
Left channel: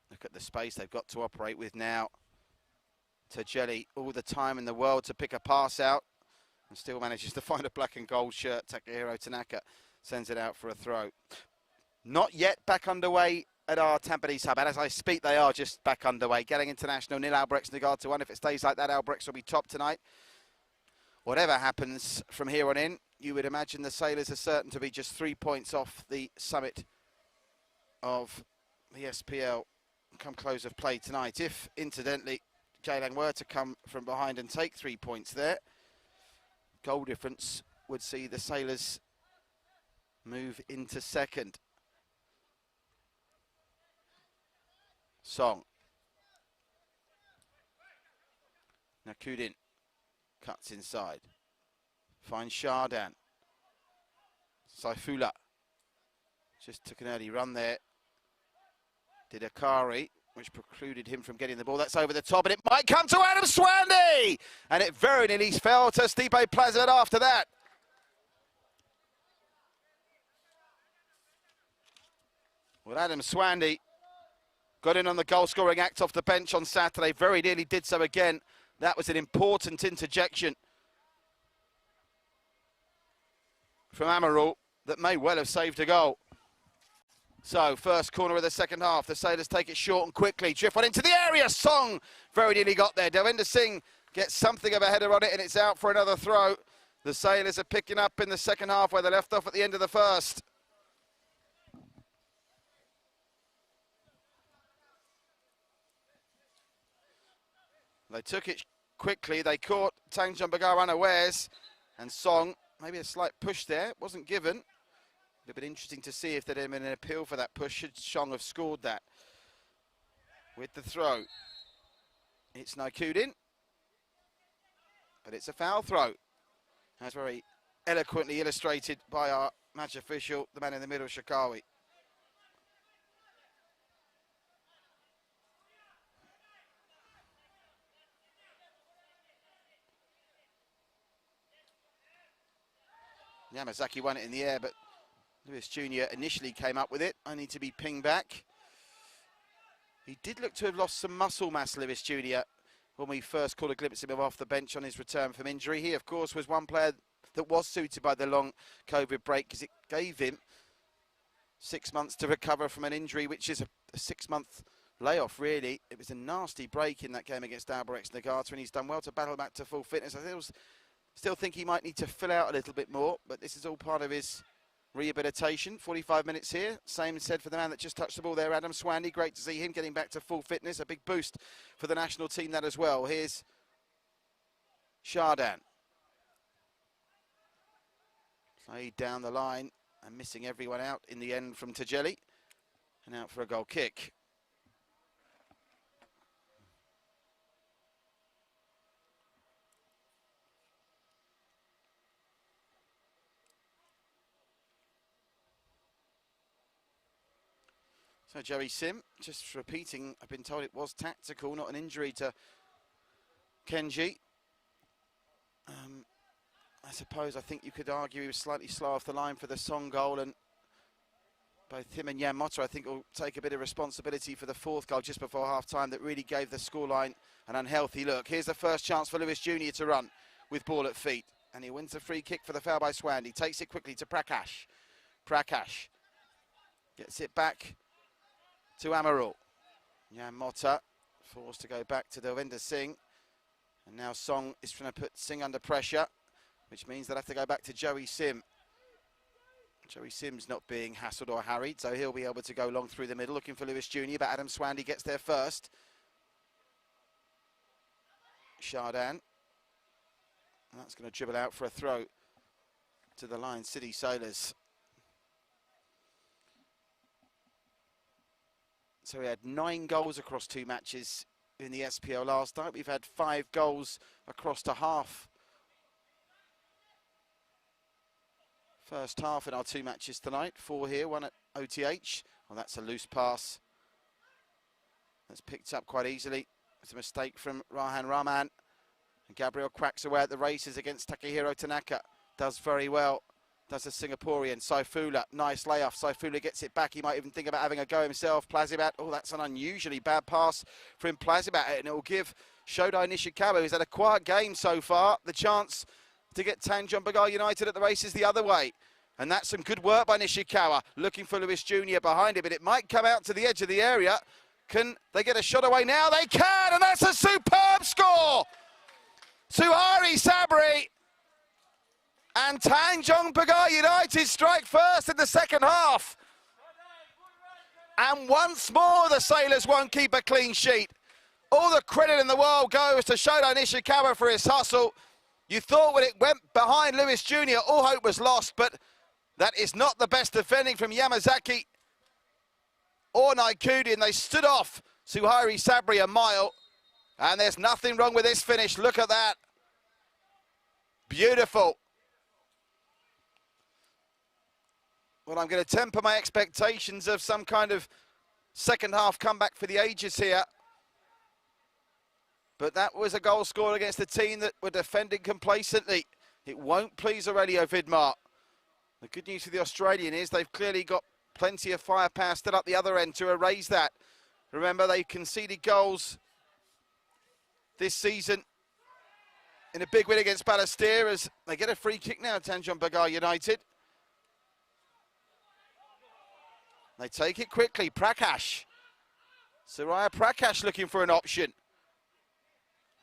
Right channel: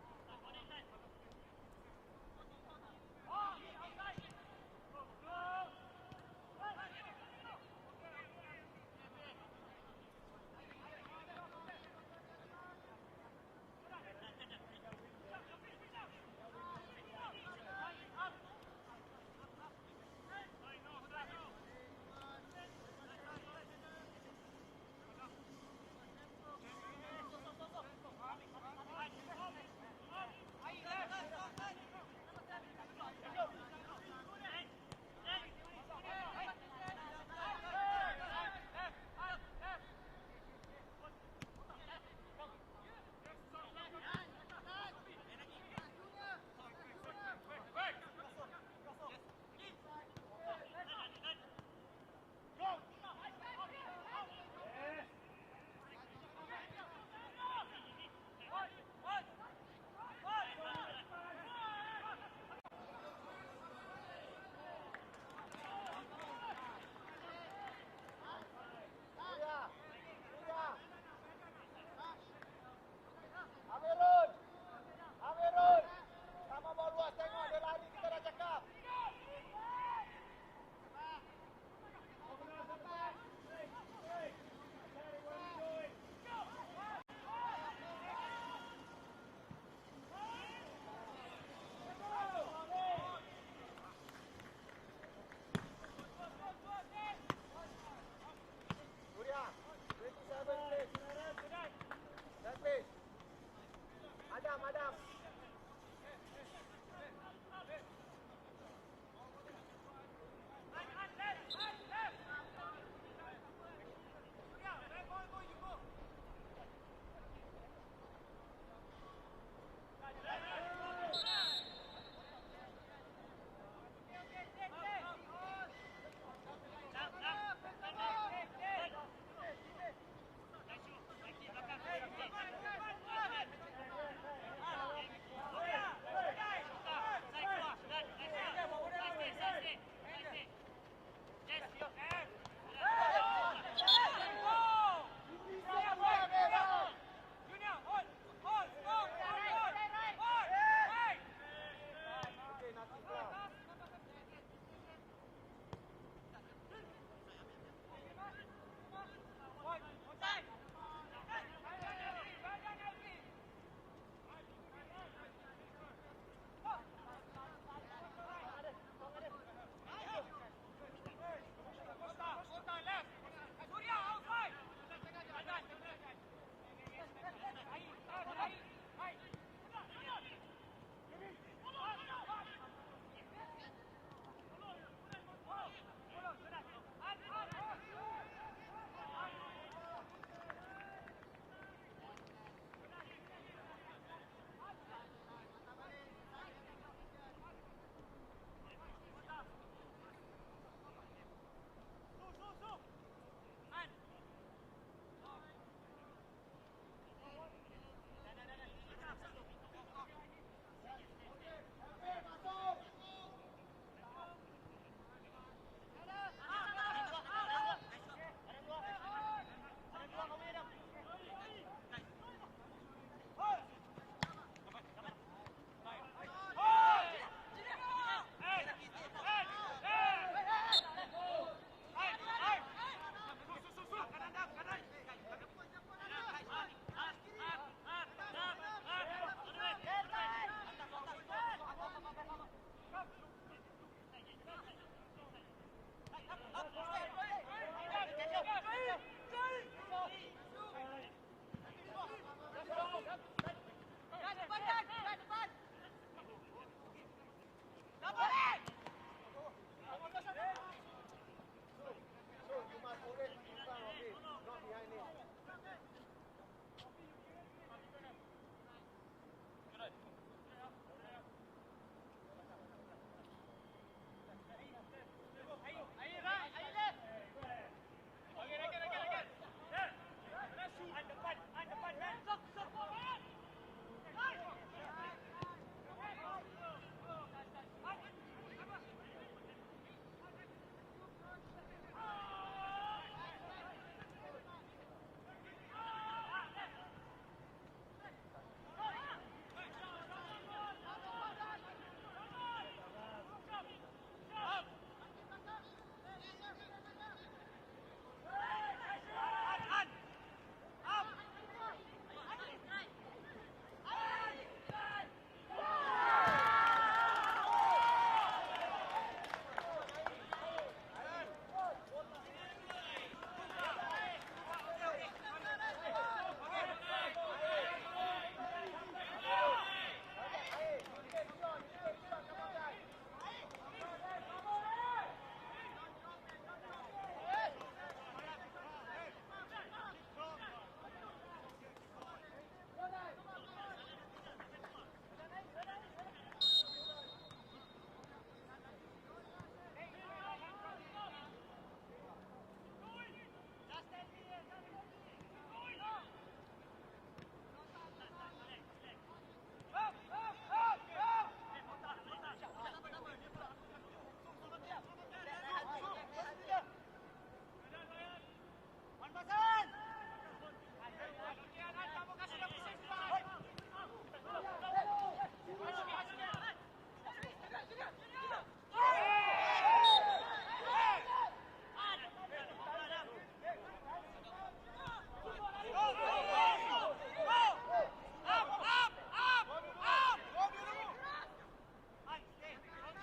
look at the space they've got to operate with now. Tajeli, all the time in the world to pick a pass out, and still manages to find a black and gold shirt. Takahiro Tanaka sends it out for a throw. Not yet back underway at our Tampines hub, and as I speak, they are just back underway. Getting International 0, Albrechts Nagar to 1. If it stays like that, Albrechts will be top tonight. Whatever happens from here on in, you would imagine the Sailors are certain to be just 3 points off the summit of the SPL come close of play tonight. If, incidentally, Jaylang were to come from behind and take 3 points there, goal difference would see the Sailors move into second. Song. Nakudin cuts inside. Finds Shardan. Saifullah just took an early run there. Did Akari, which precluded him from getting the ball. That's over the top, and it might come to Adam Swandy! And it very nearly fell to Stipe Plazibat after that. Well, Adam Swandy got in on the goal-scoring act off the bench on Saturday. Very nearly did so again. That was an important interjection from Amaral that may well have saved a goal. So, first corner of the second half. The Sailors take it short and quickly. Drift one into the area. Song very nearly got there. Devinder Singh gets something of a header on it, and it's out for another throw. The Sailors are picking up in the second half where they left off at the end of the first. They took it quickly. They caught Tanjong Pagar unawares, and Song, maybe a slight push there, wasn't given. It would have been interesting to see if there had been an appeal for that push. Should Song have scored that with the throw? It's Nakudin, but it's a foul throw. That's very eloquently illustrated by our match official, the man in the middle, Shakawi. Yamazaki won it in the air, but Lewis Jr. initially came up with it, only to be pinged back. He did look to have lost some muscle mass, Lewis Jr., when we first caught a glimpse of him off the bench on his return from injury. He, of course, was one player that was suited by the long COVID break, because it gave him 6 months to recover from an injury, which is a 6-month layoff, really. It was a nasty break in that game against Albrechts Nagar, and he's done well to battle back to full fitness. I still think he might need to fill out a little bit more, but this is all part of his rehabilitation. 45 minutes here. Same said for the man that just touched the ball there, Adam Swandy. Great to see him getting back to full fitness. A big boost for the national team, that as well. Here's Shardan. Saeed down the line and missing everyone out in the end from Tajeli. And out for a goal kick. So Joey Sim, just repeating, I've been told it was tactical, not an injury to Kenji. I think you could argue he was slightly slow off the line for the Song goal, and both him and Jan Motter, I think, will take a bit of responsibility for the fourth goal just before half-time that really gave the scoreline an unhealthy look. Here's the first chance for Lewis Jr. to run with ball at feet, and he wins a free kick for the foul by Swandy. Takes it quickly to Prakash. Prakash gets it back to Amaral. Now Motta forced to go back to Devinder Singh. And now Song is trying to put Singh under pressure, which means they'll have to go back to Joey Sim. Joey Sim's not being hassled or harried, so he'll be able to go long through the middle, looking for Lewis Jr., but Adam Swandy gets there first. Shardan. And that's going to dribble out for a throw to the Lion City Sailors. So we had 9 goals across 2 matches in the SPL last night. We've had 5 goals across to half. First half in our 2 matches tonight. 4 here, 1 at OTH. Well, that's a loose pass. It's picked up quite easily. It's a mistake from Rahan Rahman. Gabriel cracks away at the races against Takehiro Tanaka. Does very well. Does the Singaporean. Saifullah, nice layoff. Saifullah gets it back. He might even think about having a go himself. Plazibat, oh, that's an unusually bad pass from Plazibat, and it will give Shodai Nishikawa, who's had a quiet game so far, the chance to get Tanjong Pagar United at the races the other way. And that's some good work by Nishikawa, looking for Lewis Jr. behind it, but it might come out to the edge of the area. Can they get a shot away now? They can, and that's a superb score! Suhari Sabri and Tanjong Pagar United strike first in the second half. And once more the Sailors won't keep a clean sheet. All the credit in the world goes to Shoto Nishikawa for his hustle. You thought when it went behind Lewis Jr., all hope was lost, but that is not the best defending from Yamazaki or Naikudi, and they stood off Suhari Sabri a mile. And there's nothing wrong with this finish. Look at that. Beautiful. Well, I'm going to temper my expectations of some kind of second half comeback for the ages here. But that was a goal scored against a team that were defending complacently. It won't please Aurelio Vidmar. The good news for the Australian is they've clearly got plenty of firepower still up the other end to erase that. Remember, they conceded goals this season in a big win against Balestier as they get a free kick now, Tanjong Pagar United. They take it quickly, Prakash. Soraya Prakash looking for an option.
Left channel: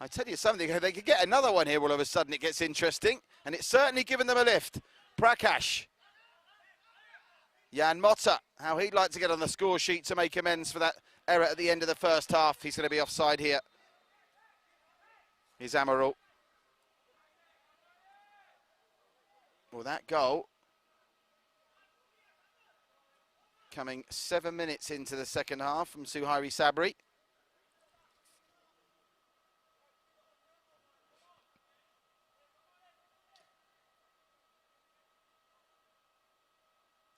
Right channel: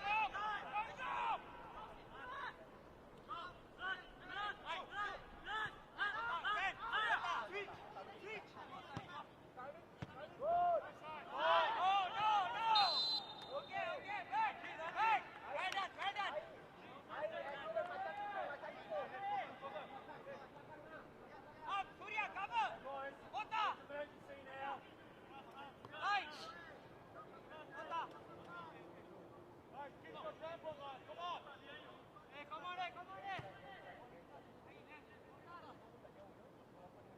I tell you something, they could get another one here all of a sudden, it gets interesting. And it's certainly given them a lift. Prakash. Jan Motta, how he'd like to get on the score sheet to make amends for that error at the end of the first half. He's going to be offside here. Here's Amaral. Well, that goal coming 7 minutes into the second half from Suhari Sabri.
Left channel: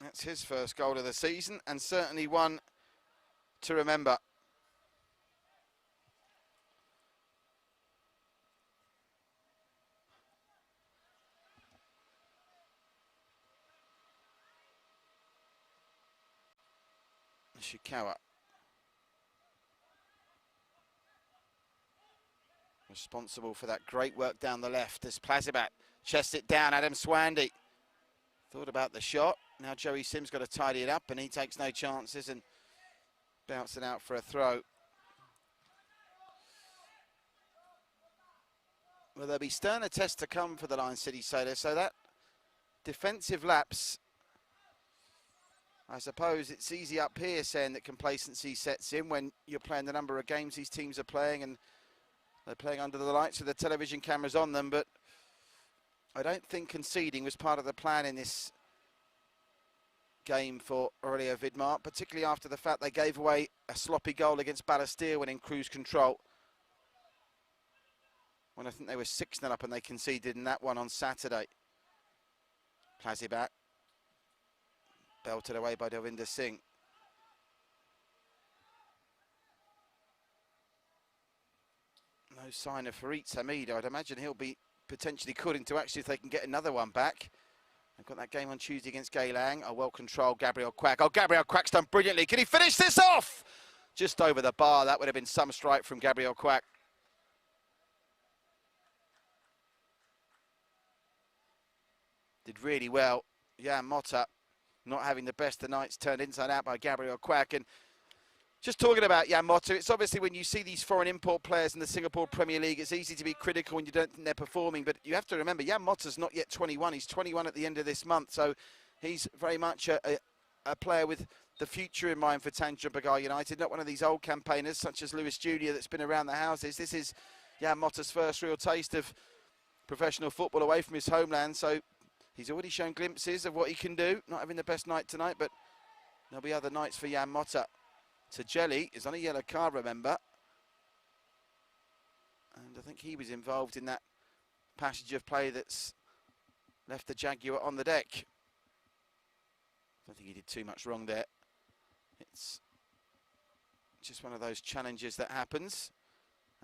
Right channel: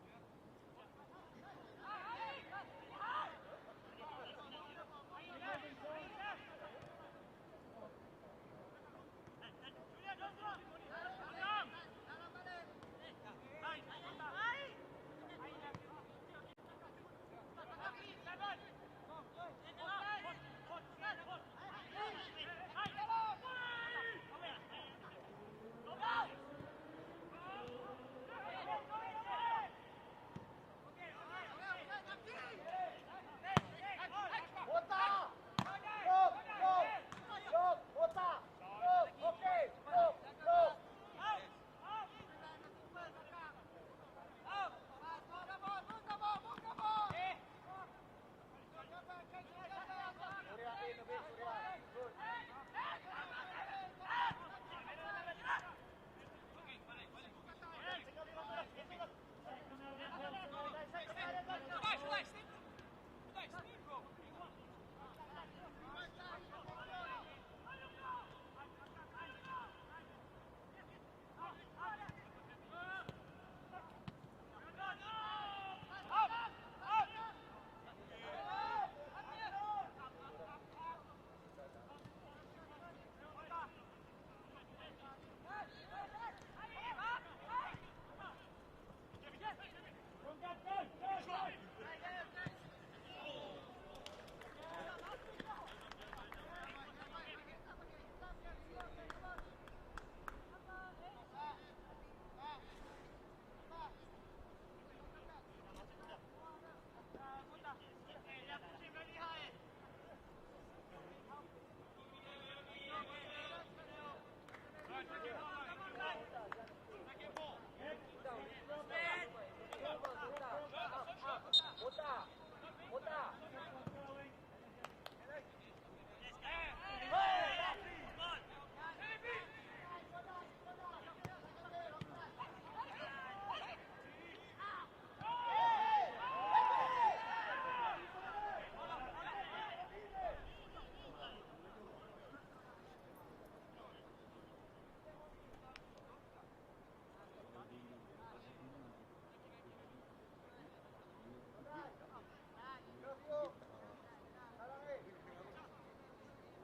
That's his first goal of the season, and certainly one to remember. Nishikawa. Responsible for that great work down the left as Plazibat chests it down. Adam Swandy thought about the shot. Now Joey Sims got to tidy it up, and he takes no chances and bounces it out for a throw. Well, there'll be sterner tests to come for the Lion City Sailors, so that defensive lapse, I suppose it's easy up here saying that complacency sets in when you're playing the number of games these teams are playing, and they're playing under the lights with the television cameras on them, but I don't think conceding was part of the plan in this game for Aurelio Vidmar, particularly after the fact they gave away a sloppy goal against Balestier when in cruise control. When I think they were 6-0 up and they conceded in that one on Saturday. Plazibat. Belted away by Devinder Singh. No sign of Farid Hamid. I'd imagine he'll be potentially called into action if they can get another one back. We've got that game on Tuesday against Geylang. A well-controlled Gabriel Quack. Oh, Gabriel Quack's done brilliantly. Can he finish this off? Just over the bar. That would have been some strike from Gabriel Quack. Did really well. Jan Motta not having the best of nights, turned inside out by Gabriel Quack. And just talking about Jan Motta, it's obviously when you see these foreign import players in the Singapore Premier League, it's easy to be critical when you don't think they're performing, but you have to remember, Jan Motta's not yet 21. He's 21 at the end of this month, so he's very much a player with the future in mind for Tanjong Pagar United, not one of these old campaigners such as Lewis Jr. that's been around the houses. This is Jan Motta's first real taste of professional football away from his homeland, so he's already shown glimpses of what he can do. Not having the best night tonight, but there'll be other nights for Jan Motta. Jelly is on a yellow card, remember. And I think he was involved in that passage of play that's left the Jaguar on the deck. I don't think he did too much wrong there. It's just one of those challenges that happens.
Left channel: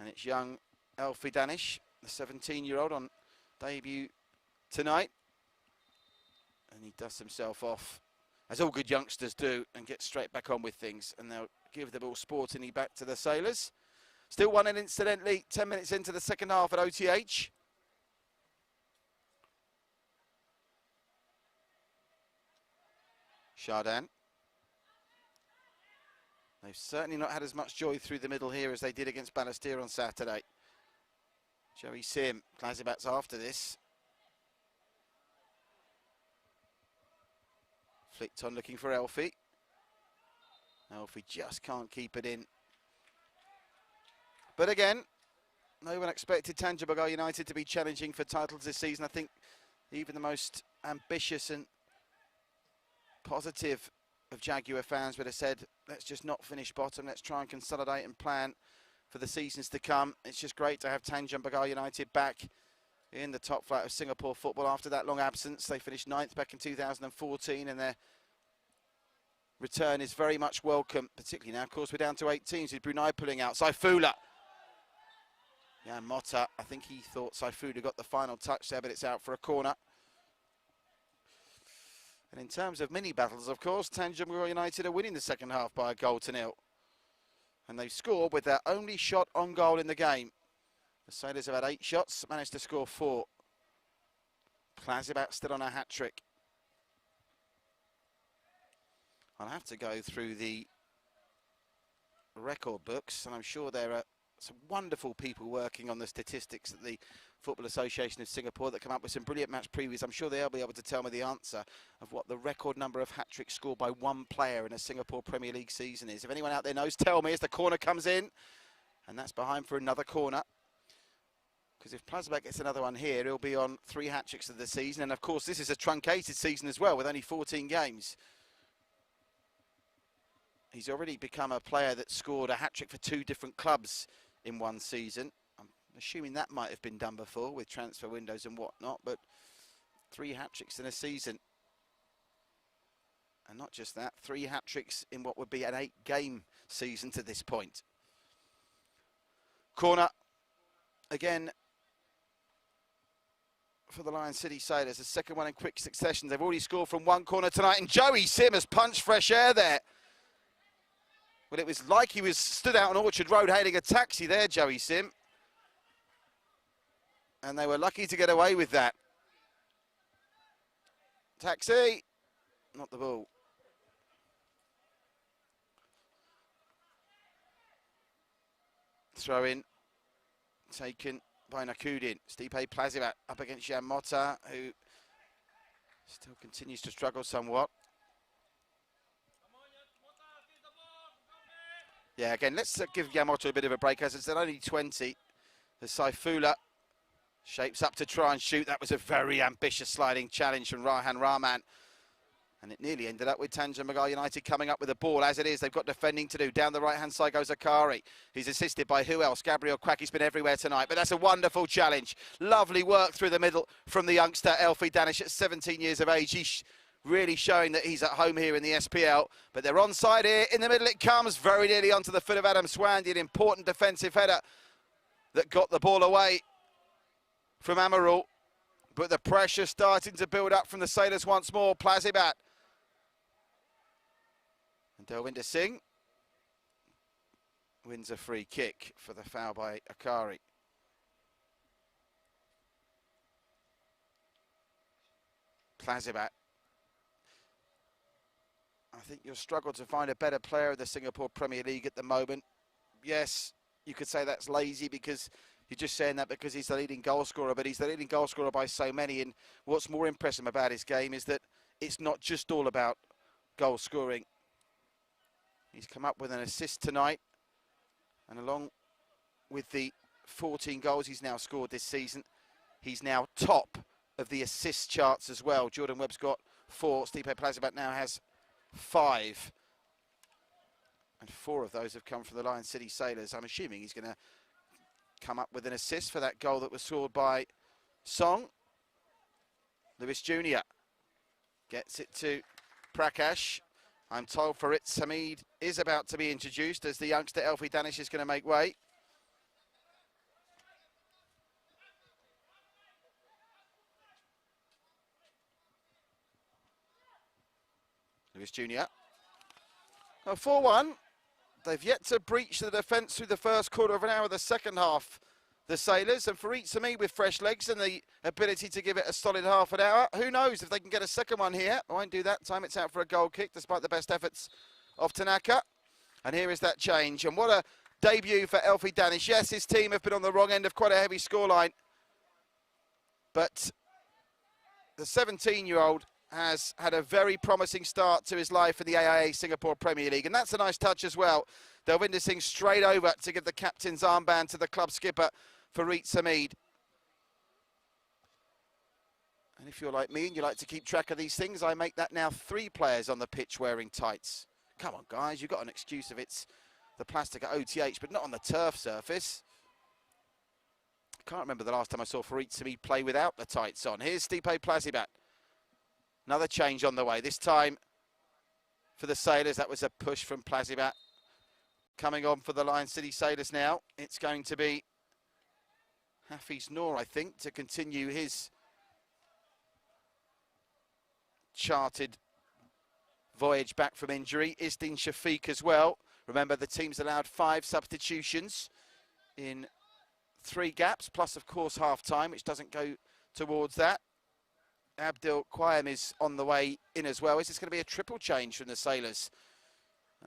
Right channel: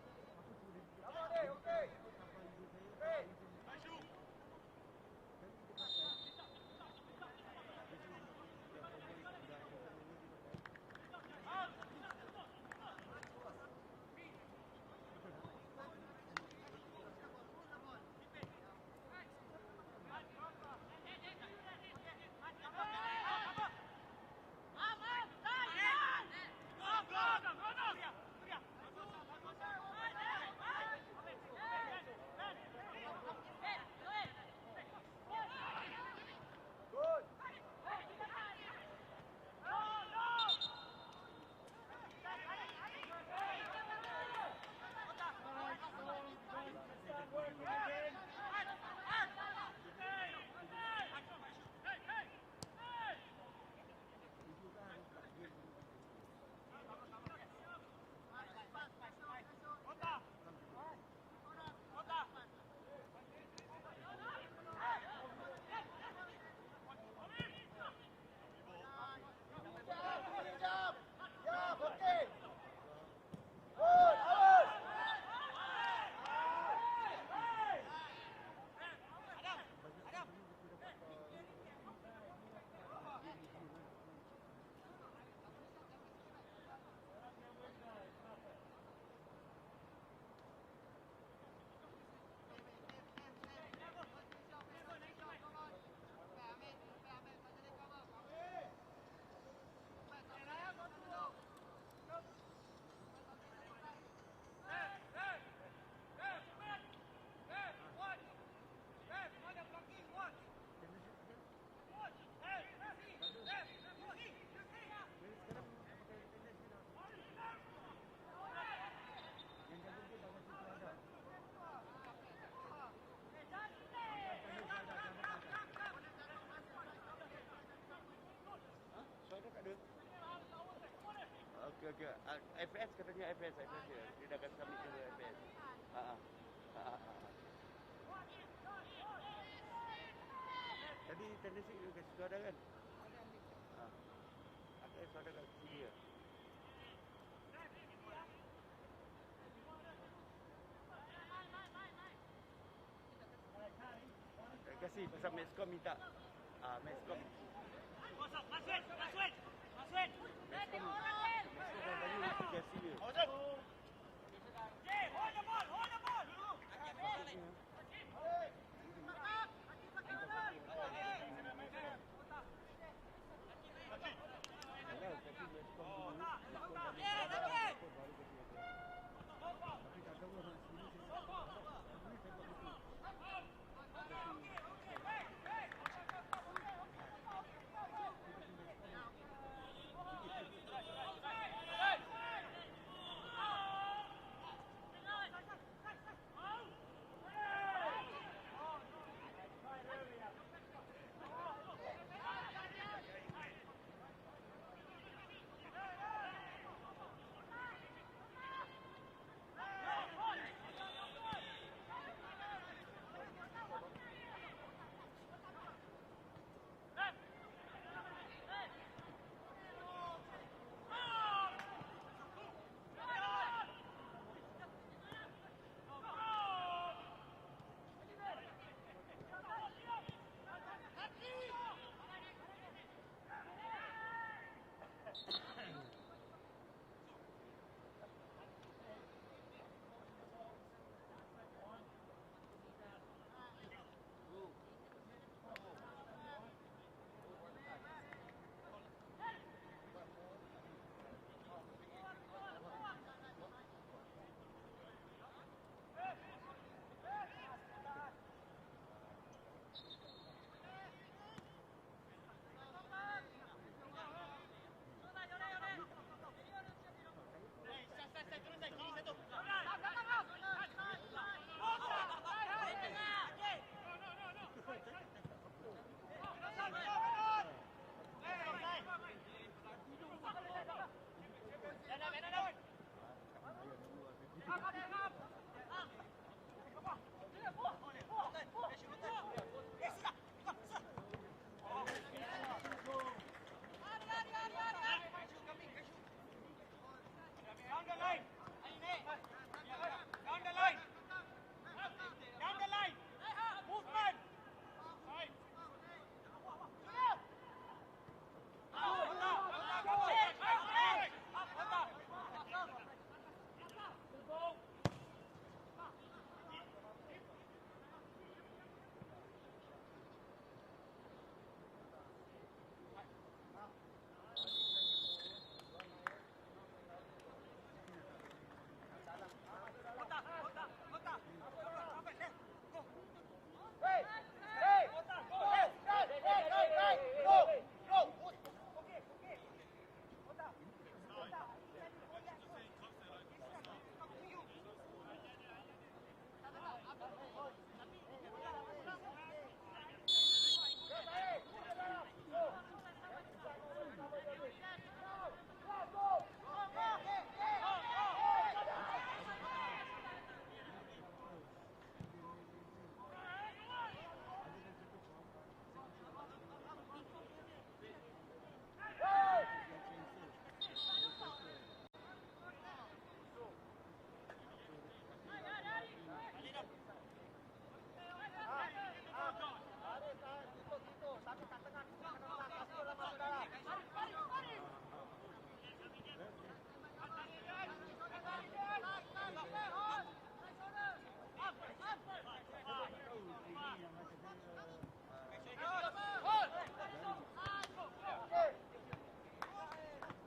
And it's young Elfie Danish, the 17-year-old on debut tonight. And he dusts himself off, as all good youngsters do, and get straight back on with things. And they'll give the ball sportingly back to the Sailors. Still 1-0 incidentally, 10 minutes into the second half at OTH. Chardin. They've certainly not had as much joy through the middle here as they did against Balestier on Saturday. Joey Sim, Klazibat's after this. Flicked on looking for Elfie. Elfie just can't keep it in. But again, no one expected Tanjong Pagar United to be challenging for titles this season. I think even the most ambitious and positive of Jaguar fans would have said, let's just not finish bottom, let's try and consolidate and plan for the seasons to come. It's just great to have Tanjong Pagar United back in the top flight of Singapore football after that long absence. They finished 9th back in 2014, and their return is very much welcome, particularly now, of course, we're down to 8 teams with Brunei pulling out. Saifullah. Now Motta, I think he thought Saifullah got the final touch there, but it's out for a corner. And in terms of mini battles, of course, Tanjong Pagar United are winning the second half by 1-0. And they've scored with their only shot on goal in the game. The Sailors have had 8 shots, managed to score 4. Klazibat still on a hat-trick. I'll have to go through the record books, and I'm sure there are some wonderful people working on the statistics at the Football Association of Singapore that come up with some brilliant match previews. I'm sure they'll be able to tell me the answer of what the record number of hat-tricks scored by one player in a Singapore Premier League season is. If anyone out there knows, tell me as the corner comes in. And that's behind for another corner. Because if Klazibat gets another one here, he'll be on 3 hat-tricks of the season. And of course, this is a truncated season as well, with only 14 games. He's already become a player that scored a hat-trick for 2 different clubs in one season. Assuming that might have been done before with transfer windows and whatnot, but 3 hat-tricks in a season. And not just that, 3 hat-tricks in what would be an 8-game season to this point. Corner, again, for the Lion City Sailors, the second one in quick succession. They've already scored from 1 corner tonight, and Joey Sim has punched fresh air there. Well, it was like he was stood out on Orchard Road hailing a taxi there, Joey Sim. And they were lucky to get away with that. Taxi, not the ball. Throw in, taken by Nakudin. Stipe Klazibat up against Jan Motta, who still continues to struggle somewhat. Yeah, again, let's give Yamato a bit of a break, as it's only 20. The Saifullah shapes up to try and shoot. That was a very ambitious sliding challenge from Rahan Rahman. And it nearly ended up with Tanjong Pagar United coming up with the ball. As it is, they've got defending to do. Down the right-hand side goes Akari. He's assisted by who else? Gabriel Quack. He's been everywhere tonight, but that's a wonderful challenge. Lovely work through the middle from the youngster, Elfie Danish, at 17 years of age. He's really showing that he's at home here in the SPL. But they're onside here. In the middle it comes, very nearly onto the foot of Adam Swandy. An important defensive header that got the ball away from Amarul. But the pressure starting to build up from the Sailors once more. Klazibat. Delwinder Singh wins a free kick for the foul by Akari. Klazibat. I think you'll struggle to find a better player in the Singapore Premier League at the moment. Yes, you could say that's lazy because you're just saying that because he's the leading goal scorer, but he's the leading goal scorer by so many. And what's more impressive about his game is that it's not just all about goal scoring. He's come up with an assist tonight, and along with the 14 goals he's now scored this season, he's now top of the assist charts as well. Jordan Webb's got 4, Stipe Klazibat now has 5. And 4 of those have come from the Lion City Sailors. I'm assuming he's going to come up with an assist for that goal that was scored by Song. Lewis Jr. gets it to Prakash. I'm told Farid Hamid is about to be introduced as the youngster Elfie Danish is going to make way. Lewis Jr. Well, 4-1. They've yet to breach the defence through the first quarter of an hour of the second half. the Sailors, and for Itzami with fresh legs and the ability to give it a solid half an hour, who knows if they can get a second one here. I won't do that. Time it's out for a goal kick, despite the best efforts of Tanaka. And here is that change, and what a debut for Elfie Danish. Yes, his team have been on the wrong end of quite a heavy scoreline, but the 17-year-old has had a very promising start to his life in the AIA Singapore Premier League, and that's a nice touch as well. Delvinder Singh straight over to give the captain's armband to the club skipper, Farid Samid. And if you're like me and you like to keep track of these things, I make that now 3 players on the pitch wearing tights. Come on, guys, you've got an excuse if it's the plastic at OTH, but not on the turf surface. I can't remember the last time I saw Farid Samid play without the tights on. Here's Stipe Plazibat. Another change on the way, this time for the Sailors. That was a push from Plazibat. Coming on for the Lion City Sailors now, it's going to be Hafiz Noor, I think, to continue his charted voyage back from injury. Isdin Shafiq as well. Remember, the team's allowed 5 substitutions in 3 gaps, plus, of course, half-time, which doesn't go towards that. Abdul Qayyam is on the way in as well. Is this going to be a triple change from the Sailors?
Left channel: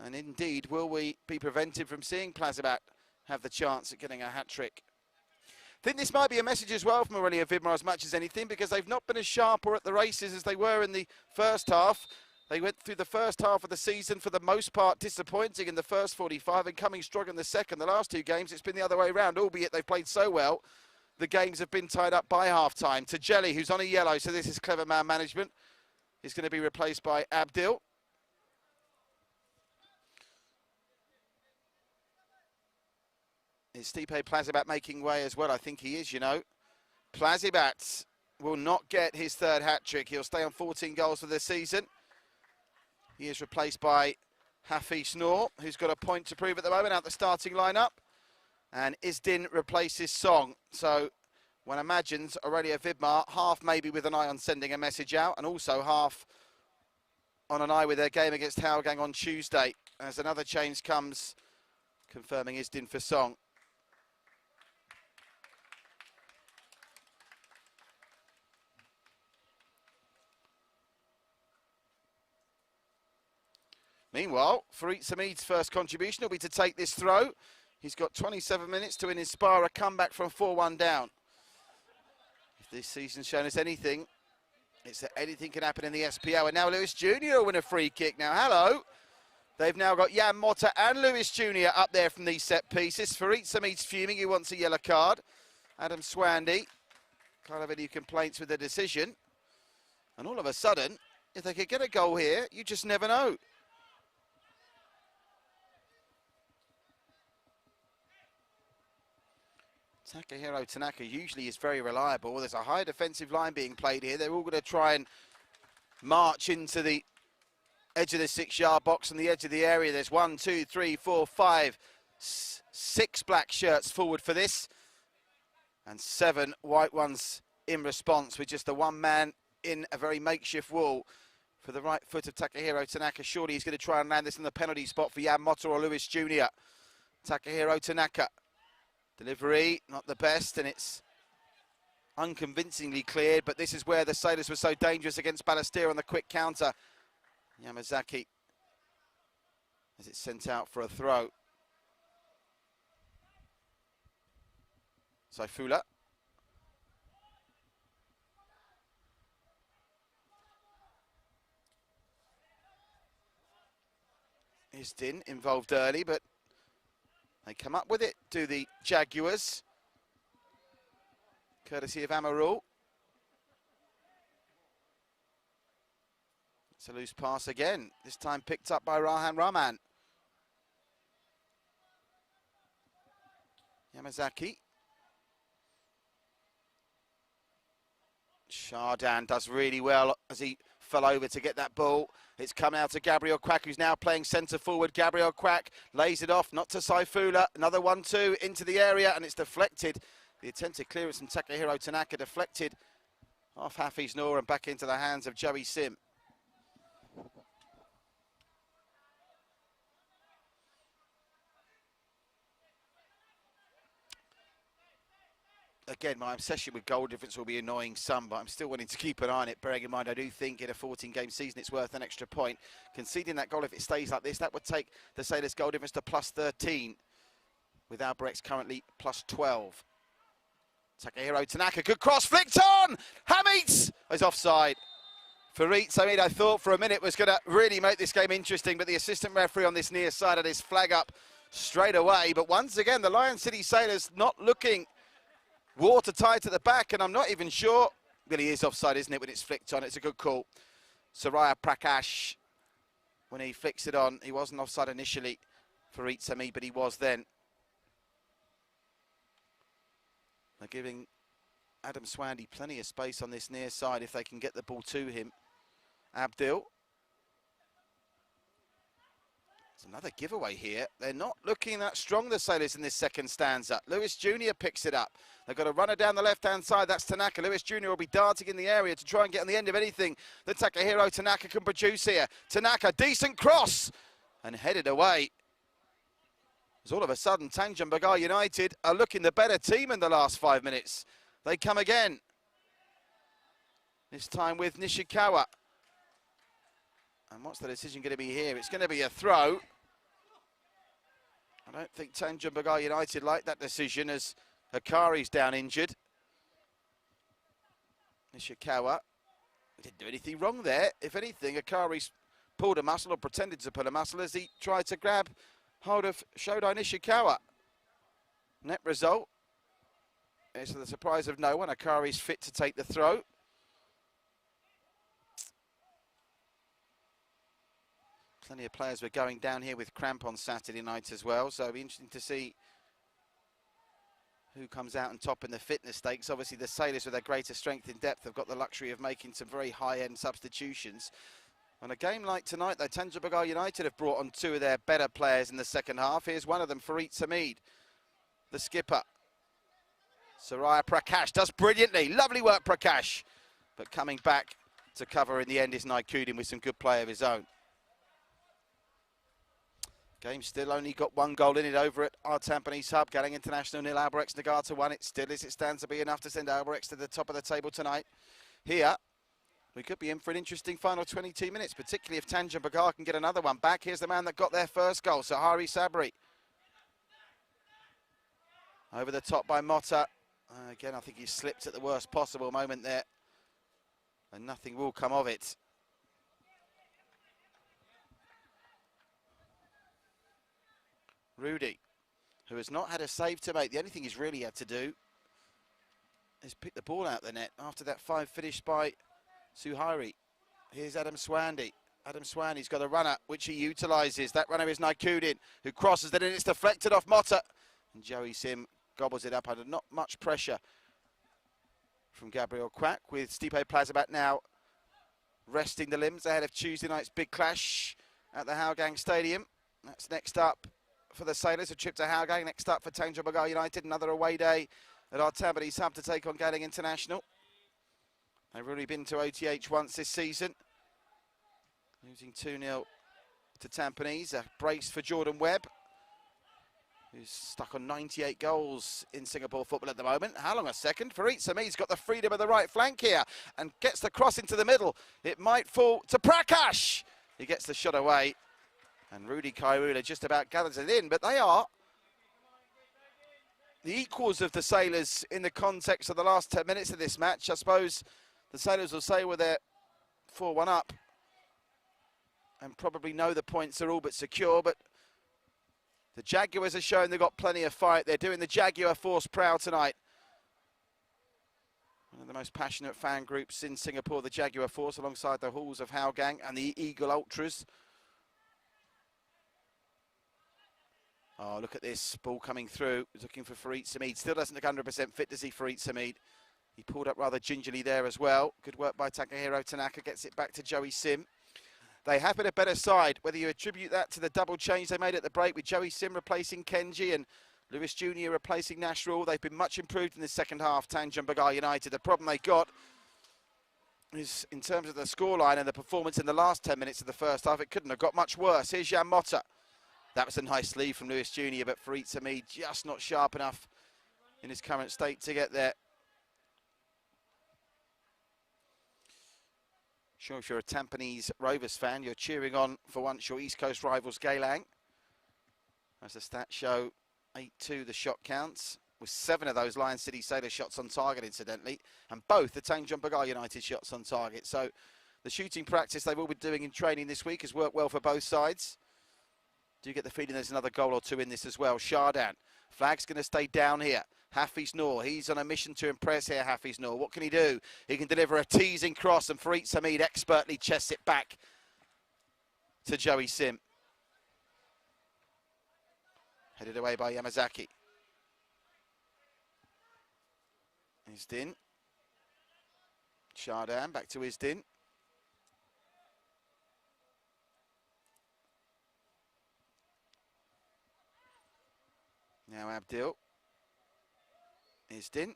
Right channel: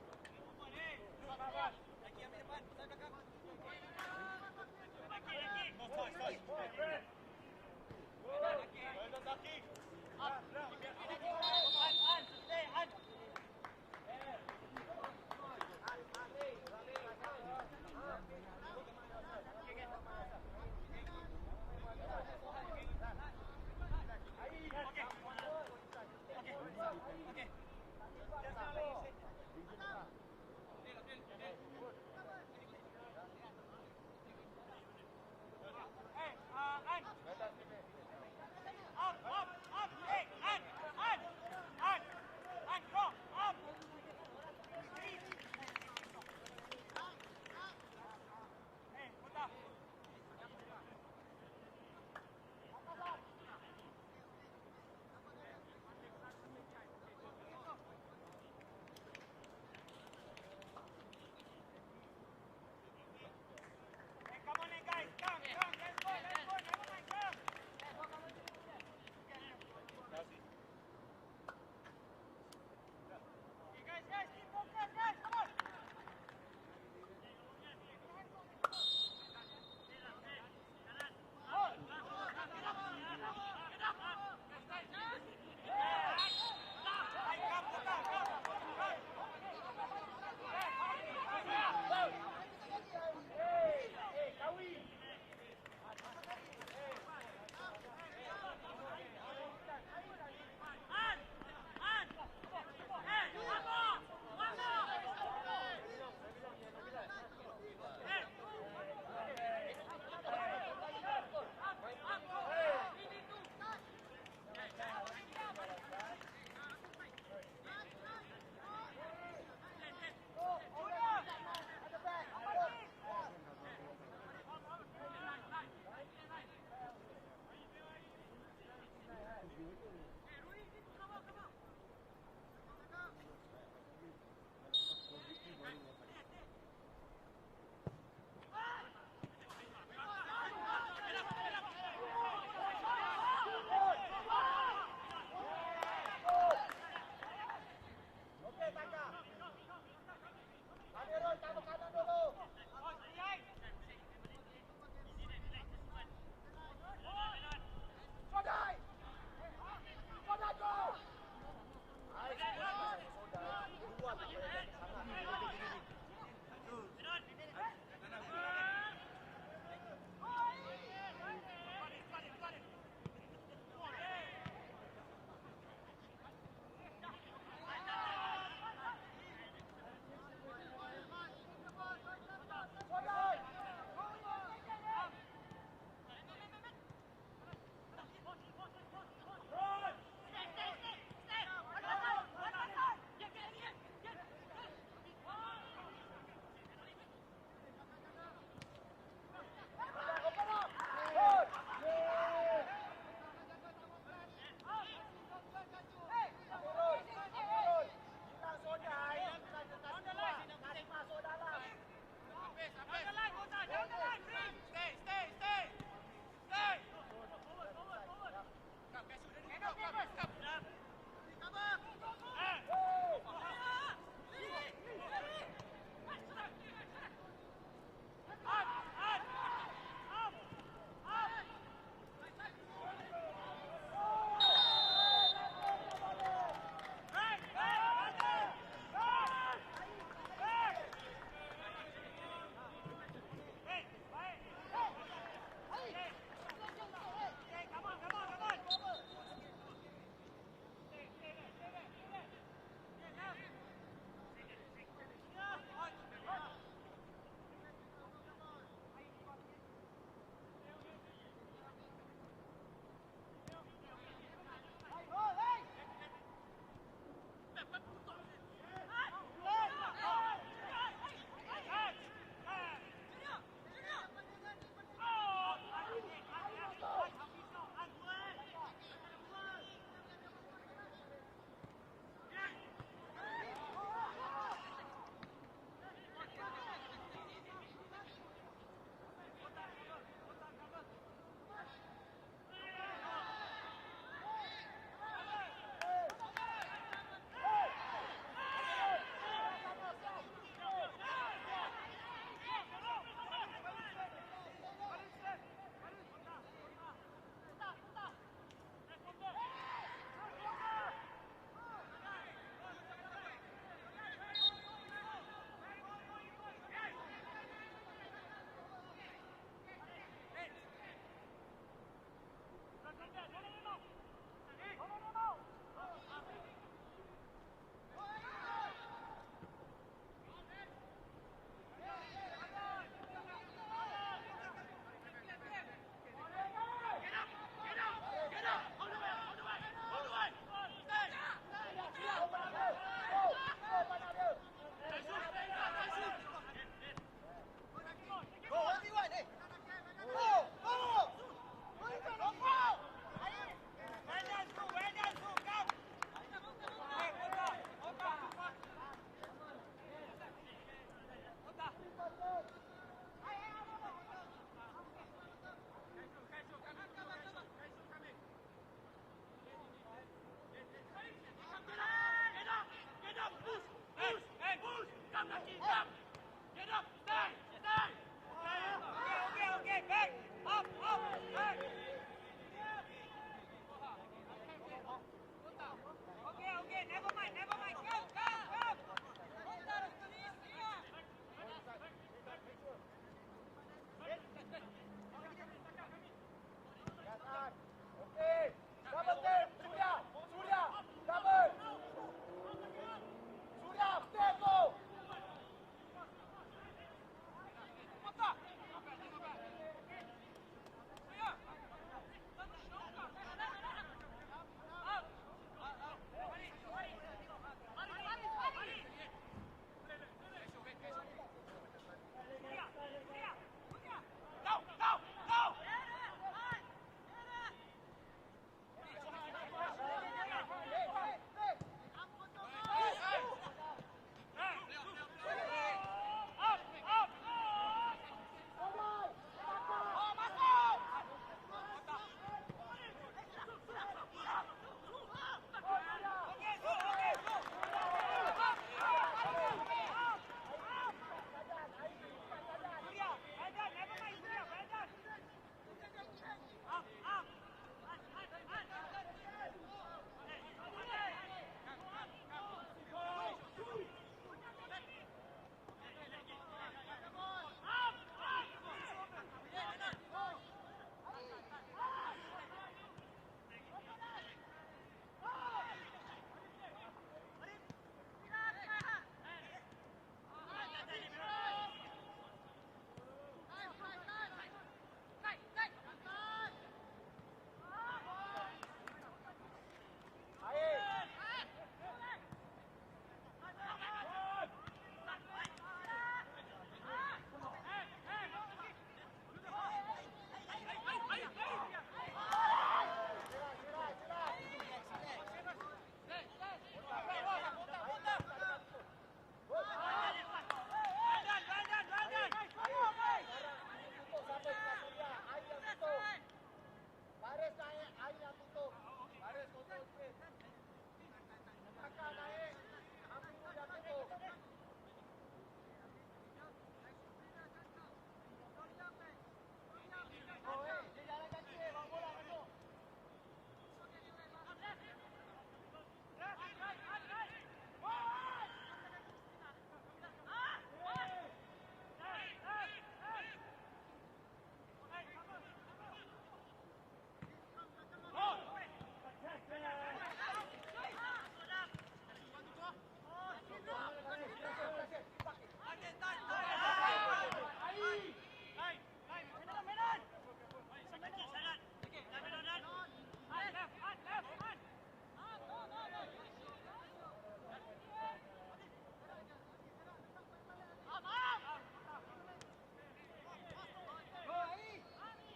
And indeed, will we be prevented from seeing Plazibat have the chance at getting a hat-trick? I think this might be a message as well from Aurelio Vidmar as much as anything, because they've not been as sharp or at the races as they were in the first half. They went through the first half of the season for the most part disappointing in the first 45 and coming strong in the second. The last 2 games, it's been the other way around, albeit they've played so well. The games have been tied up by half-time. Tajeli, who's on a yellow, so this is clever man management, is going to be replaced by Abdil. Is Stipe Plazibat making way as well? I think he is, you know. Plazibat will not get his 3rd hat-trick. He'll stay on 14 goals for this season. He is replaced by Hafiz Noor, who's got a point to prove at the moment out the starting lineup. And Isdin replaces Song. So one imagines Aurelio Vidmar, half maybe with an eye on sending a message out, and also half on an eye with their game against Howgang on Tuesday, as another change comes, confirming Isdin for Song. Meanwhile, Farid Samid's first contribution will be to take this throw. He's got 27 minutes to inspire a comeback from 4-1 down. If this season's shown us anything, it's that anything can happen in the SPO. And now Lewis Jr. will win a free kick. Now, hello. They've now got Jan Motta and Lewis Jr. up there from these set pieces. Farid Samid's fuming, he wants a yellow card. Adam Swandy can't have any complaints with the decision. And all of a sudden, if they could get a goal here, you just never know. Takahiro Tanaka usually is very reliable. There's a high defensive line being played here. They're all going to try and march into the edge of the 6-yard box and the edge of the area. There's 1, 2, 3, 4, 5, 6 black shirts forward for this, and 7 white ones in response, with just the 1 man in a very makeshift wall for the right foot of Takahiro Tanaka. Surely he's going to try and land this in the penalty spot for Jan Motta or Lewis Jr. Takahiro Tanaka. Delivery, not the best, and it's unconvincingly cleared, but this is where the Sailors were so dangerous against Balestier on the quick counter. Yamazaki as it's sent out for a throw. Saifullah. Isdin involved early, but they come up with it, do the Jaguars, courtesy of Amarul. It's a loose pass again, this time picked up by Rahan Rahman. Yamazaki. Shardan does really well as he fell over to get that ball. It's come out to Gabriel Quack, who's now playing centre forward. Gabriel Quack lays it off, not to Saifullah. Another 1-2 into the area, and it's deflected. The attempted clearance from Takahiro Tanaka deflected off Hafiz Noor and back into the hands of Joey Sim. again, my obsession with goal difference will be annoying some, but I'm still wanting to keep an eye on it, bearing in mind I do think in a 14-game season it's worth an extra point. Conceding that goal, if it stays like this, that would take the Sailors' goal difference to +13, with Albrecht's currently +12. Takahiro Tanaka, good cross, flicked on! Hamid is offside. Farid Samid, I thought for a minute, was going to really make this game interesting, but the assistant referee on this near side had his flag up straight away. But once again, the Lion City Sailors not looking watertight at the back, and I'm not even sure. Well, he is offside, isn't it, when it's flicked on? It's a good call. Soraya Prakash, when he flicks it on, he wasn't offside initially, Farid Samid, but he was then. They're giving Adam Swandy plenty of space on this near side if they can get the ball to him. Abdil. It's another giveaway here. They're not looking that strong, the Sailors, in this second stanza. Lewis Jr. picks it up. They've got a runner down the left-hand side. That's Tanaka. Lewis Jr. will be darting in the area to try and get on the end of anything that Takahiro Tanaka can produce here. Tanaka, decent cross, and headed away. So all of a sudden, Tanjong Pagar United are looking the better team in the last 5 minutes. They come again, this time with Nishikawa. And what's the decision going to be here? It's going to be a throw. I don't think Tanjong Pagar United like that decision, as Akari's down injured. Nishikawa didn't do anything wrong there. If anything, Akari's pulled a muscle, or pretended to pull a muscle, as he tried to grab hold of Shodai Nishikawa. Net result is, to the surprise of no one, Akari's fit to take the throw. Plenty of players were going down here with cramp on Saturday night as well, so it'll be interesting to see who comes out on top in the fitness stakes. Obviously the Sailors, with their greater strength and depth, have got the luxury of making some very high-end substitutions. On a game like tonight, though, Tanjong Pagar United have brought on 2 of their better players in the second half. Here's one of them, Farid Samid, the skipper. Soraya Prakash does brilliantly. Lovely work, Prakash. But coming back to cover in the end is Naikudin with some good play of his own. Game still only got 1 goal in it over at our Tampines hub. Galang International 0, Albrechts Nagata 1. It still, as it stands, to be enough to send Albrechts to the top of the table tonight. Here, we could be in for an interesting final 22 minutes, particularly if Tanjong Pagar can get another one back. Here's the man that got their first goal, Sahari Sabri. Over the top by Motta. And again, I think he slipped at the worst possible moment there, and nothing will come of it. Rudy, who has not had a save to make. The only thing he's really had to do is pick the ball out the net after that 5 finished by Suhairi. Here's Adam Swandy. Adam Swandy's got a runner, which he utilises. That runner is Naikudin, who crosses it, and it's deflected off Motta. And Joey Sim gobbles it up under not much pressure from Gabriel Quack, with Stipe Plazabat now resting the limbs ahead of Tuesday night's big clash at the Hougang Stadium. That's next up for the Sailors, a trip to Hougang. Next up for Tanjong Pagar United, another away day at our Tampines hub to take on Galang International. They've already been to OTH once this season, losing 2-0 to Tampines. A brace for Jordan Webb, who's stuck on 98 goals in Singapore football at the moment. How long a second? Farid Samid's got the freedom of the right flank here and gets the cross into the middle. It might fall to Prakash. He gets the shot away. And Rudy Kairula just about gathers it in, but they are the equals of the Sailors in the context of the last 10 minutes of this match. I suppose the Sailors will say, well, they're 4-1 up and probably know the points are all but secure, but the Jaguars are showing they've got plenty of fight. They're doing the Jaguar Force proud tonight. One of the most passionate fan groups in Singapore, the Jaguar Force, alongside the Halls of Hougang and the Eagle Ultras. Oh, look at this ball coming through. Looking for Farid Samid. Still doesn't look 100% fit to see Farid Samid. He pulled up rather gingerly there as well. Good work by Takahiro Tanaka. Gets it back to Joey Sim. They have been a better side, whether you attribute that to the double change they made at the break with Joey Sim replacing Kenji and Lewis Jr. replacing Nasrul. They've been much improved in the second half, Tanjong Pagar United. The problem they got is in terms of the scoreline and the performance in the last 10 minutes of the first half. It couldn't have got much worse. Here's Jan Motta. That was a nice lead from Lewis Jr., but Farid Samid just not sharp enough in his current state to get there. Sure, if you're a Tampines Rovers fan, you're cheering on, for once, your East Coast rivals, Geylang. As the stats show, 8-2 the shot counts, with 7 of those Lion City Sailors shots on target, incidentally, and both the Tanjong Pagar United shots on target. So the shooting practice they've all been doing in training this week has worked well for both sides. Do you get the feeling there's another goal or two in this as well? Shardan, flag's going to stay down here. Hafiz Noor, he's on a mission to impress here, Hafiz Noor. What can he do? He can deliver a teasing cross, and Fareed Samid expertly chests it back to Joey Sim. Put it away by Yamazaki. Isdin. Shardan, back to Isdin. Now Abdil. Isdin.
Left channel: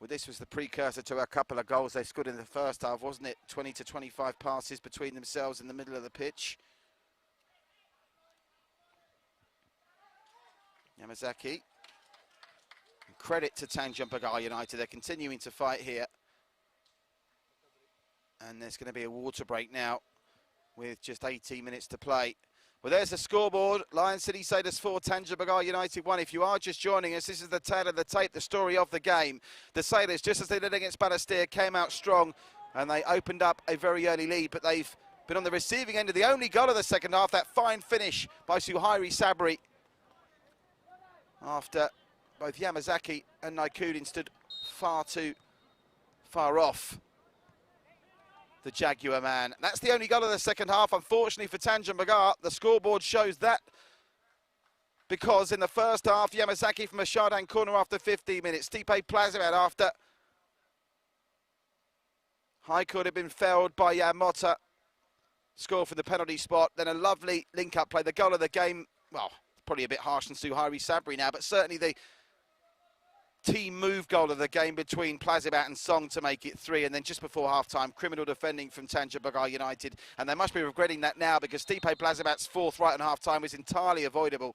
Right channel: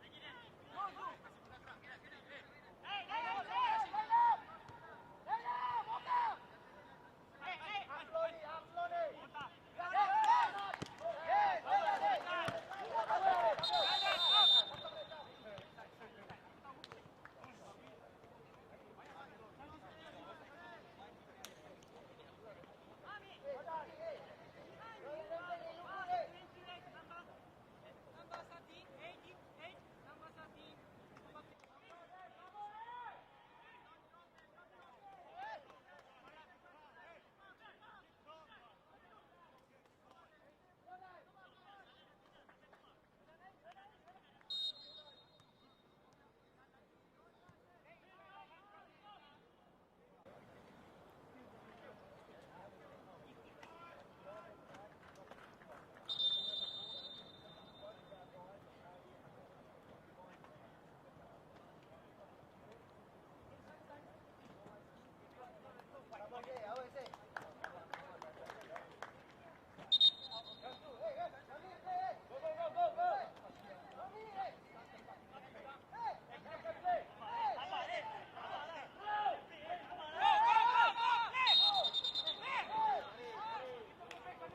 Well, this was the precursor to a couple of goals they scored in the first half, wasn't it? 20 to 25 passes between themselves in the middle of the pitch. Yamazaki. Credit to Tanjong Pagar United, they're continuing to fight here. And there's going to be a water break now with just 18 minutes to play. Well, there's the scoreboard. Lion City Sailors 4, Tanjong Pagar United 1. If you are just joining us, this is the tale of the tape, the story of the game. The Sailors, just as they did against Balestier, came out strong and they opened up a very early lead, but they've been on the receiving end of the only goal of the second half, that fine finish by Suhairi Sabri, after both Yamazaki and Naikudin stood far too far off the Jaguar man. That's the only goal of the second half, unfortunately for Tanjong Pagar. The scoreboard shows that, because in the first half, Yamazaki from a Shardan corner after 15 minutes. Stipe Plazivat after high could have been felled by Yamota. Score from the penalty spot, then a lovely link-up play. The goal of the game, well, probably a bit harsh than Suhairi Sabri now, but certainly the team move goal of the game between Plazibat and Song to make it 3, and then just before half-time, criminal defending from Tanjong Pagar United, and they must be regretting that now, because Stipe Plazibat's fourth right in half-time was entirely avoidable.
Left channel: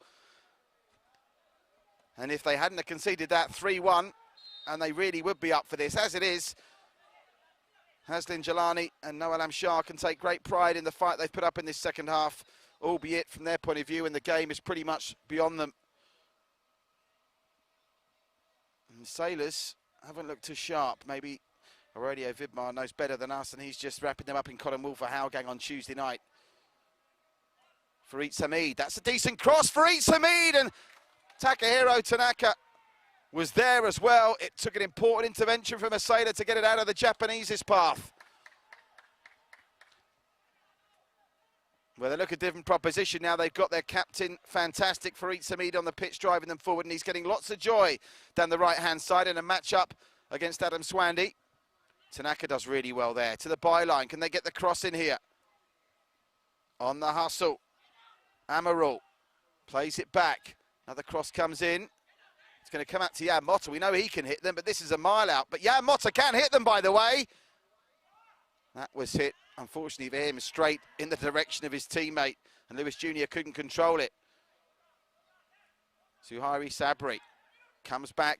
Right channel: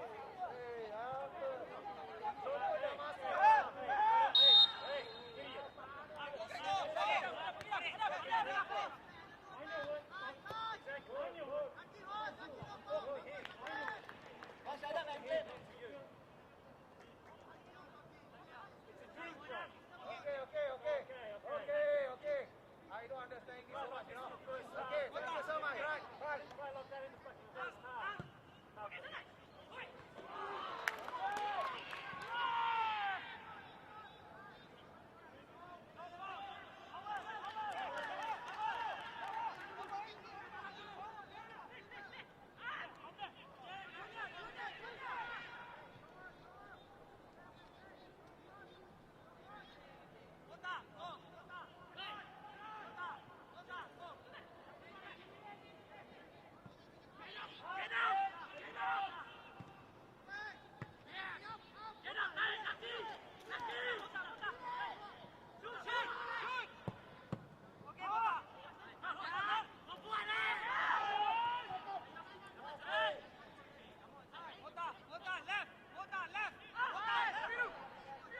And if they hadn't have conceded that 3-1, and they really would be up for this, as it is, Haslin Jalani and Noel Amshar can take great pride in the fight they've put up in this second half, albeit from their point of view, and the game is pretty much beyond them. The Sailors haven't looked too sharp. Maybe Aurelio Vidmar knows better than us, and he's just wrapping them up in cotton wool for Howgang on Tuesday night. Fareed Samid, that's a decent cross. Fareed Samid, and Takahiro Tanaka was there as well. It took an important intervention from a Sailor to get it out of the Japanese's path. Well, they look a different proposition now. They've got their captain, fantastic Fareed Samid, on the pitch, driving them forward, and he's getting lots of joy down the right-hand side in a match-up against Adam Swandi. Tanaka does really well there. To the byline, can they get the cross in here? On the hustle, Amaral plays it back. Another cross comes in. It's going to come out to Yamota. We know he can hit them, but this is a mile out. But Yamota can hit them, by the way. That was hit, unfortunately for him, straight in the direction of his teammate, and Lewis Jr. couldn't control it. Suhairi Sabri comes back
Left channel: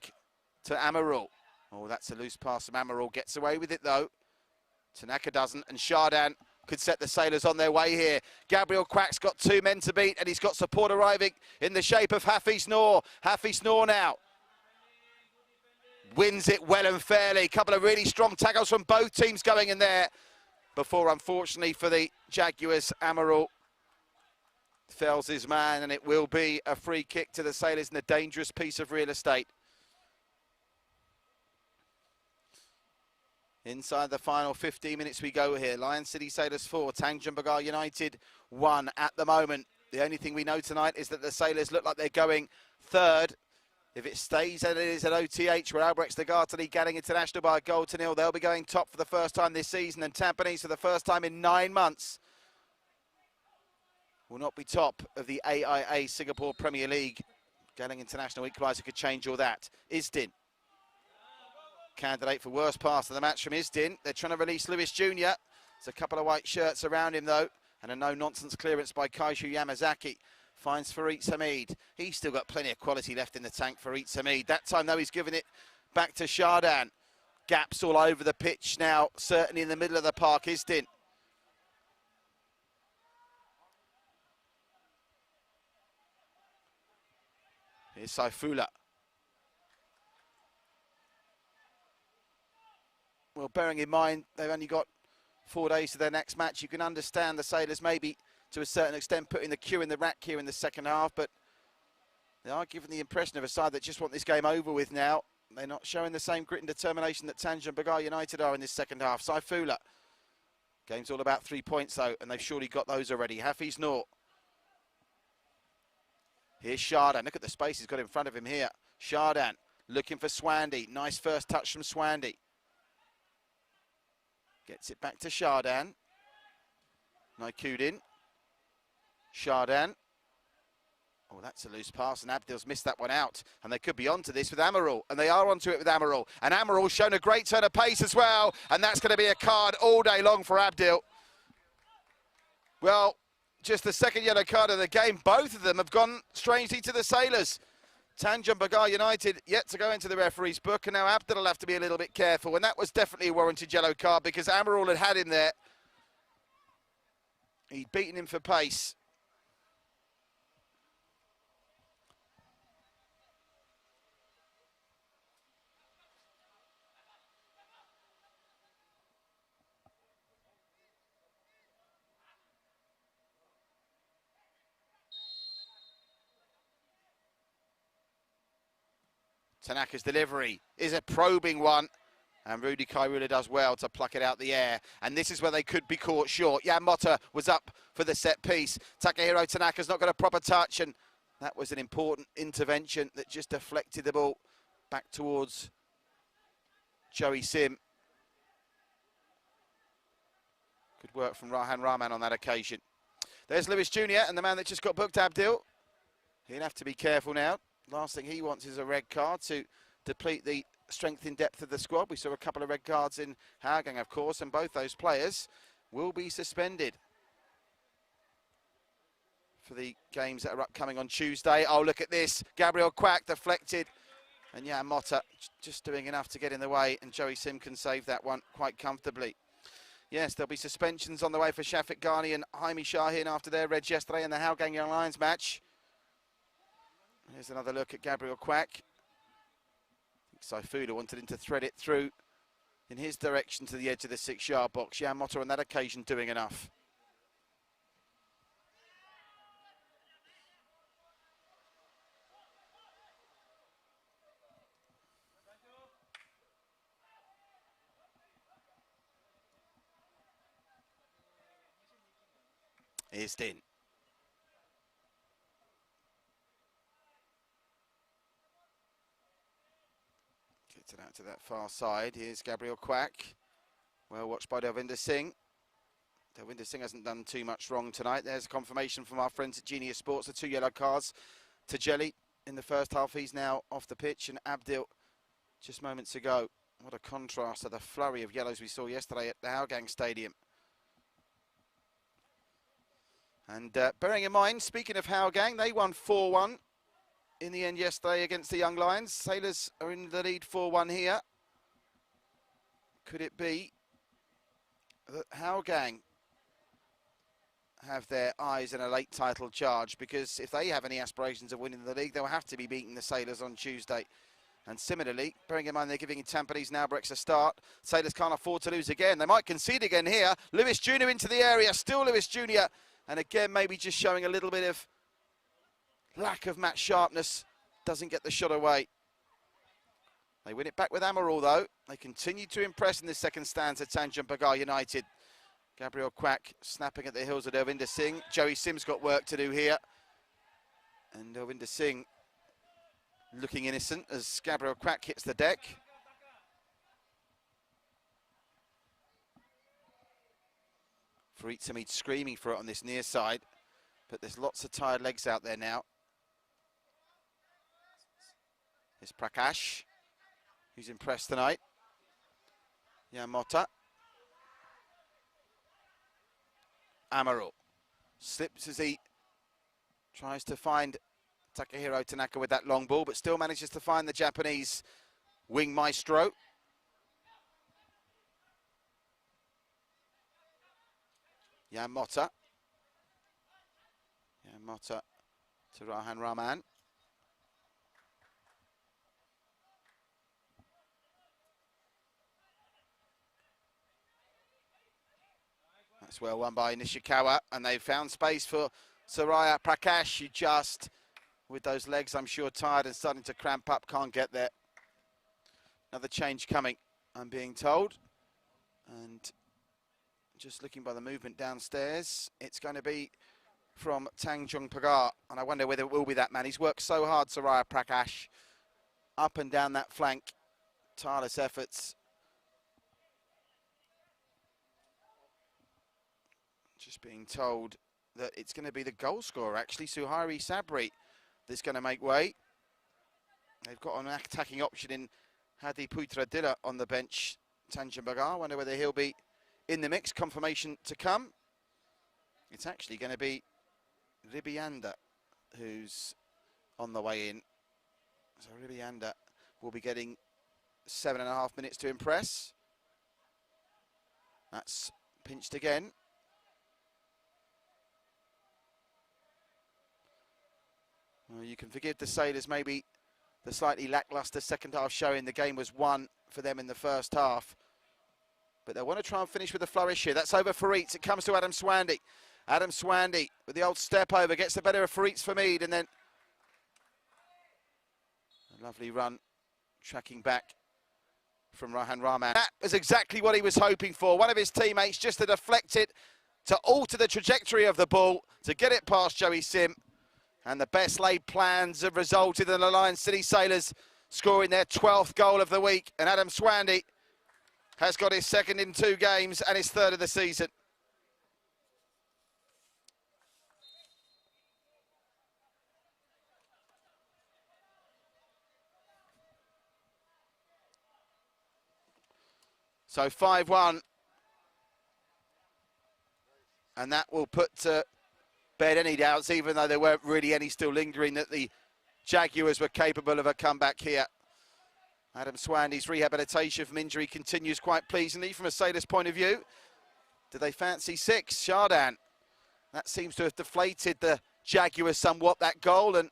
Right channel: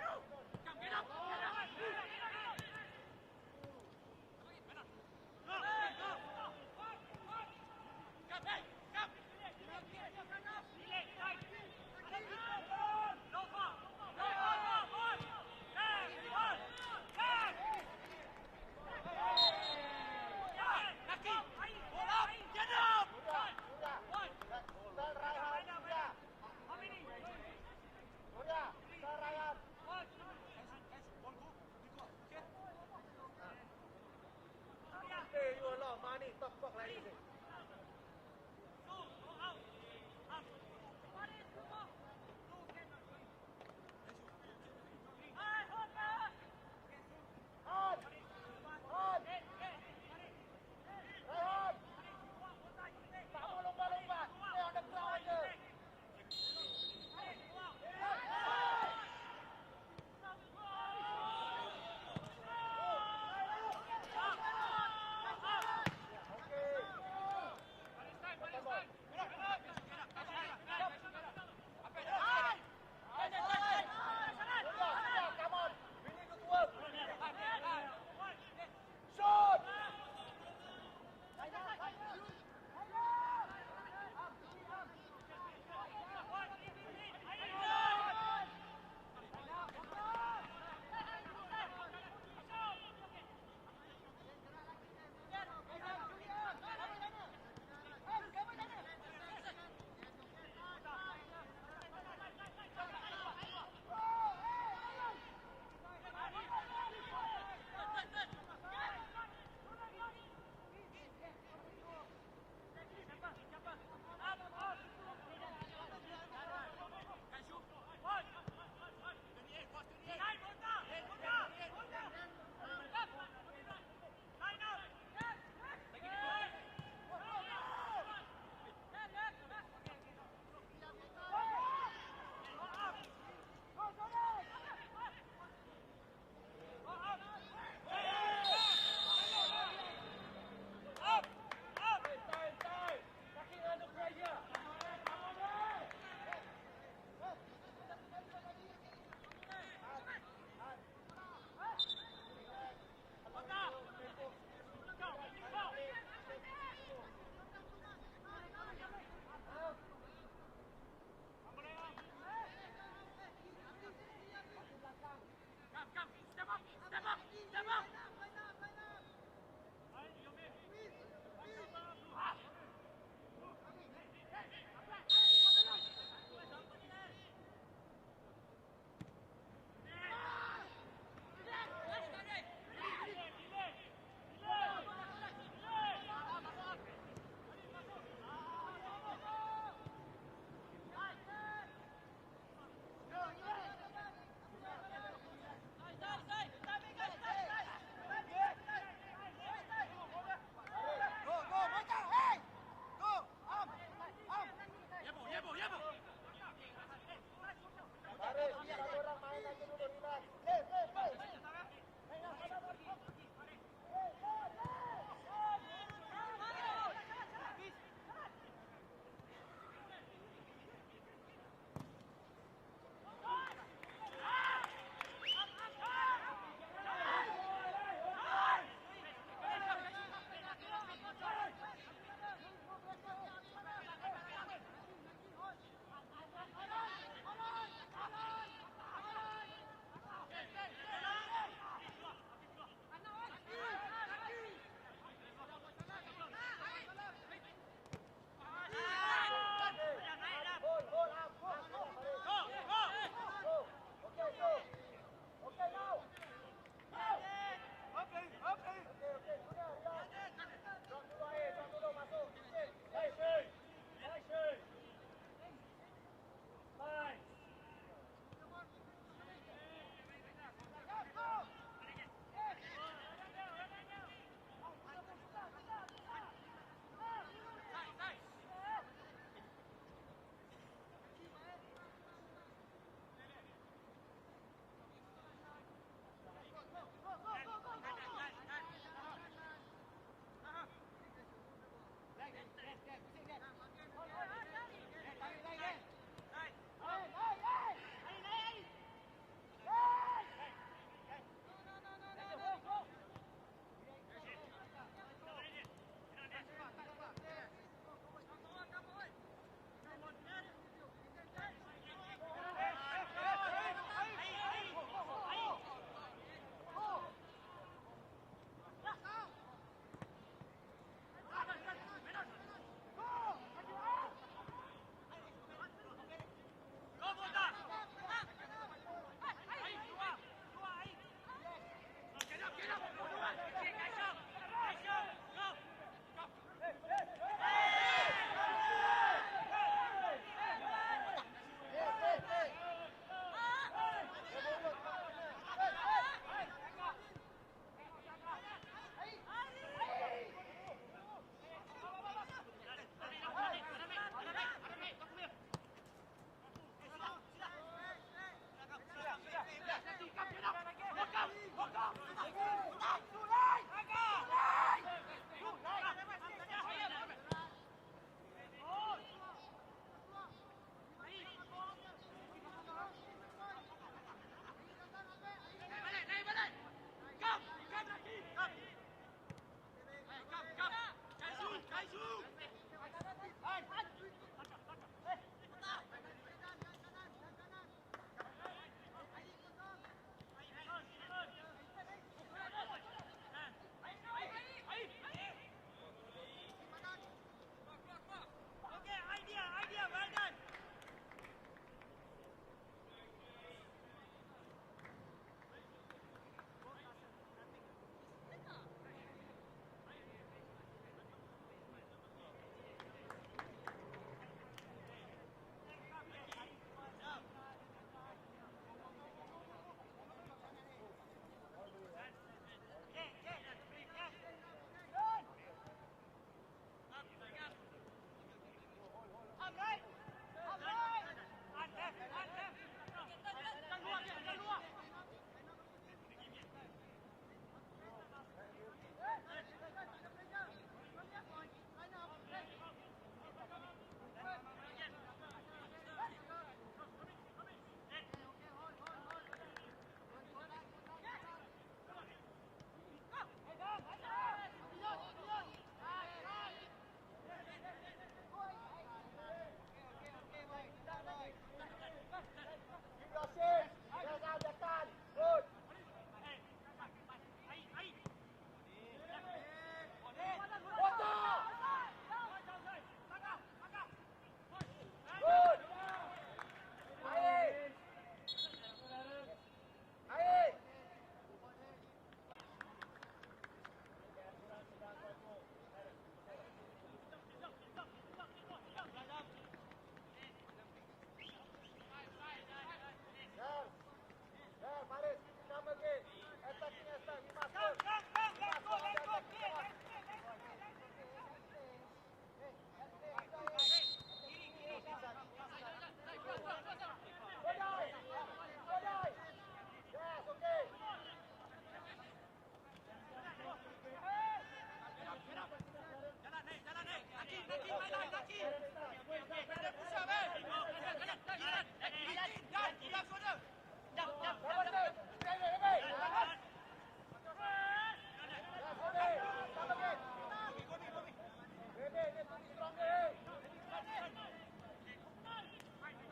to Amaral. Oh, that's a loose pass from Amaral, gets away with it though. Tanaka doesn't, and Shardan could set the Sailors on their way here. Gabriel Quack's got 2 men to beat, and he's got support arriving in the shape of Hafiz Noor. Hafiz Noor now wins it well and fairly. A couple of really strong tackles from both teams going in there before, unfortunately for the Jaguars, Amaral fells his man, and it will be a free kick to the Sailors in a dangerous piece of real estate. Inside the final 15 minutes we go here. Lion City Sailors 4, Tanjong Pagar United 1 at the moment. The only thing we know tonight is that the Sailors look like they're going third. If it stays as it is at OTH, where Albrecht Degartely getting international by a goal to nil, they'll be going top for the first time this season, and Tampines for the first time in 9 months will not be top of the AIA Singapore Premier League. Getting international equaliser could change all that. Isdin, candidate for worst pass of the match from Isdin. They're trying to release Lewis Jr. There's a couple of white shirts around him though, and a no-nonsense clearance by Kaishu Yamazaki. Finds Fareed Samid. He's still got plenty of quality left in the tank, Fareed Samid. That time though, he's given it back to Shardan. gaps all over the pitch now, certainly in the middle of the park, Isdin. Here's Saifullah. Well, bearing in mind they've only got 4 days to their next match, you can understand the Sailors maybe to a certain extent putting the cue in the rack here in the second half, but they are giving the impression of a side that just want this game over with now. They're not showing the same grit and determination that Tanjong Pagar United are in this second half. Saifullah. Game's all about 3 points though, and they've surely got those already. Hafiz Noor. Here's Shardan. Look at the space he's got in front of him here. Shardan looking for Swandy. Nice first touch from Swandy. Gets it back to Shardan. Naikudin. Shardan. Oh, that's a loose pass, and Abdil's missed that one out. And they could be onto this with Amaral, and they are onto it with Amaral. And Amaral's shown a great turn of pace as well, and that's going to be a card all day long for Abdil. Well, just the second yellow card of the game. Both of them have gone strangely to the Sailors. Tanjong Pagar United yet to go into the referee's book, and now Abdil will have to be a little bit careful. And that was definitely a warranted yellow card because Amaral had him there. He'd beaten him for pace. Tanaka's delivery is a probing one, and Rudy Kairula does well to pluck it out the air. And this is where they could be caught short. Yamota was up for the set piece. Takahiro Tanaka's not got a proper touch, and that was an important intervention that just deflected the ball back towards Joey Sim. Good work from Rahan Rahman on that occasion. There's Lewis Jr. and the man that just got booked, Abdil. He'll have to be careful now. Last thing he wants is a red card to deplete the strength in depth of the squad. We saw a couple of red cards in Hougang, of course, and both those players will be suspended for the games that are upcoming on Tuesday. Oh, look at this. Gabriel Quack deflected, and Yamota just doing enough to get in the way, and Joey Sim can save that one quite comfortably. Yes, there'll be suspensions on the way for Shafiq Ghani and Jaime Shahin after their reds yesterday in the Hougang Young Lions match. Here's another look at Gabriel Quack. Saifullah wanted him to thread it through in his direction to the edge of the 6-yard box. Yamota on that occasion doing enough. Isdin. To that far side. Here's Gabriel Quack. Well watched by Delvinder Singh. Delvinder Singh hasn't done too much wrong tonight. There's confirmation from our friends at Genius Sports. The 2 yellow cards to Jelly in the first half. He's now off the pitch, and Abdil just moments ago. What a contrast to the flurry of yellows we saw yesterday at the Hougang Stadium. And bearing in mind, speaking of Hougang, they won 4-1 in the end yesterday against the Young Lions. Sailors are in the lead 4-1 here. Could it be that Hougang have their eyes in a late title charge? Because if they have any aspirations of winning the league, they'll have to be beating the Sailors on Tuesday. And similarly, bearing in mind they're giving Tampines and Albrechts a start, Sailors can't afford to lose again. They might concede again here. Lewis Jr. into the area, still Lewis Jr. And again, maybe just showing a little bit of lack of match sharpness, doesn't get the shot away. They win it back with Amaral though. They continue to impress in the second stanza, Tanjong Pagar United. Gabriel Quack snapping at the heels of Delvinder Singh. Joey Sim's got work to do here. And Delvinder Singh looking innocent as Gabriel Quack hits the deck. Farid Samid screaming for it on this near side, but there's lots of tired legs out there now. There's Prakash, who's impressed tonight. Yamota. Amaral slips as he tries to find Takahiro Tanaka with that long ball, but still manages to find the Japanese wing maestro. Motta. Motta to Rahan Rahman. That's well won by Nishikawa, and they've found space for Soraya Prakash, who just, with those legs, I'm sure, tired and starting to cramp up, can't get there. Another change coming, I'm being told. And just looking by the movement downstairs, it's going to be from Tanjong Pagar, and I wonder whether it will be that man. He's worked so hard, Soraya Prakash, up and down that flank, tireless efforts. Just being told that it's going to be the goal scorer, actually, Suhairi Sabri, that's going to make way. They've got an attacking option in Hadi Putra Dilla on the bench. Tanjong Pagar, wonder whether he'll be in the mix. Confirmation to come. It's actually going to be Ribianda who's on the way in. So Ribianda will be getting 7.5 minutes to impress. That's pinched again. Well, you can forgive the Sailors maybe the slightly lacklustre second half showing. The game was won for them in the first half. But they want to try and finish with a flourish here. That's over Fareed. It comes to Adam Swandi. Adam Swandi with the old step over, gets the better of Fareed Famid, and then lovely run, tracking back from Rahan Rahman. That was exactly what he was hoping for. One of his teammates just to deflect it, to alter the trajectory of the ball, to get it past Joey Sim. And the best laid plans have resulted in the Lion City Sailors scoring their 12th goal of the week. And Adam Swandi has got his second in 2 games and his third of the season. So 5-1. And that will put to bed any doubts, even though there weren't really any still lingering, that the Jaguars were capable of a comeback here. Adam Swandi's rehabilitation from injury continues quite pleasingly from a Sailors' point of view. Do they fancy 6? Shardan. That seems to have deflated the Jaguars somewhat, that goal, and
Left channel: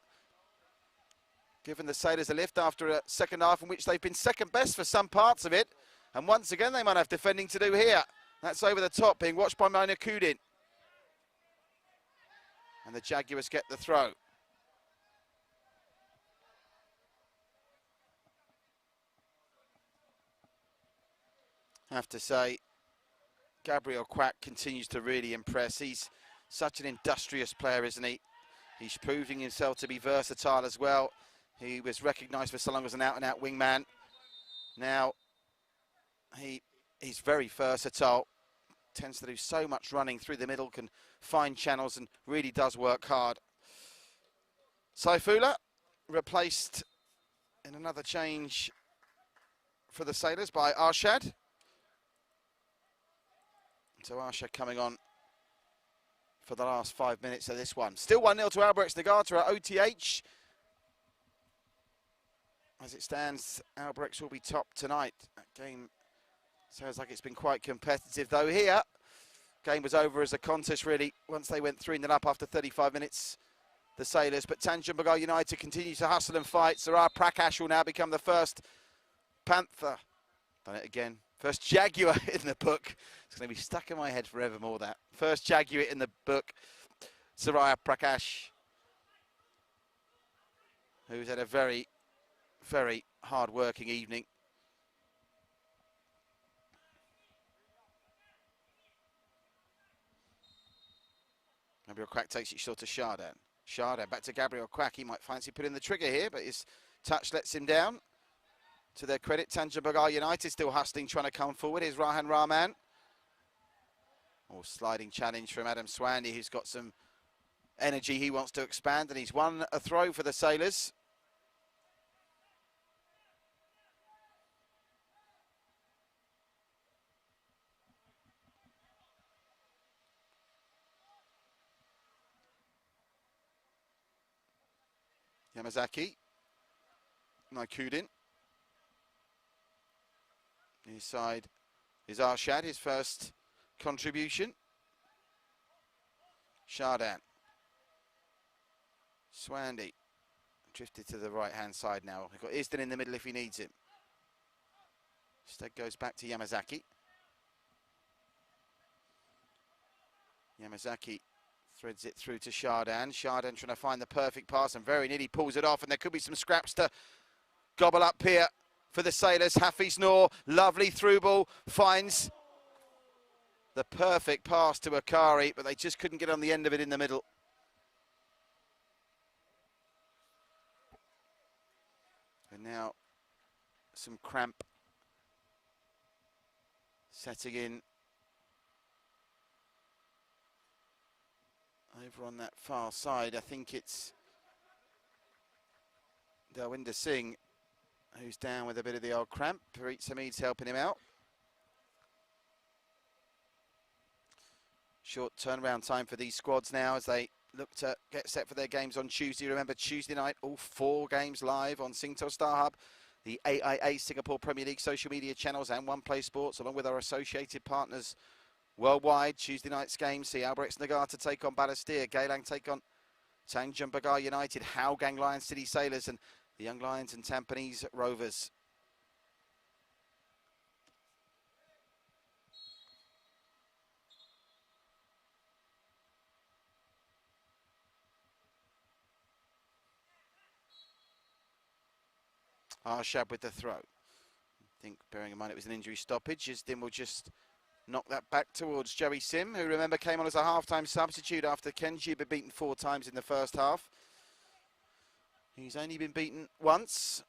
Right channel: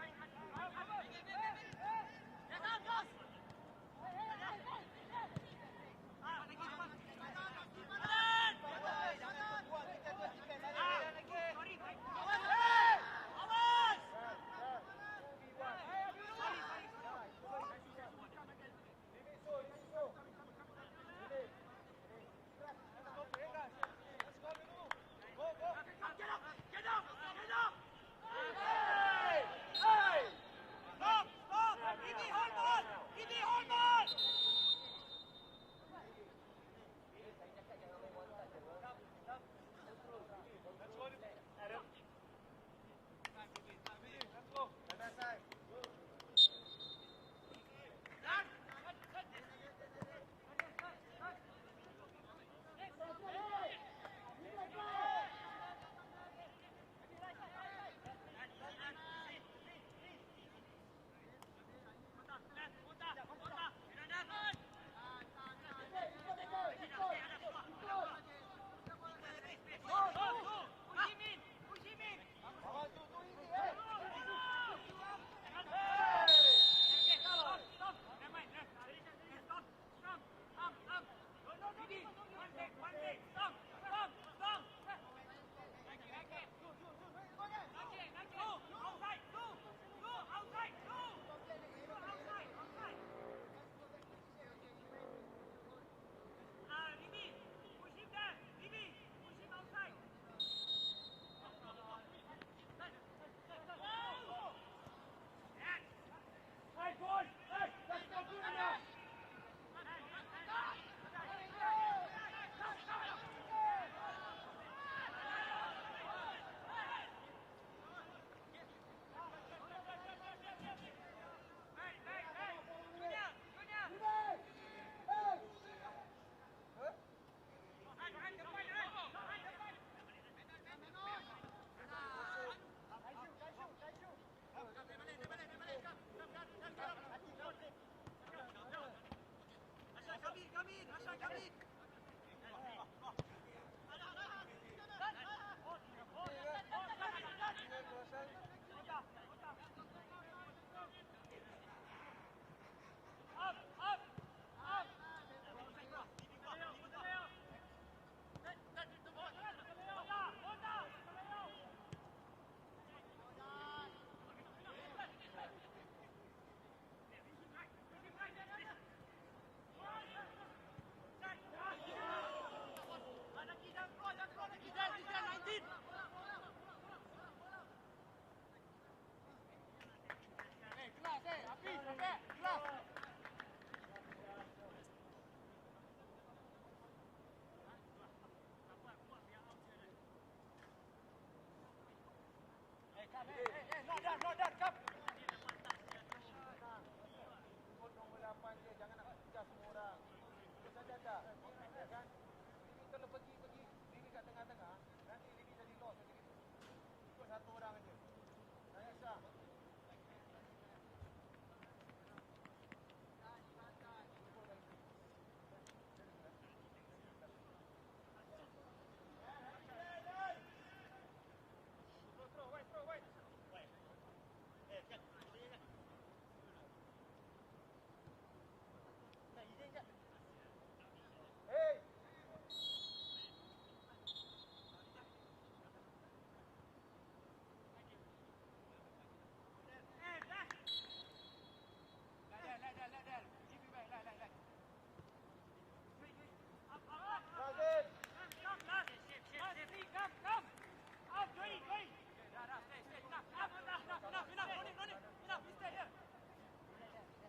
given the Sailors a lift after a second half in which they've been second best for some parts of it. And once again, they might have defending to do here. That's over the top, being watched by Maina Kudin. And the Jaguars get the throw. I have to say, Gabriel Quack continues to really impress. He's such an industrious player, isn't he? He's proving himself to be versatile as well. He was recognised for so long as an out-and-out wingman. Now, he's very versatile. Tends to do so much running through the middle, can find channels and really does work hard. Saifullah replaced in another change for the Sailors by Arshad. So Arshad coming on for the last 5 minutes of this one. Still 1-0 to Albrecht Nagata at OTH. As it stands, Albrecht will be top tonight. Game sounds like it's been quite competitive, though here. Game was over as a contest, really, once they went 3-0 up after 35 minutes, the Sailors. But Tanjong Pagar United continues to hustle and fight. Sarah Prakash will now become the first Panther. Done it again. First Jaguar in the book. It's going to be stuck in my head forevermore, that. First Jaguar in the book, Soraya Prakash, who's had a very, very hard-working evening. Gabriel Quack takes it short to Shardan. Shardan back to Gabriel Quack. He might fancy putting the trigger here, but his touch lets him down. To their credit, Tanjong Pagar United still hustling, trying to come forward. Here's Rahan Rahman. Sliding challenge from Adam Swandi, who's got some energy. He wants to expand, and he's won a throw for the Sailors. Yamazaki. Naikudin. Inside is Arshad, his first contribution. Chardin. Swandy. Drifted to the right-hand side now. We've got Isden in the middle if he needs him. Instead goes back to Yamazaki. Yamazaki threads it through to Chardin. Chardin trying to find the perfect pass and very nearly pulls it off, and there could be some scraps to gobble up here for the Sailors. Hafiz Noor, lovely through ball, finds the perfect pass to Akari, but they just couldn't get on the end of it in the middle. And now some cramp setting in over on that far side. I think it's Dalwinder Singh who's down with a bit of the old cramp. Parit Samid's helping him out. Short turnaround time for these squads now as they look to get set for their games on Tuesday. Remember, Tuesday night, all 4 games live on Singtel Star Hub, the AIA Singapore Premier League social media channels and One Play Sports, along with our associated partners worldwide. Tuesday night's games see Albirex Nagata take on Balestier, Geylang take on Tanjong Pagar United, Hougang Lion City Sailors and the Young Lions and Tampines Rovers. Arshad with the throw. I think, bearing in mind it was an injury stoppage, Isdin will just knock that back towards Joey Sim, who, remember, came on as a half-time substitute after Kenji had been beaten 4 times in the first half. He's only been beaten once.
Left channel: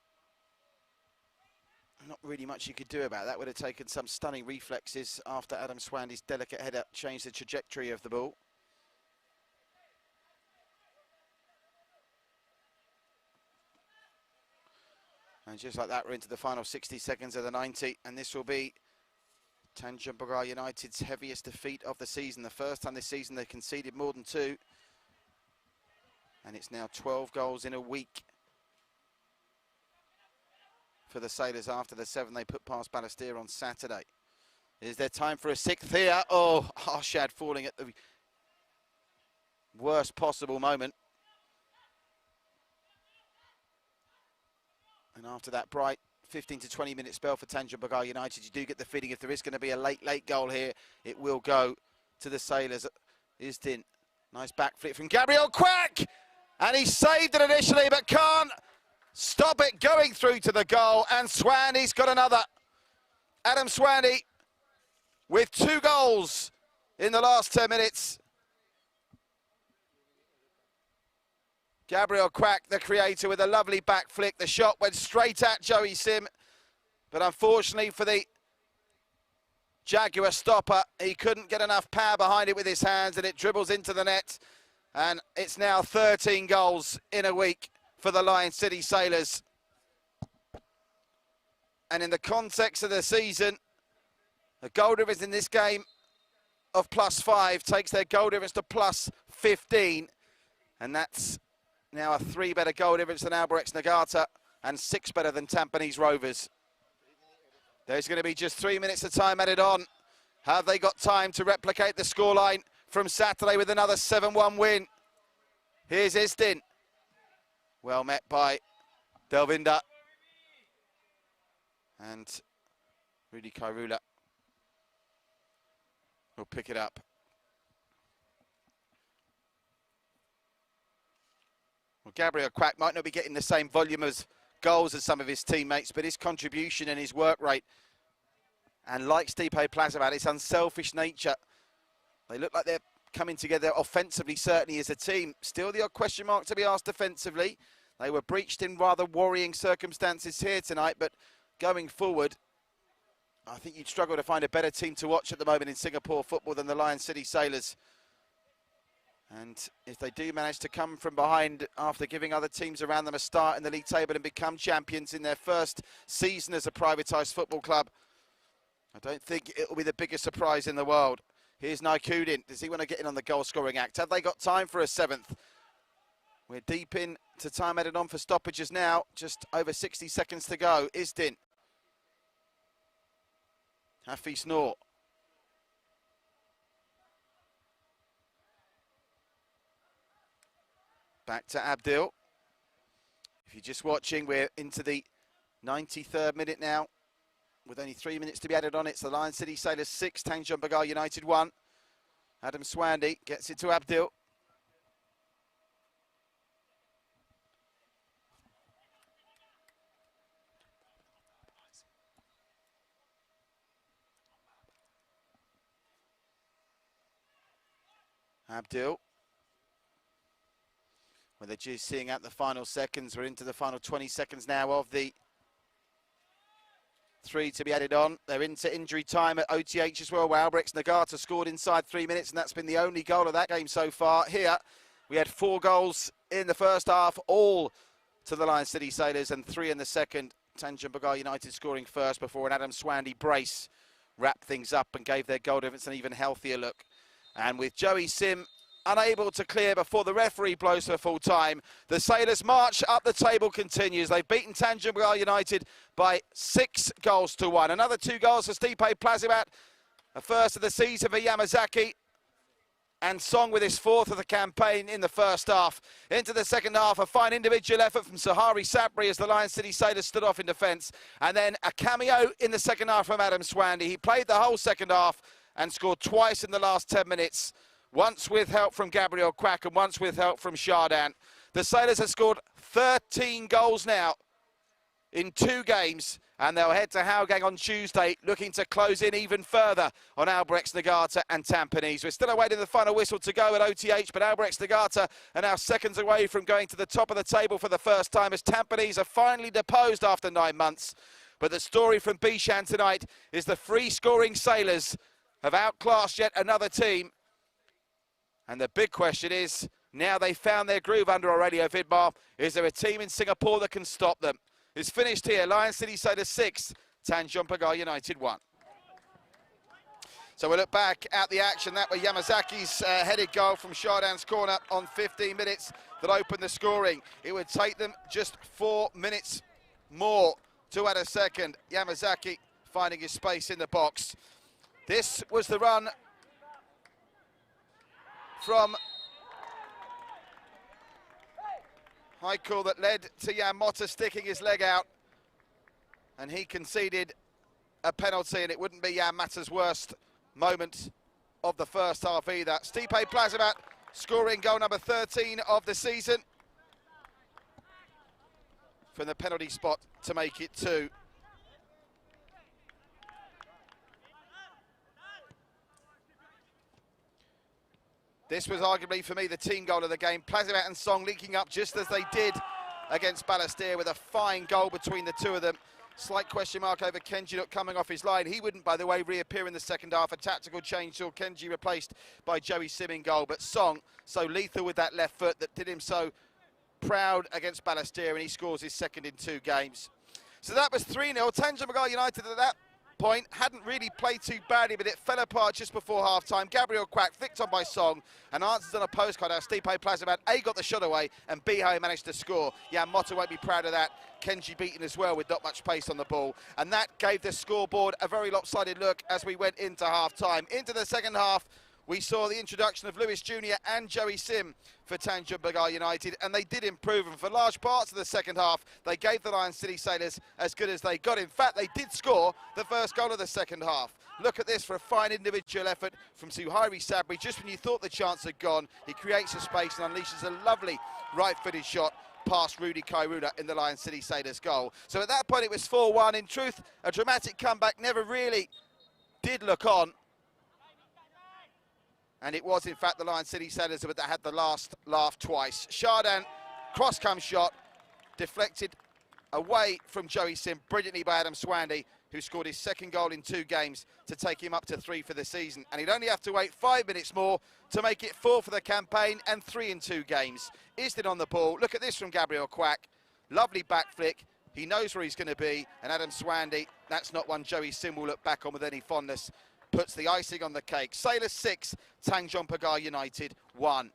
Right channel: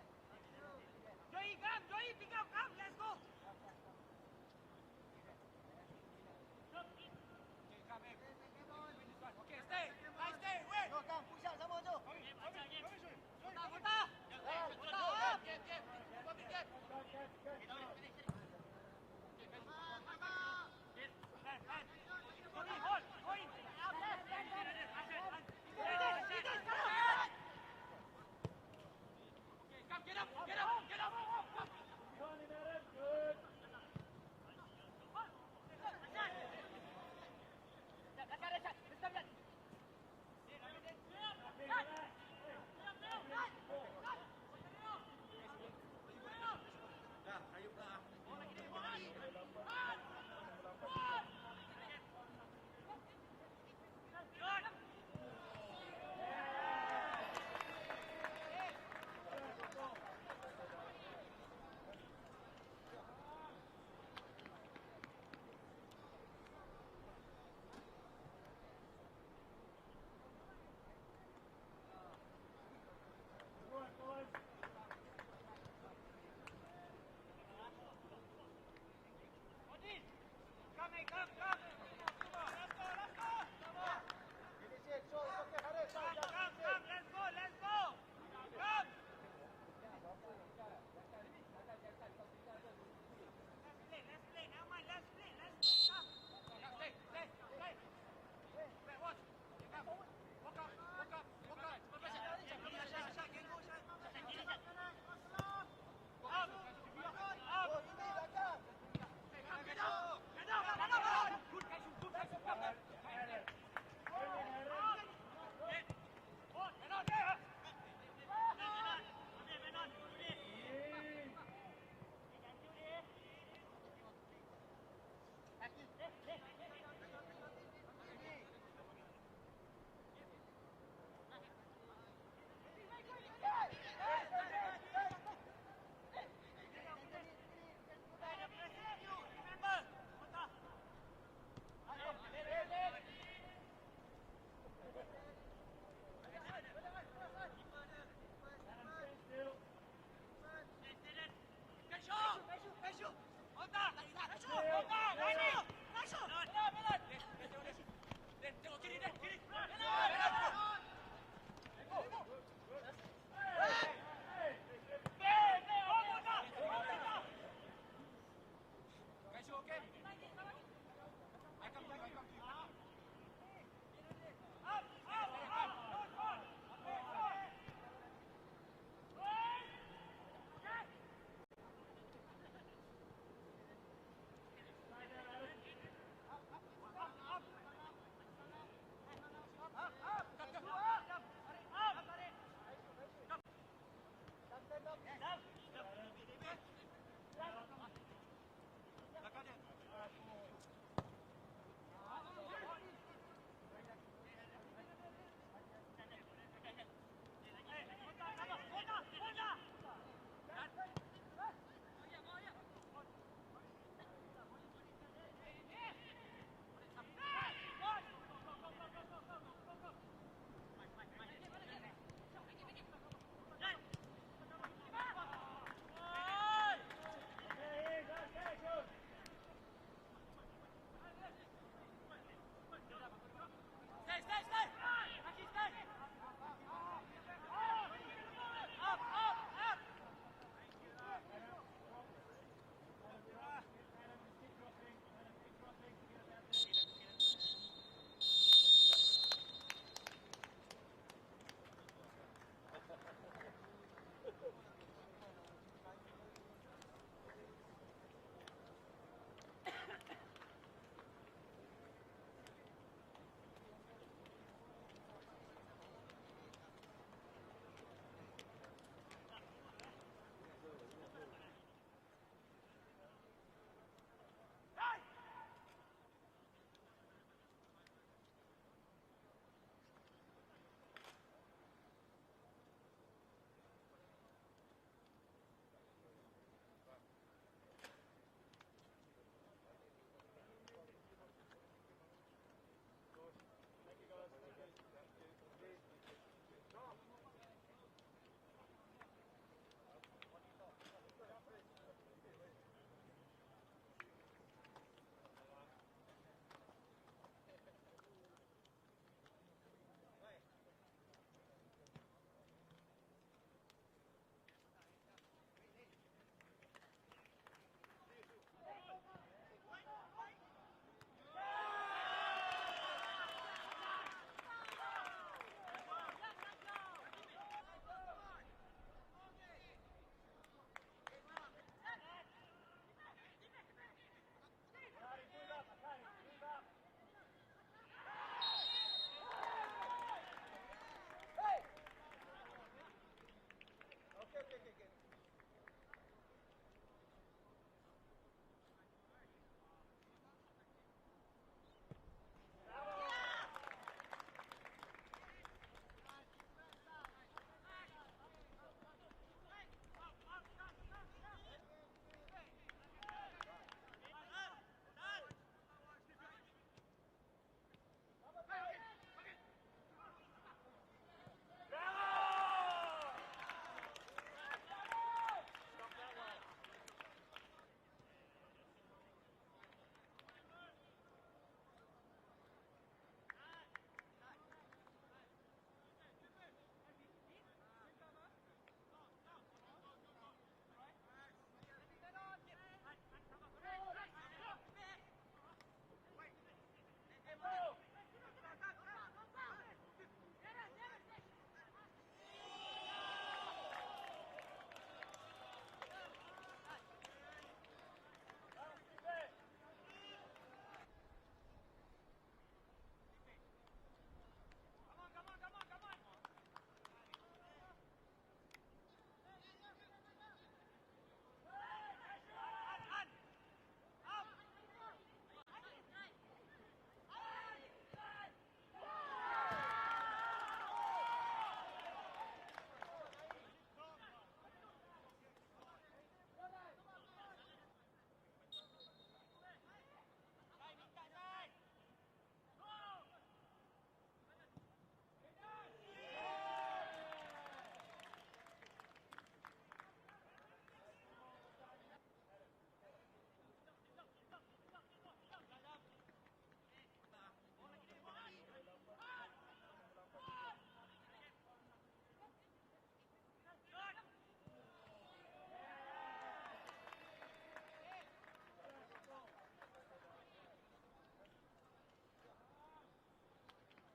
Not really much you could do about that. Would have taken some stunning reflexes after Adam Swandy's delicate header changed the trajectory of the ball. And just like that, we're into the final 60 seconds of the 90, and this will be Tanjong Pagar United's heaviest defeat of the season. The first time this season they conceded more than 2. And it's now 12 goals in a week for the Sailors after the 7 they put past Balestier on Saturday. Is there time for a 6th here? Oh, Arshad falling at the worst possible moment. And after that bright 15 to 20 minute spell for Tanjong Pagar United, you do get the feeling if there is going to be a late goal here, it will go to the Sailors. Isdin, nice back flip from Gabriel Quack, and he saved it initially but can't stop it going through to the goal, and Swandy's got another. Adam Swandy with 2 goals in the last 10 minutes. Gabriel Quack, the creator, with a lovely back flick. The shot went straight at Joey Sim, but unfortunately for the Jaguar stopper, he couldn't get enough power behind it with his hands, and it dribbles into the net. And it's now 13 goals in a week for the Lion City Sailors. And in the context of the season, the goal difference in this game of +5 takes their goal difference to +15, and that's now a 3 better goal difference than Albirex Nagata and 6 better than Tampines Rovers. There's going to be just 3 minutes of time added on. Have they got time to replicate the scoreline from Saturday with another 7-1 win? Here's Isdin. Well met by Dalwinder. And Rudy Kairula will pick it up. Well, Gabriel Quack might not be getting the same volume of goals as some of his teammates, but his contribution and his work rate, and like Stipe Plazivat, its unselfish nature, they look like they're coming together offensively, certainly as a team. Still the odd question mark to be asked defensively. They were breached in rather worrying circumstances here tonight, but going forward, I think you'd struggle to find a better team to watch at the moment in Singapore football than the Lion City Sailors. And if they do manage to come from behind after giving other teams around them a start in the league table and become champions in their first season as a privatised football club, I don't think it'll be the biggest surprise in the world. Here's Naikudin. Does he want to get in on the goal-scoring act? Have they got time for a 7th? We're deep into time added on for stoppages now. Just over 60 seconds to go. Isdin. Hafiz Noor. Back to Abdil. If you're just watching, we're into the 93rd minute now, with only 3 minutes to be added on. It's the Lion City Sailors 6, Tanjong Pagar United 1. Adam Swandy gets it to Abdil. Abdil. Well, they're just seeing out the final seconds. We're into the final 20 seconds now of the 3 to be added on. They're into injury time at OTH as well. Albrecht Nagata scored inside 3 minutes, and that's been the only goal of that game so far. Here, we had 4 goals in the first half, all to the Lion City Sailors, and 3 in the second. Tanjong Pagar United scoring first before an Adam Swandy brace wrapped things up and gave their goal difference an even healthier look. And with Joey Sim unable to clear before the referee blows for full time, the Sailors' march up the table continues. They've beaten Tanjong Pagar United by 6 goals to 1. Another 2 goals for Stipe Plazibat, a first of the season for Yamazaki, and Song with his 4th of the campaign in the first half. Into the second half, a fine individual effort from Sahari Sapri as the Lion City Sailors stood off in defence, and then a cameo in the second half from Adam Swandy. He played the whole second half and scored twice in the last 10 minutes, once with help from Gabriel Quack and once with help from Shardan. The Sailors have scored 13 goals now in 2 games, and they'll head to Hougang on Tuesday, looking to close in even further on Albrecht Nagata and Tampines. We're still awaiting the final whistle to go at OTH, but Albrecht Nagata are now seconds away from going to the top of the table for the first time, as Tampines are finally deposed after 9 months. But the story from Bishan tonight is the free-scoring Sailors have outclassed yet another team. And the big question is, now they've found their groove under Aurelio Vidmar, is there a team in Singapore that can stop them? It's finished here, Lion City Sailors 6, Tanjong Pagar United 1. So we'll look back at the action. That was Yamazaki's headed goal from Shardan's corner on 15 minutes that opened the scoring. It would take them just 4 minutes more to add a second. Yamazaki finding his space in the box. This was the run from Haikul that led to Jan Motta sticking his leg out, and he conceded a penalty, and it wouldn't be Jan Motta's worst moment of the first half either. Stipe Plazibat scoring goal number 13 of the season from the penalty spot to make it 2. This was arguably, for me, the team goal of the game. Plazibat and Song linking up just as they did against Balestier, with a fine goal between the two of them. Slight question mark over Kenji not coming off his line. He wouldn't, by the way, reappear in the second half. A tactical change saw Kenji replaced by Joey Sim in goal. But Song, so lethal with that left foot that did him so proud against Balestier, and he scores his second in 2 games. So that was 3-0. Tanjong Pagar United at that point hadn't really played too badly, but it fell apart just before half-time. Gabriel Quack flicked on by Song and answered on a postcard out. Stipe Plazibat A got the shot away and B managed to score. Jan Motta won't be proud of that. Kenji beaten as well with not much pace on the ball, and that gave the scoreboard a very lopsided look as we went into half-time. Into the second half, we saw the introduction of Lewis Jr. and Joey Sim for Tanjong Pagar United, and they did improve, and for large parts of the second half they gave the Lion City Sailors as good as they got. In fact, they did score the first goal of the second half. Look at this for a fine individual effort from Suhairi Sabri. Just when you thought the chance had gone, he creates a space and unleashes a lovely right-footed shot past Rudy Kairuna in the Lion City Sailors goal. So at that point it was 4-1. In truth, a dramatic comeback never really did look on. And it was, in fact, the Lion City Sailors that had the last laugh twice. Shardan, cross-come shot, deflected away from Joey Sim brilliantly by Adam Swandy, who scored his second goal in 2 games to take him up to 3 for the season. And he'd only have to wait 5 minutes more to make it 4 for the campaign and 3 in 2 games. Isdin on the ball. Look at this from Gabriel Quack. Lovely back flick. He knows where he's going to be. And Adam Swandy, that's not one Joey Sim will look back on with any fondness. Puts the icing on the cake. Sailors 6, Tanjong Pagar United 1.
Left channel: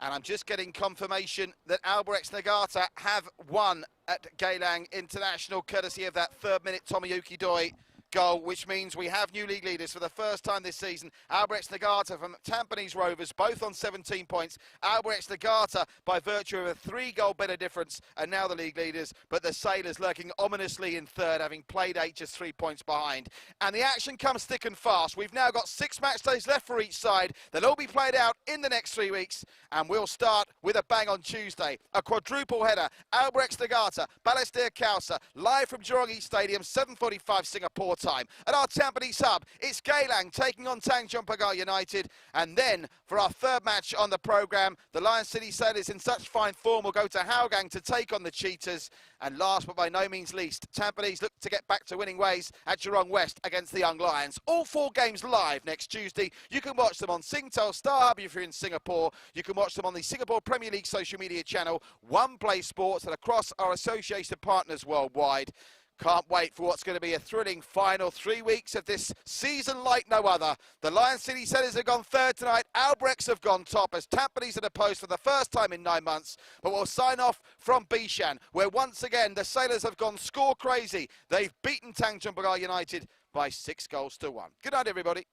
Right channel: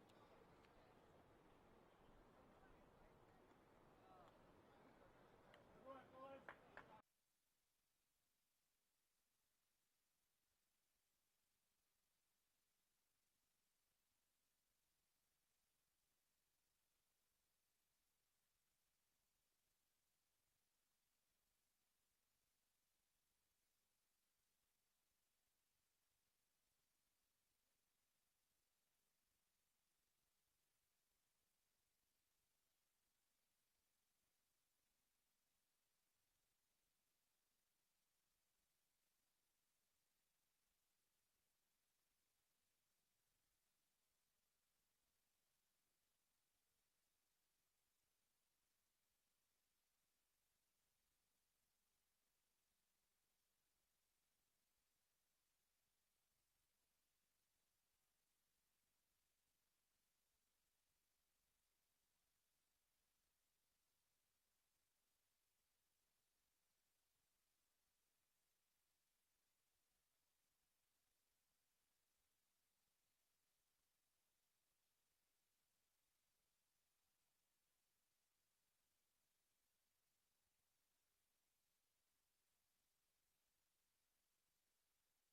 And I'm just getting confirmation that Albrecht Nagata have won at Geylang International, courtesy of that 3rd minute Tomoyuki Doi, goal, which means we have new league leaders for the first time this season. Albrecht Nagata from Tampines Rovers, both on 17 points. Albrecht Nagata, by virtue of a 3-goal better difference, are now the league leaders, but the Sailors lurking ominously in third, having played 8, just 3 points behind. And the action comes thick and fast. We've now got 6 match days left for each side. They'll all be played out in the next 3 weeks, and we'll start with a bang on Tuesday. A quadruple header. Albrecht Nagata, Balestier Kausa, live from Jurong East Stadium, 7:45 Singapore time. At our Tampines hub, it's Geylang taking on Tanjong Pagar United. And then, for our third match on the programme, the Lion City Sailors in such fine form will go to Hougang to take on the Cheetahs. And last but by no means least, Tampines look to get back to winning ways at Jurong West against the Young Lions. All 4 games live next Tuesday. You can watch them on Singtel Star Hub if you're in Singapore. You can watch them on the Singapore Premier League social media channel, One Play Sports, and across our associated partners worldwide. Can't wait for what's going to be a thrilling final 3 weeks of this season like no other. The Lion City Sailors have gone third tonight. Albrechts have gone top as Tampines are the post for the first time in 9 months. But we'll sign off from Bishan, where once again the Sailors have gone score crazy. They've beaten Tanjong Pagar United by 6 goals to 1. Good night, everybody.